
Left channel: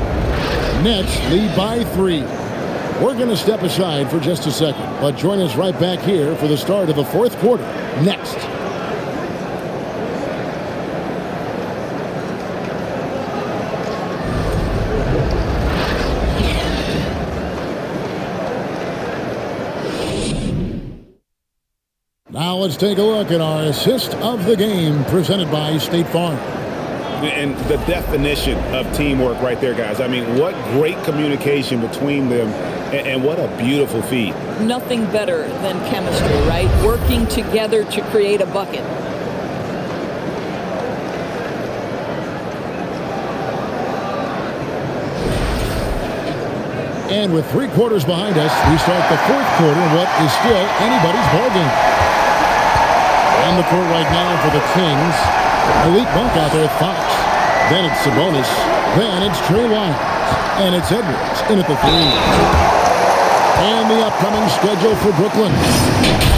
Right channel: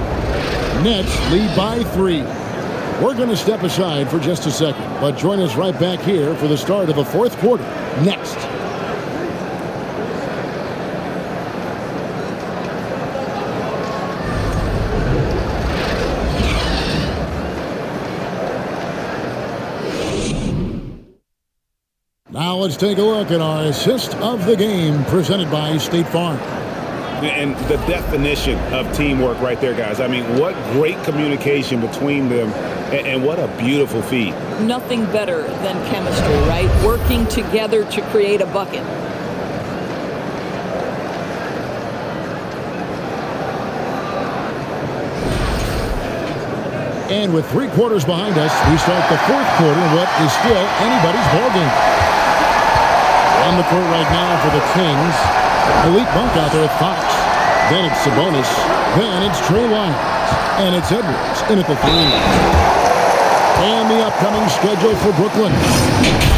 Nets lead by 3. We're going to step aside for just a second, but join us right back here for the start of the fourth quarter next. Now let's take a look at our assist of the game presented by State Farm. And the definition of teamwork right there, guys. I mean, what great communication between them, and what a beautiful feed. Nothing better than chemistry, right? Working together to create a bucket. And with 3 quarters behind us, we start the fourth quarter in what is still anybody's ballgame. On the court right now for the Kings. Malik Monk out there with Fox. Then it's Sabonis. Then it's Trey Lyons. And it's Edwards in at the 3. And the upcoming schedule for Brooklyn.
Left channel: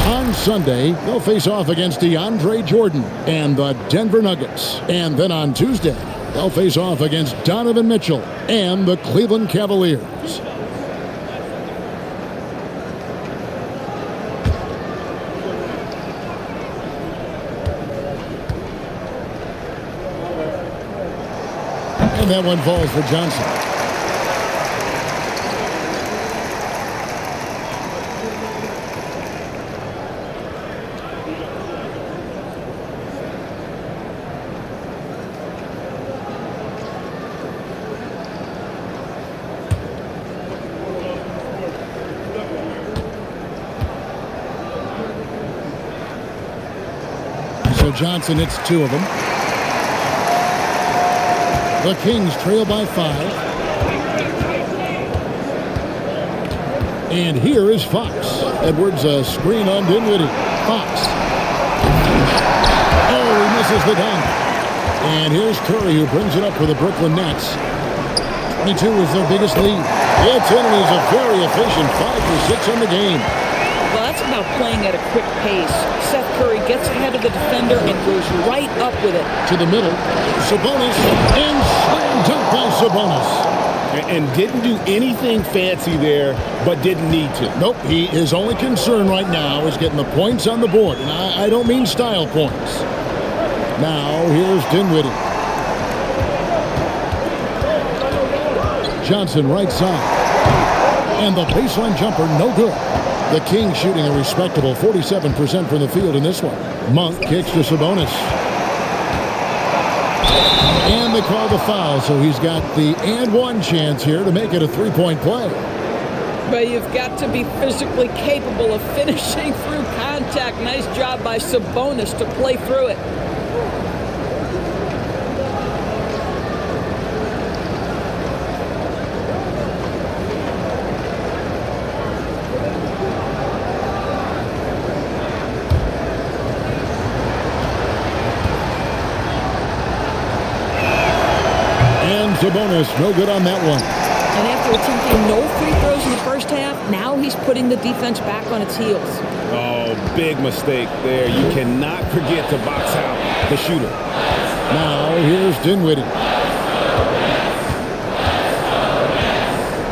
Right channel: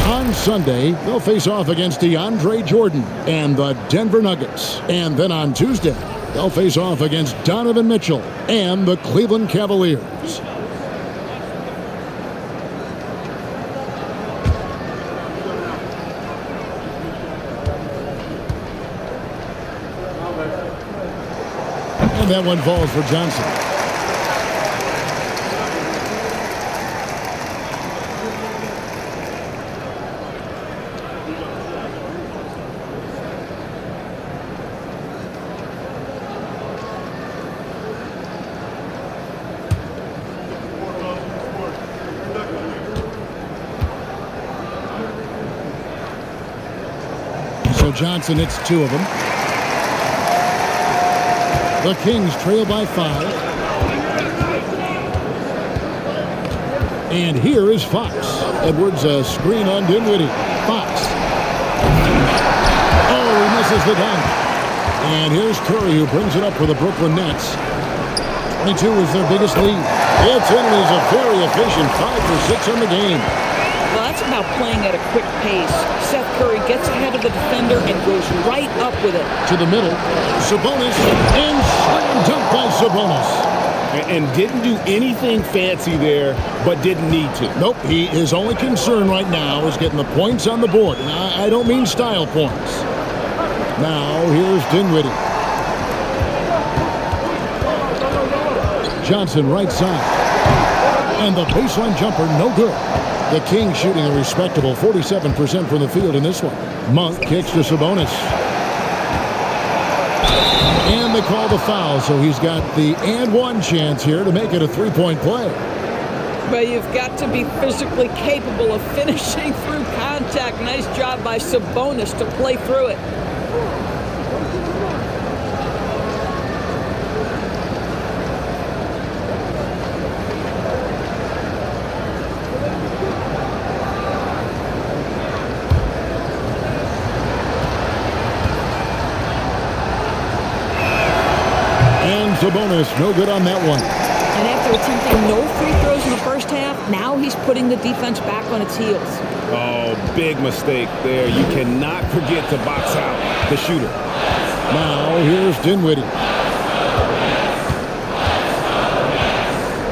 On Sunday, they'll face off against DeAndre Jordan and the Denver Nuggets. And then on Tuesday, they'll face off against Donovan Mitchell and the Cleveland Cavaliers. And that one falls for Johnson. So Johnson hits 2 of them. The Kings trail by 5. And here is Fox. Edwards, a screen on Dinwiddie. Fox. Oh, he misses the dunk. And here's Curry, who brings it up for the Brooklyn Nets. 22 is their biggest lead. It's in, and he's a very efficient 5 for 6 on the game. Well, that's about playing at a quick pace. Seth Curry gets ahead of the defender and goes right up with it. To the middle, Sabonis, and slam dunk by Sabonis. And didn't do anything fancy there, but didn't need to. Nope, his only concern right now is getting the points on the board, and I don't mean style points. Now, here's Dinwiddie. Johnson right side. And the baseline jumper, no good. The Kings shooting a respectable 47% from the field in this one. Monk kicks to Sabonis. And they call the foul, so he's got the and one chance here to make it a 3-point play. But you've got to be physically capable of finishing through contact. Nice job by Sabonis to play through it. And Sabonis, no good on that one. And after attempting no free throws in the first half, now he's putting the defense back on its heels. Oh, big mistake there. You cannot forget to box out the shooter. Now, here's Dinwiddie.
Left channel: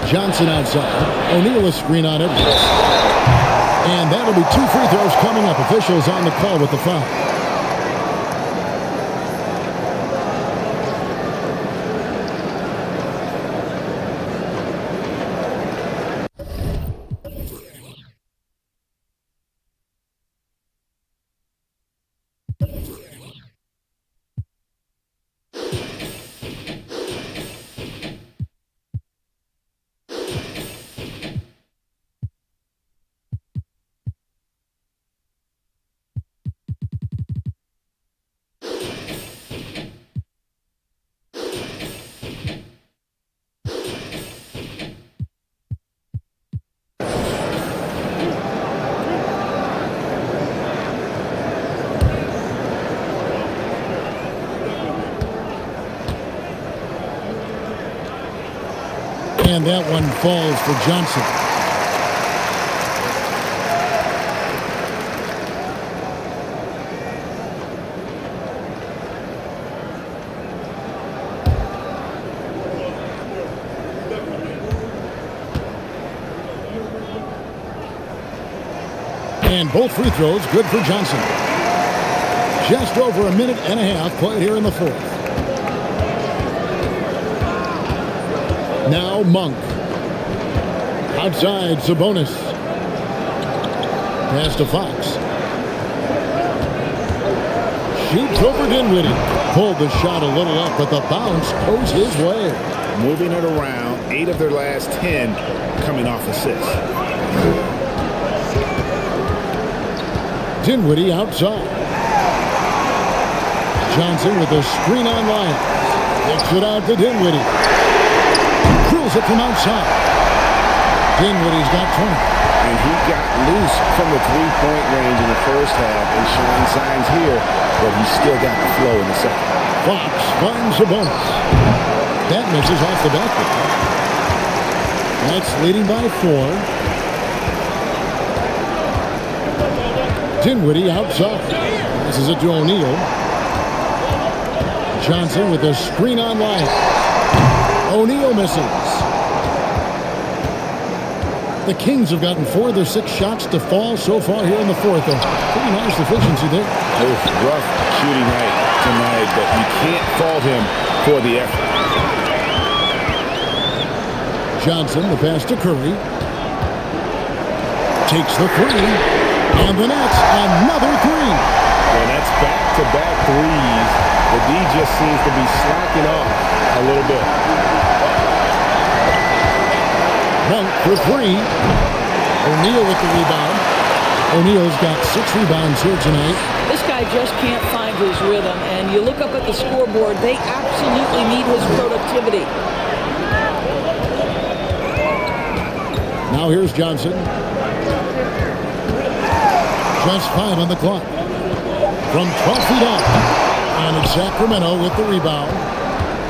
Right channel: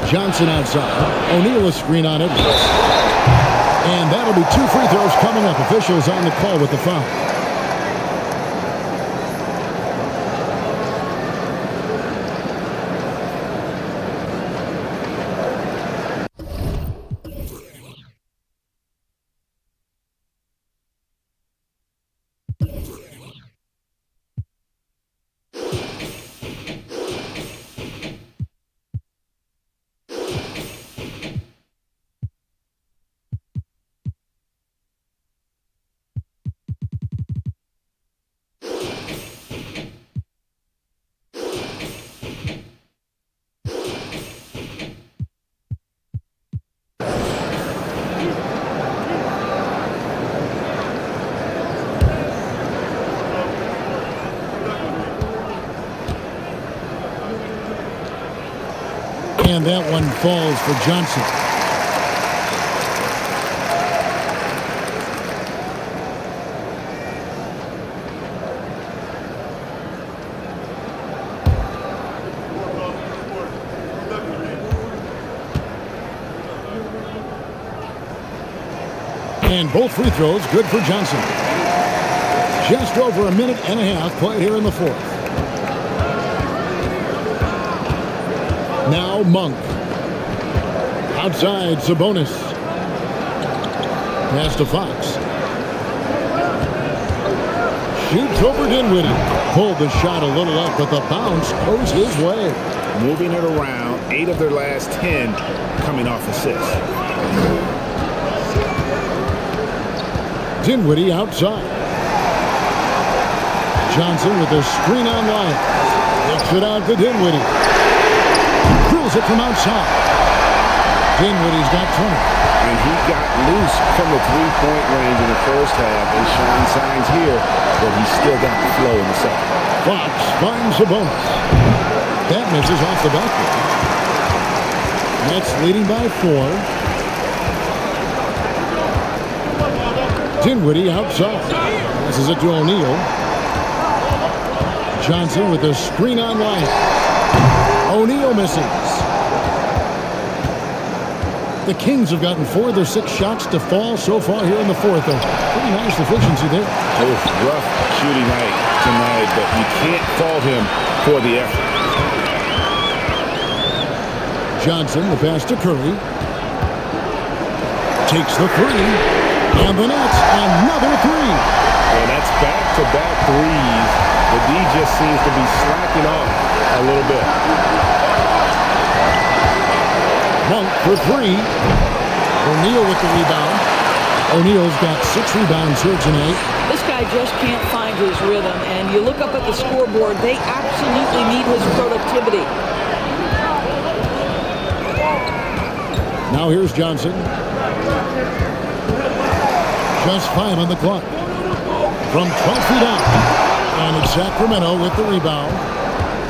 Johnson outside. O'Neal a screen on Edwards. And that'll be 2 free throws coming up. Officials on the call with the foul. And that one falls for Johnson. And both free throws good for Johnson. Just over a minute and a half played here in the fourth. Now Monk. Outside Sabonis. Pass to Fox. Shoots over Dinwiddie. Pulled the shot a little up, but the bounce goes his way. Moving it around, 8 of their last 10 coming off assists. Dinwiddie outside. Johnson with a screen on Lyons. Kicks it out to Dinwiddie. Drills it from outside. Dinwiddie's got 20. And he got loose from the three-point range in the first half and showing signs here that he's still got the flow in the second. Fox finds Sabonis. That misses off the backboard. Nets leading by 4. Dinwiddie outside. Passes it to O'Neal. Johnson with a screen on Lyons. O'Neal misses. The Kings have gotten 4 of their 6 shots to fall so far here in the fourth. A pretty nice efficiency there. Both rough shooting night tonight, but you can't fault him for the effort. Johnson, the pass to Curry. Takes the 3. And the Nets, another 3. Yeah, that's back-to-back threes. The D just seems to be slacking off a little bit. Monk for 3. O'Neal with the rebound. O'Neal's got 6 rebounds here tonight. This guy just can't find his rhythm, and you look up at the scoreboard, they absolutely need his productivity. Now here's Johnson. Just 5 on the clock. From 12 feet out. And it's Sacramento with the rebound.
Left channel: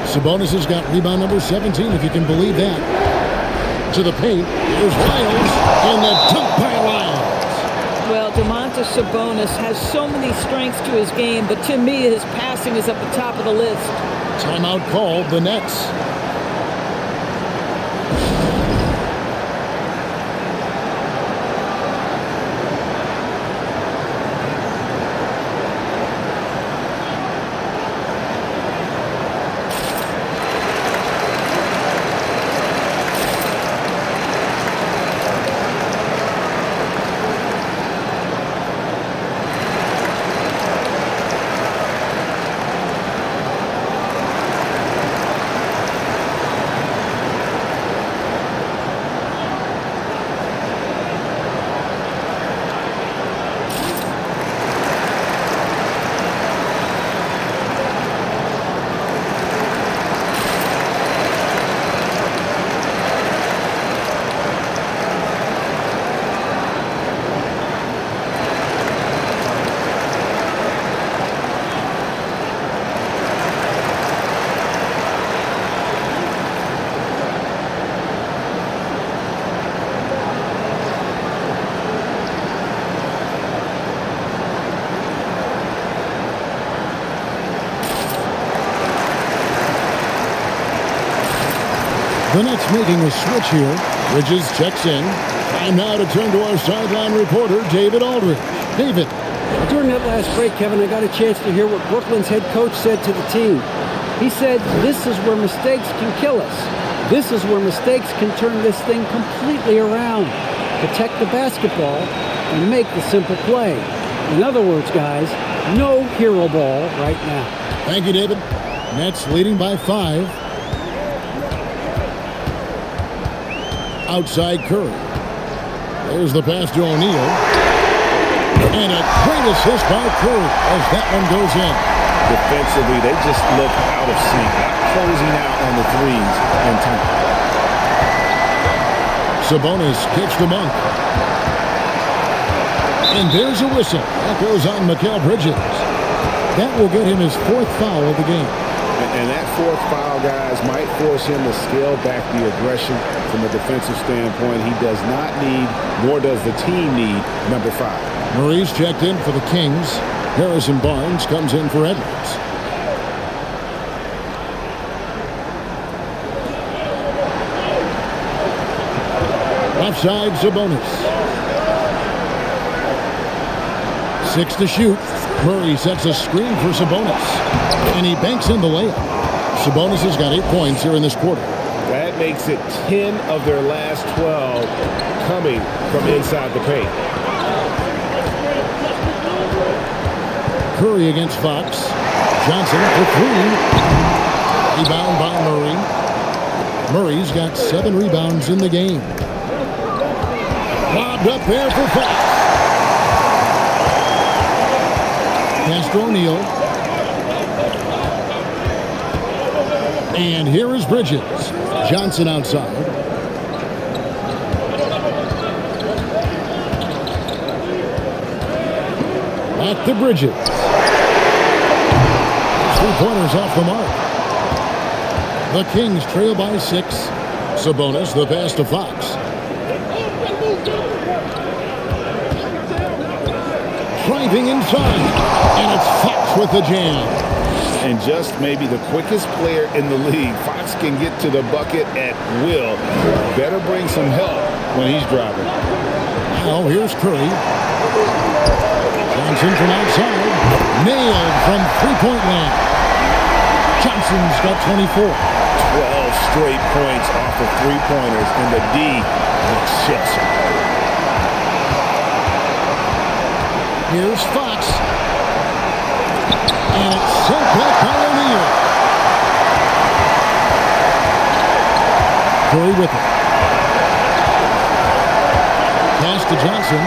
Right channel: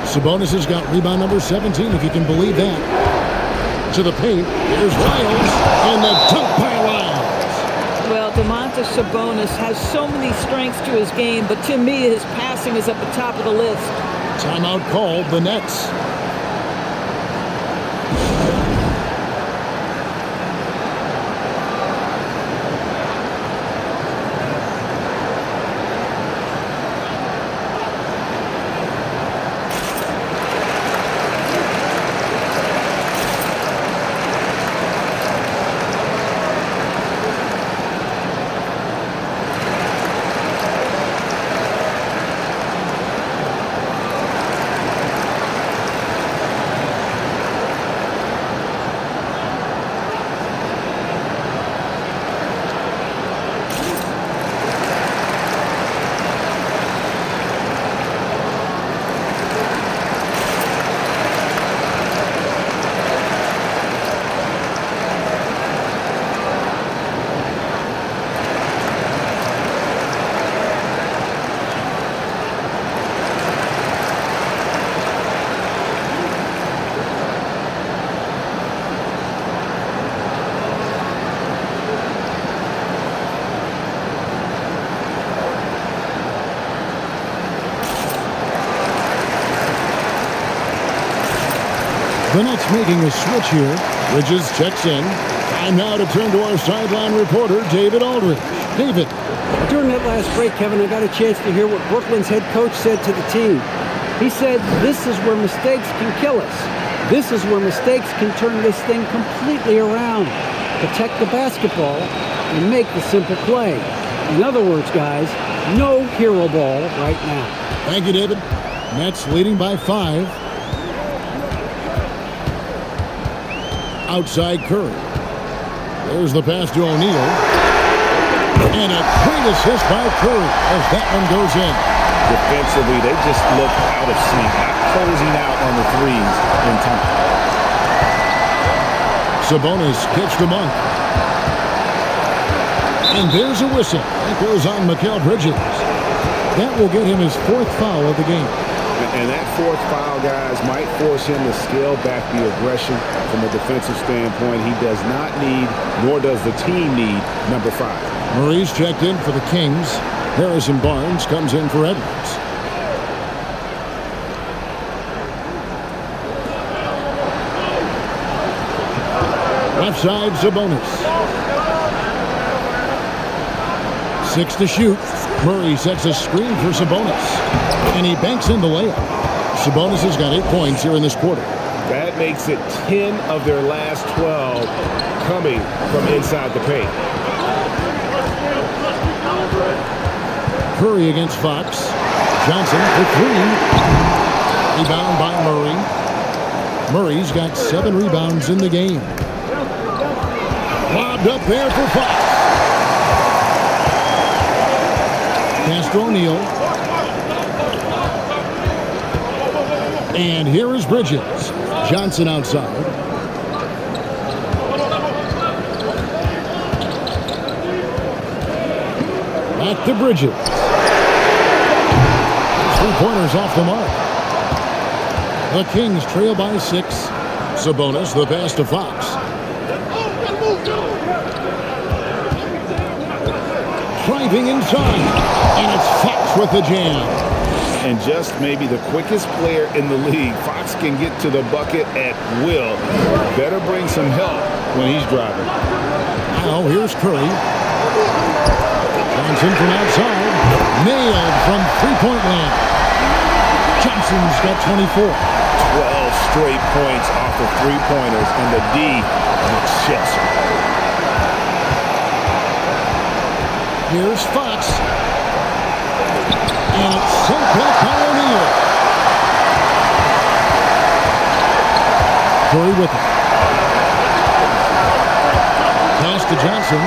Sabonis has got rebound number 17, if you can believe that. To the paint. Here's Lyles. And the dunk by Lyles. Well, Domantas Sabonis has so many strengths to his game, but to me, his passing is at the top of the list. Timeout called, the Nets. The Nets making a switch here. Bridges checks in. Time now to turn to our sideline reporter, David Aldridge. David. During that last break, Kevin, I got a chance to hear what Brooklyn's head coach said to the team. He said, this is where mistakes can kill us. This is where mistakes can turn this thing completely around. Protect the basketball and make the simple play. In other words, guys, no hero ball right now. Thank you, David. Nets leading by 5. Outside Curry. There's the pass to O'Neal. And a great assist by Curry as that one goes in. Defensively, they just look out of sync, not closing out on the threes in time. Sabonis kicks to Monk. And there's a whistle. That goes on Mikal Bridges. That will get him his 4th foul of the game. And that fourth foul, guys, might force him to scale back the aggression from a defensive standpoint. He does not need, nor does the team need, number 5. Murray's checked in for the Kings. Harrison Barnes comes in for Edwards. Left side, Sabonis. 6 to shoot. Murray sets a screen for Sabonis, and he banks in the layup. Sabonis has got 8 points here in this quarter. That makes it 10 of their last 12 coming from inside the paint. Curry against Fox. Johnson for 3. Rebound by Murray. Murray's got 7 rebounds in the game. Lobbed up there for Fox. Pass to O'Neal. And here is Bridges. Johnson outside. Back to Bridges. 3-pointers off the mark. The Kings trail by 6. Sabonis, the pass to Fox. Driving inside, and it's Fox with the jam. And just maybe the quickest player in the league. Fox can get to the bucket at will. Better bring some help when he's driving. Now here's Curry. Johnson from outside. Nailed from three-point land. Johnson's got 24. 12 straight points off of three-pointers, and the D looks shell-shocked. Here's Fox. And it's sent back by O'Neal. Curry with it. Pass to Johnson.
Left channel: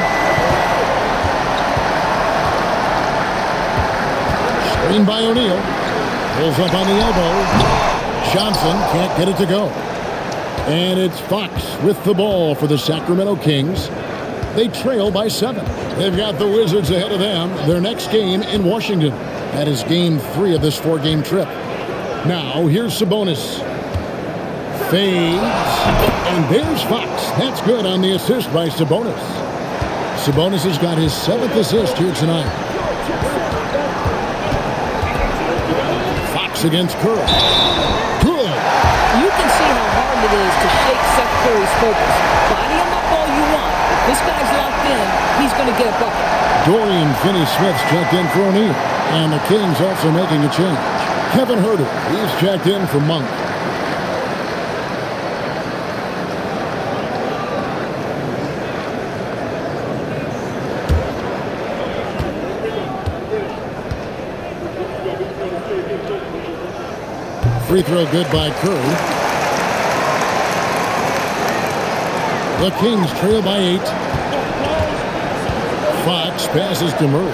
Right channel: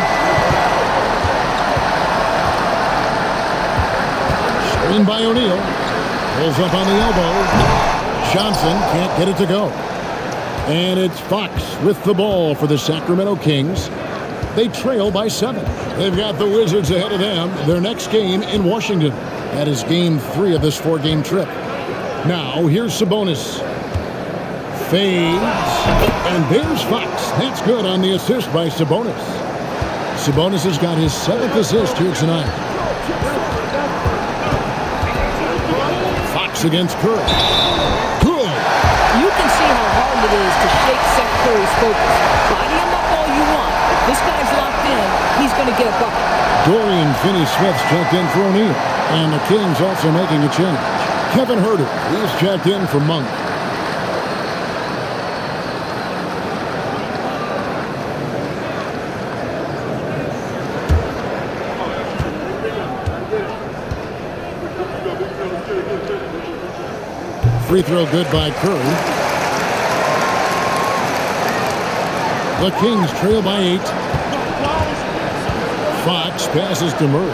Screen by O'Neal. Pulls up on the elbow. Johnson can't get it to go. And it's Fox with the ball for the Sacramento Kings. They trail by 7. They've got the Wizards ahead of them. Their next game in Washington. That is game 3 of this 4-game trip. Now, here's Sabonis. Fades. And there's Fox. That's good on the assist by Sabonis. Sabonis has got his 7th assist here tonight. Fox against Curry. Good. You can see how hard it is to shake Seth Curry's focus. Body him up all you want. If this guy's locked in, he's going to get a bucket. Dorian Finney-Smith's checked in for O'Neal. And the Kings also making a change. Kevin Huerter, he's checked in for Monk. Free throw good by Curry. The Kings trail by 8. Fox passes to Murray.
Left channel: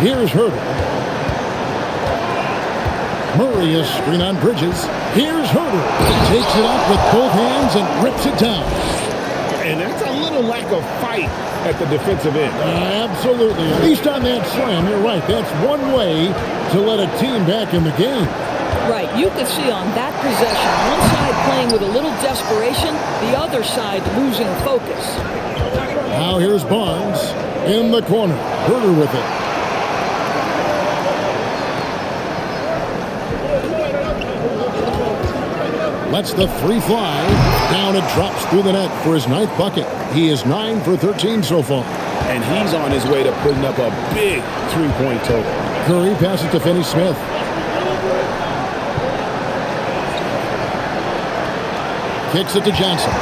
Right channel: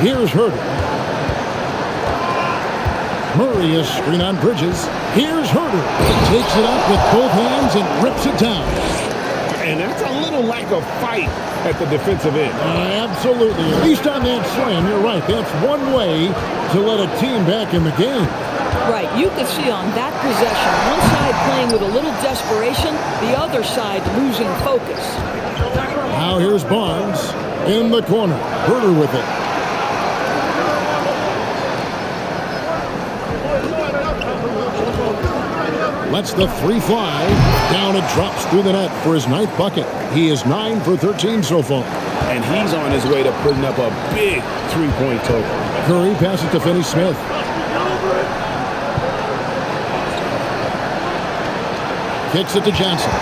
Here's Huerter. Murray is screen on Bridges. Here's Huerter. Takes it up with both hands and rips it down. And that's a little lack of fight at the defensive end. Absolutely. At least on that slam, you're right. That's one way to let a team back in the game. Right. You could see on that possession, one side playing with a little desperation, the other side losing focus. Now here's Barnes in the corner. Huerter with it. Lets the 3 fly. Down it drops through the net for his 9th bucket. He is 9 for 13 so far. And he's on his way to putting up a big 3-point total. Curry passes to Finney-Smith. Kicks it to Johnson.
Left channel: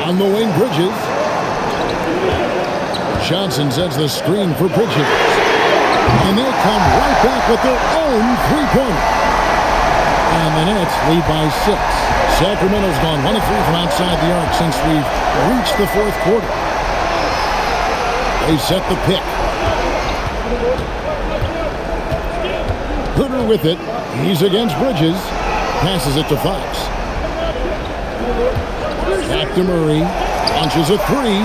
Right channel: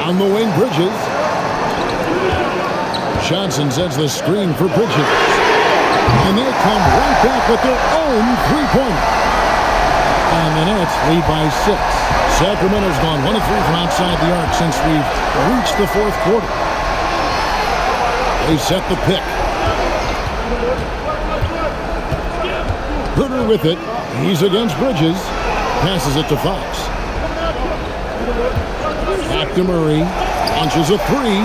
On the wing, Bridges. Johnson sets the screen for Bridges. And they come right back with their own 3-pointer. And the Nets lead by 6. Sacramento's gone 1 of 3 from outside the arc since we've reached the 4th quarter. They set the pick. Huerter with it. He's against Bridges. Passes it to Fox. Back to Murray. Launches a 3.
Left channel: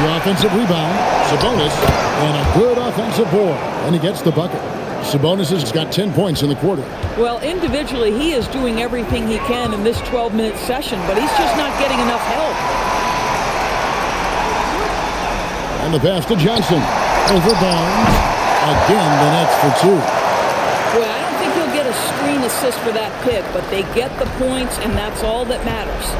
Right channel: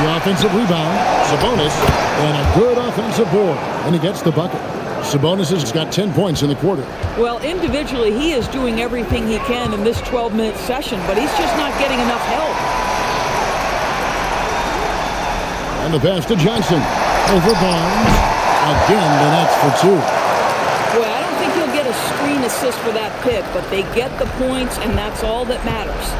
The offensive rebound. Sabonis, and a good offensive board, and he gets the bucket. Sabonis has got 10 points in the quarter. Well, individually, he is doing everything he can in this 12-minute session, but he's just not getting enough help. And the pass to Johnson. Over Barnes. Again, the Nets for 2. Boy, I don't think he'll get a screen assist for that pick, but they get the points, and that's all that matters.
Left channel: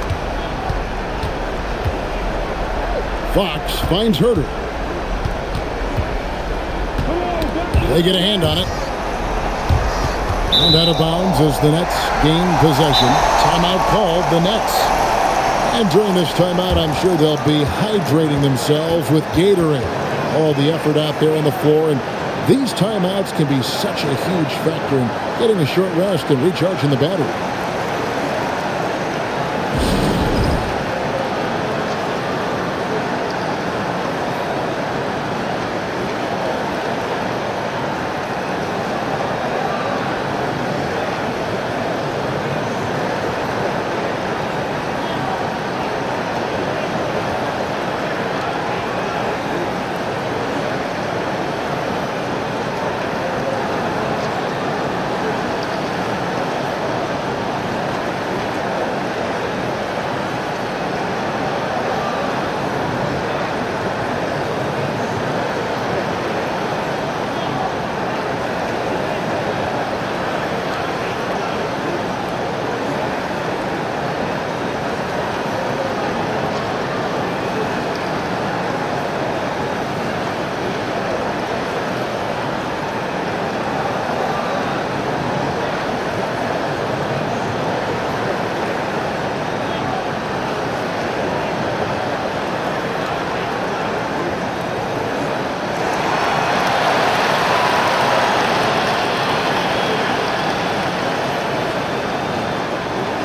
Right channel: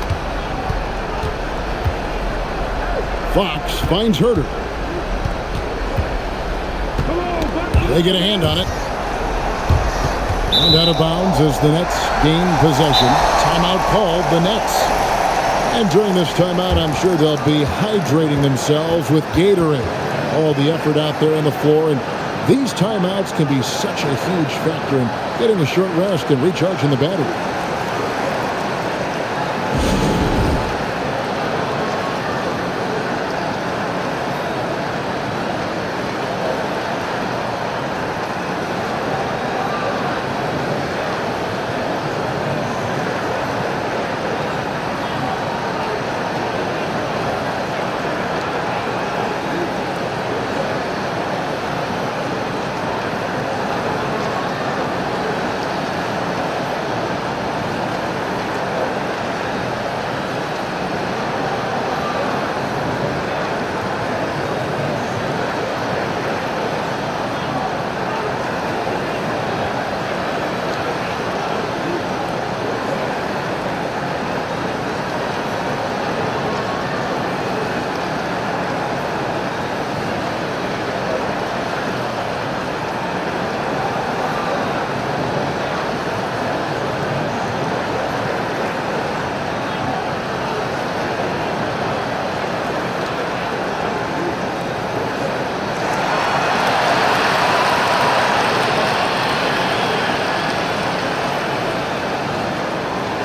Fox finds Herder. They get a hand on it. And out of bounds as the Nets gain possession. Timeout called, the Nets. And during this timeout, I'm sure they'll be hydrating themselves with Gatorade. All the effort out there on the floor. And these timeouts can be such a huge factor in getting a short rest and recharging the battery.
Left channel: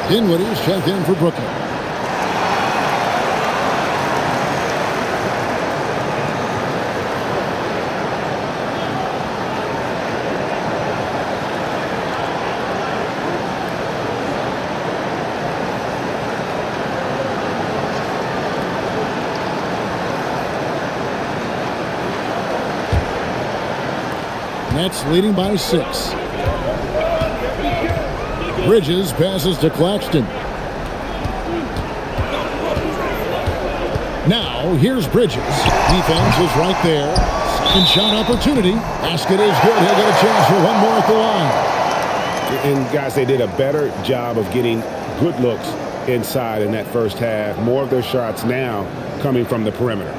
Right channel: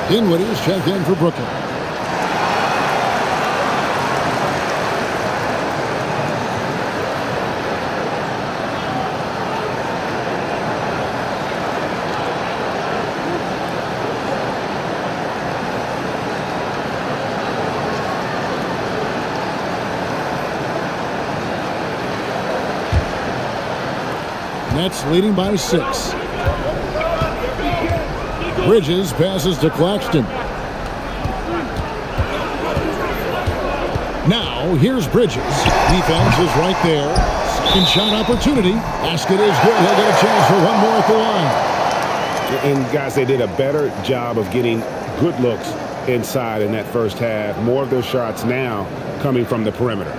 Dinwiddie's checked in for Brooklyn. Nets leading by 6. Bridges passes to Claxton. Now, here's Bridges. Defense is right there. Second shot opportunity. Basket is good. He'll get a chance for one more at the line. And, guys, they did a better job of getting good looks inside in that first half. More of their shots now coming from the perimeter.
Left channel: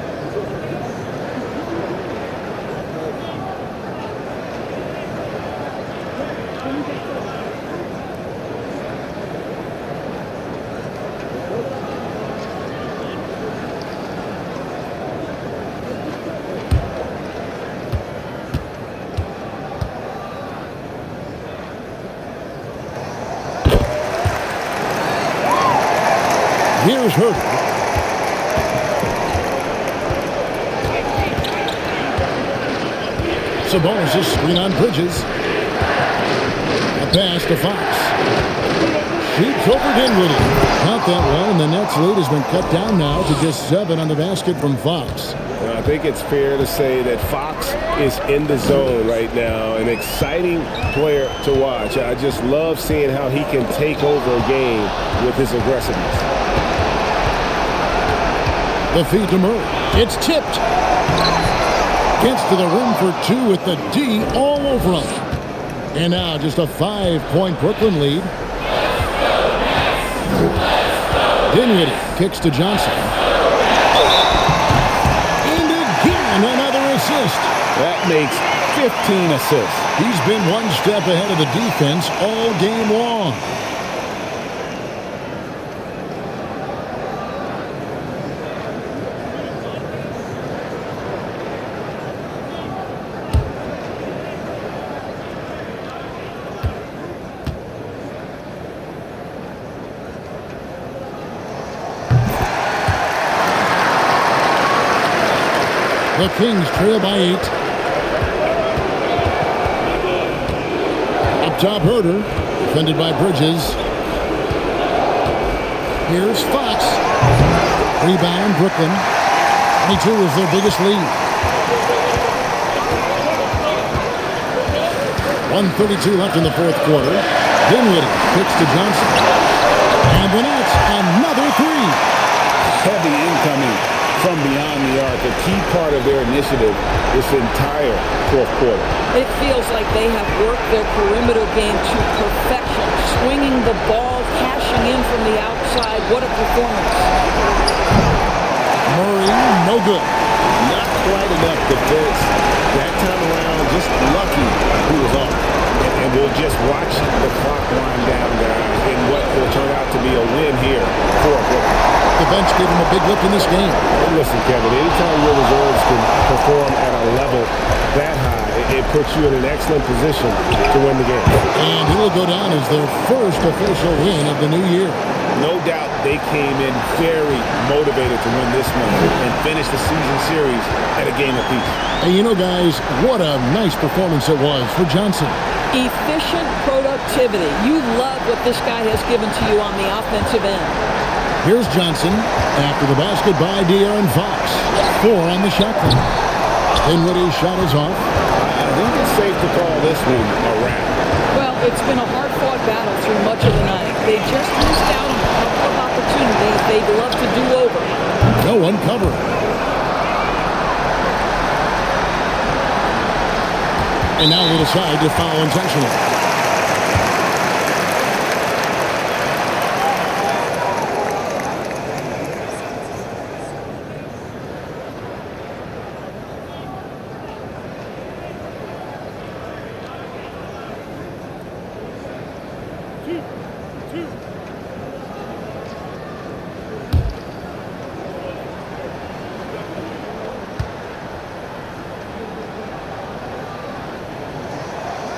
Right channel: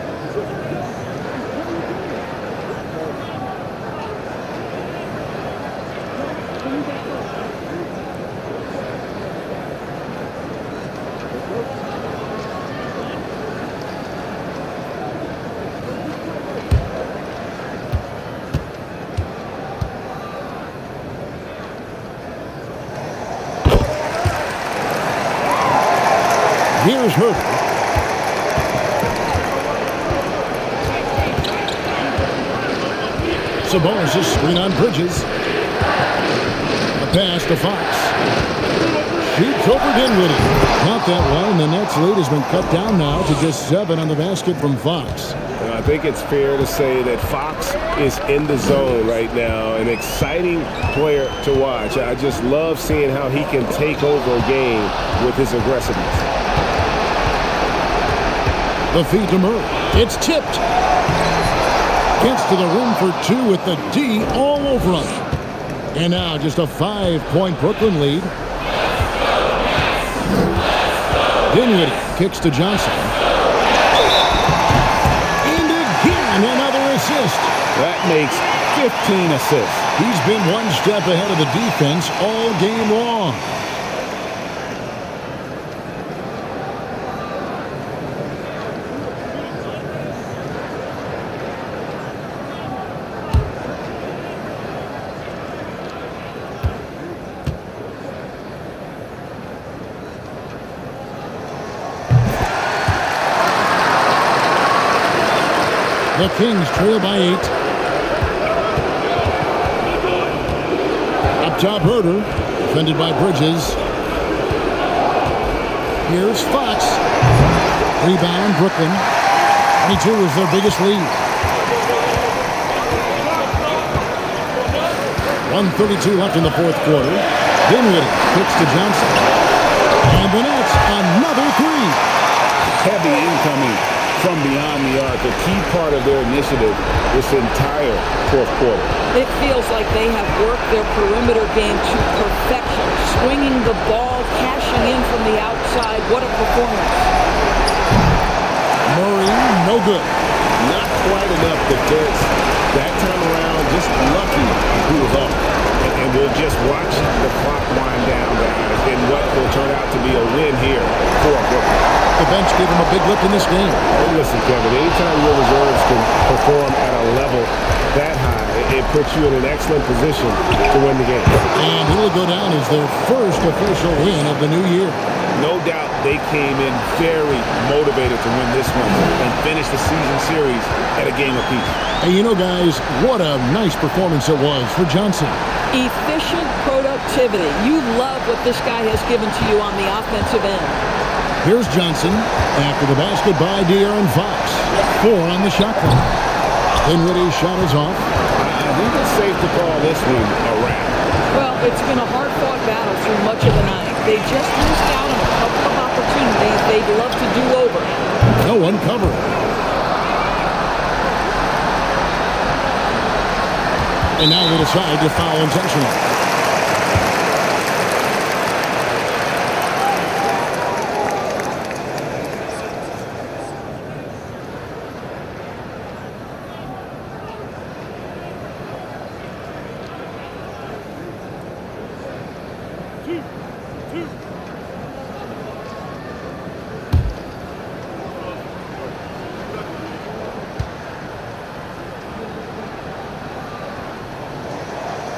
Here's Herder. Sabonis' screen on Bridges. A pass to Fox. Shoots over Dinwiddie. Got that one, and the Nets lead has been cut down now to just 7 on the basket from Fox. Well, I think it's fair to say that Fox is in the zone right now, an exciting player to watch. I just love seeing how he can take over a game with his aggressiveness. The feed to Murray. It's tipped. Gets to the rim for 2 with the D all over him. And now just a 5-point Brooklyn lead. Dinwiddie kicks to Johnson. And again, another assist. That makes 15 assists. He's been one step ahead of the defense all game long. The Kings trail by 8. Up top, Herder, defended by Bridges. Here's Fox. Rebound, Brooklyn. 22 is their biggest lead. 1:32 left in the fourth quarter. Dinwiddie kicks to Johnson. And the Nets, another three. Heavy incoming from beyond the arc, a key part of their initiative this entire fourth quarter. It feels like they have worked their perimeter game to perfection, swinging the ball, cashing in from the outside. What a performance. Murray, no good. Not quite enough defense that time around, just lucky he was off. And we'll just watch the clock wind down, guys, in what will turn out to be a win here for Brooklyn. The bench gave him a big lift in this game. Listen, Kevin, anytime your reserves can perform at a level that high, it puts you in an excellent position to win the game. And it'll go down as their first official win of the new year. No doubt they came in very motivated to win this one and finish the season series at a game apiece. Hey, you know, guys, what a nice performance it was for Johnson. Efficient productivity. You love what this guy has given to you on the offensive end. Here's Johnson after the basket by De'Aaron Fox. 4 on the shot clock. Dinwiddie's shot is off. I think it's safe to call this one a wrap. Well, it's been a hard-fought battle through much of the night. They just missed out on a couple of opportunities they'd love to do over. No one covering. And now they decide to foul intentionally.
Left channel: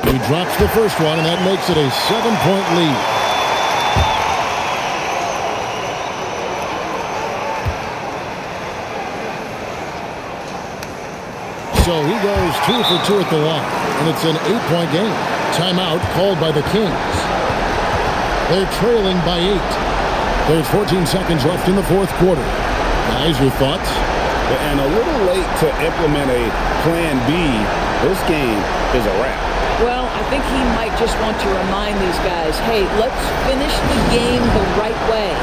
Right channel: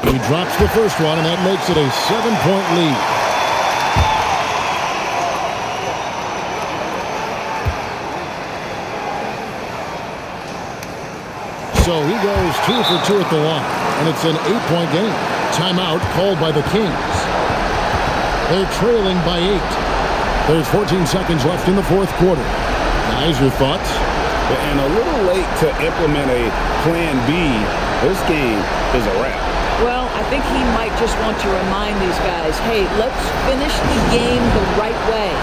He drops the first one, and that makes it a 7-point lead. So he goes 2 for 2 at the line, and it's an 8-point game. Timeout called by the Kings. They're trailing by 8. There's 14 seconds left in the fourth quarter. Guys, your thoughts? And a little late to implement a plan B. This game is a wrap. Well, I think he might just want to remind these guys, hey, let's finish the game the right way.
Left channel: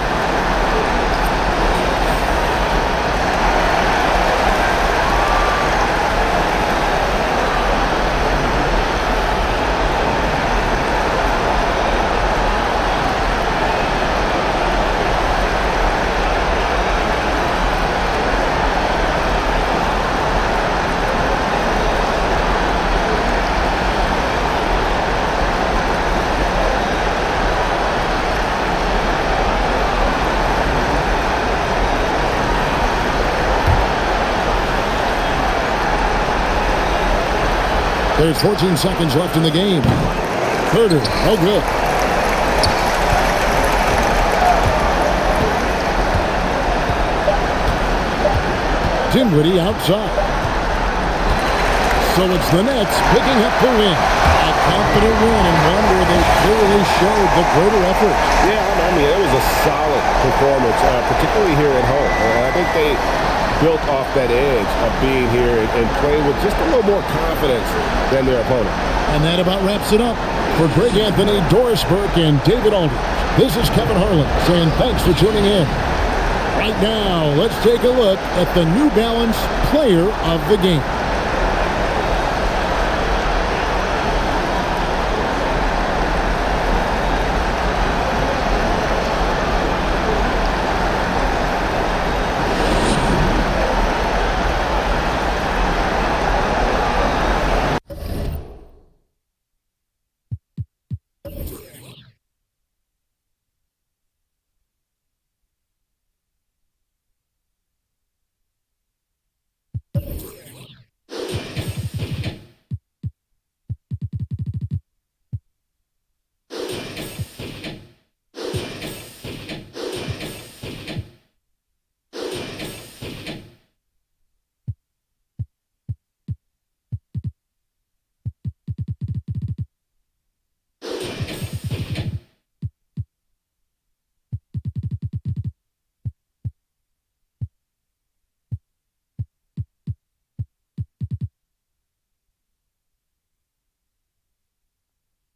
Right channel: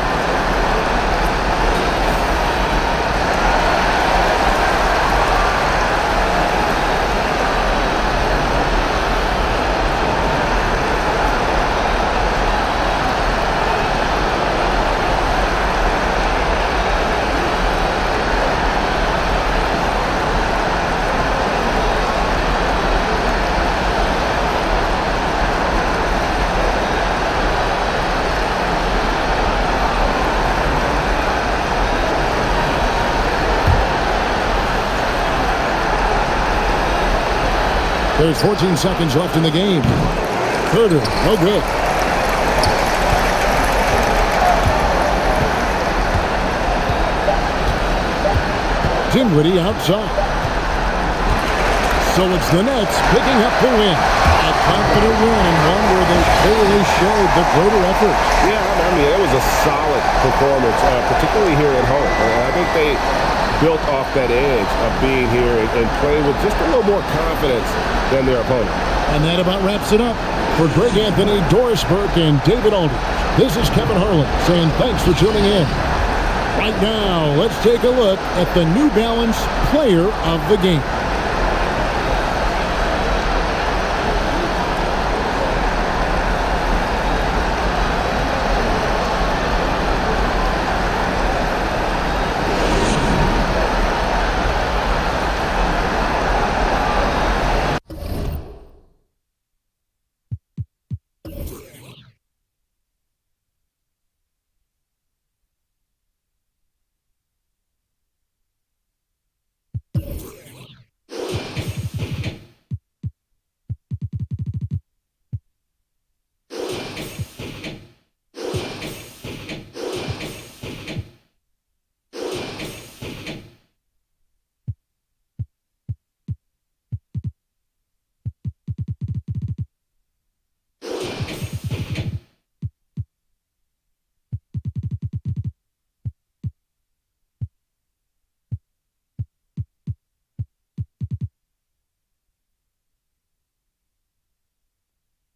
There's 14 seconds left in the game. Herder, no good. Dinwiddie outside. So it's the Nets picking up the win. A confident win and one where they clearly showed the greater effort. Yeah, I mean, it was a solid performance, particularly here at home. I think they built off that edge of being here and playing with just a little more confidence than their opponent. And that about wraps it up. For Greg Anthony, Doris Burke, and David Aldridge, this is Kevin Harlan saying thanks for tuning in. Right now, let's take a look at the New Balance Player of the Game.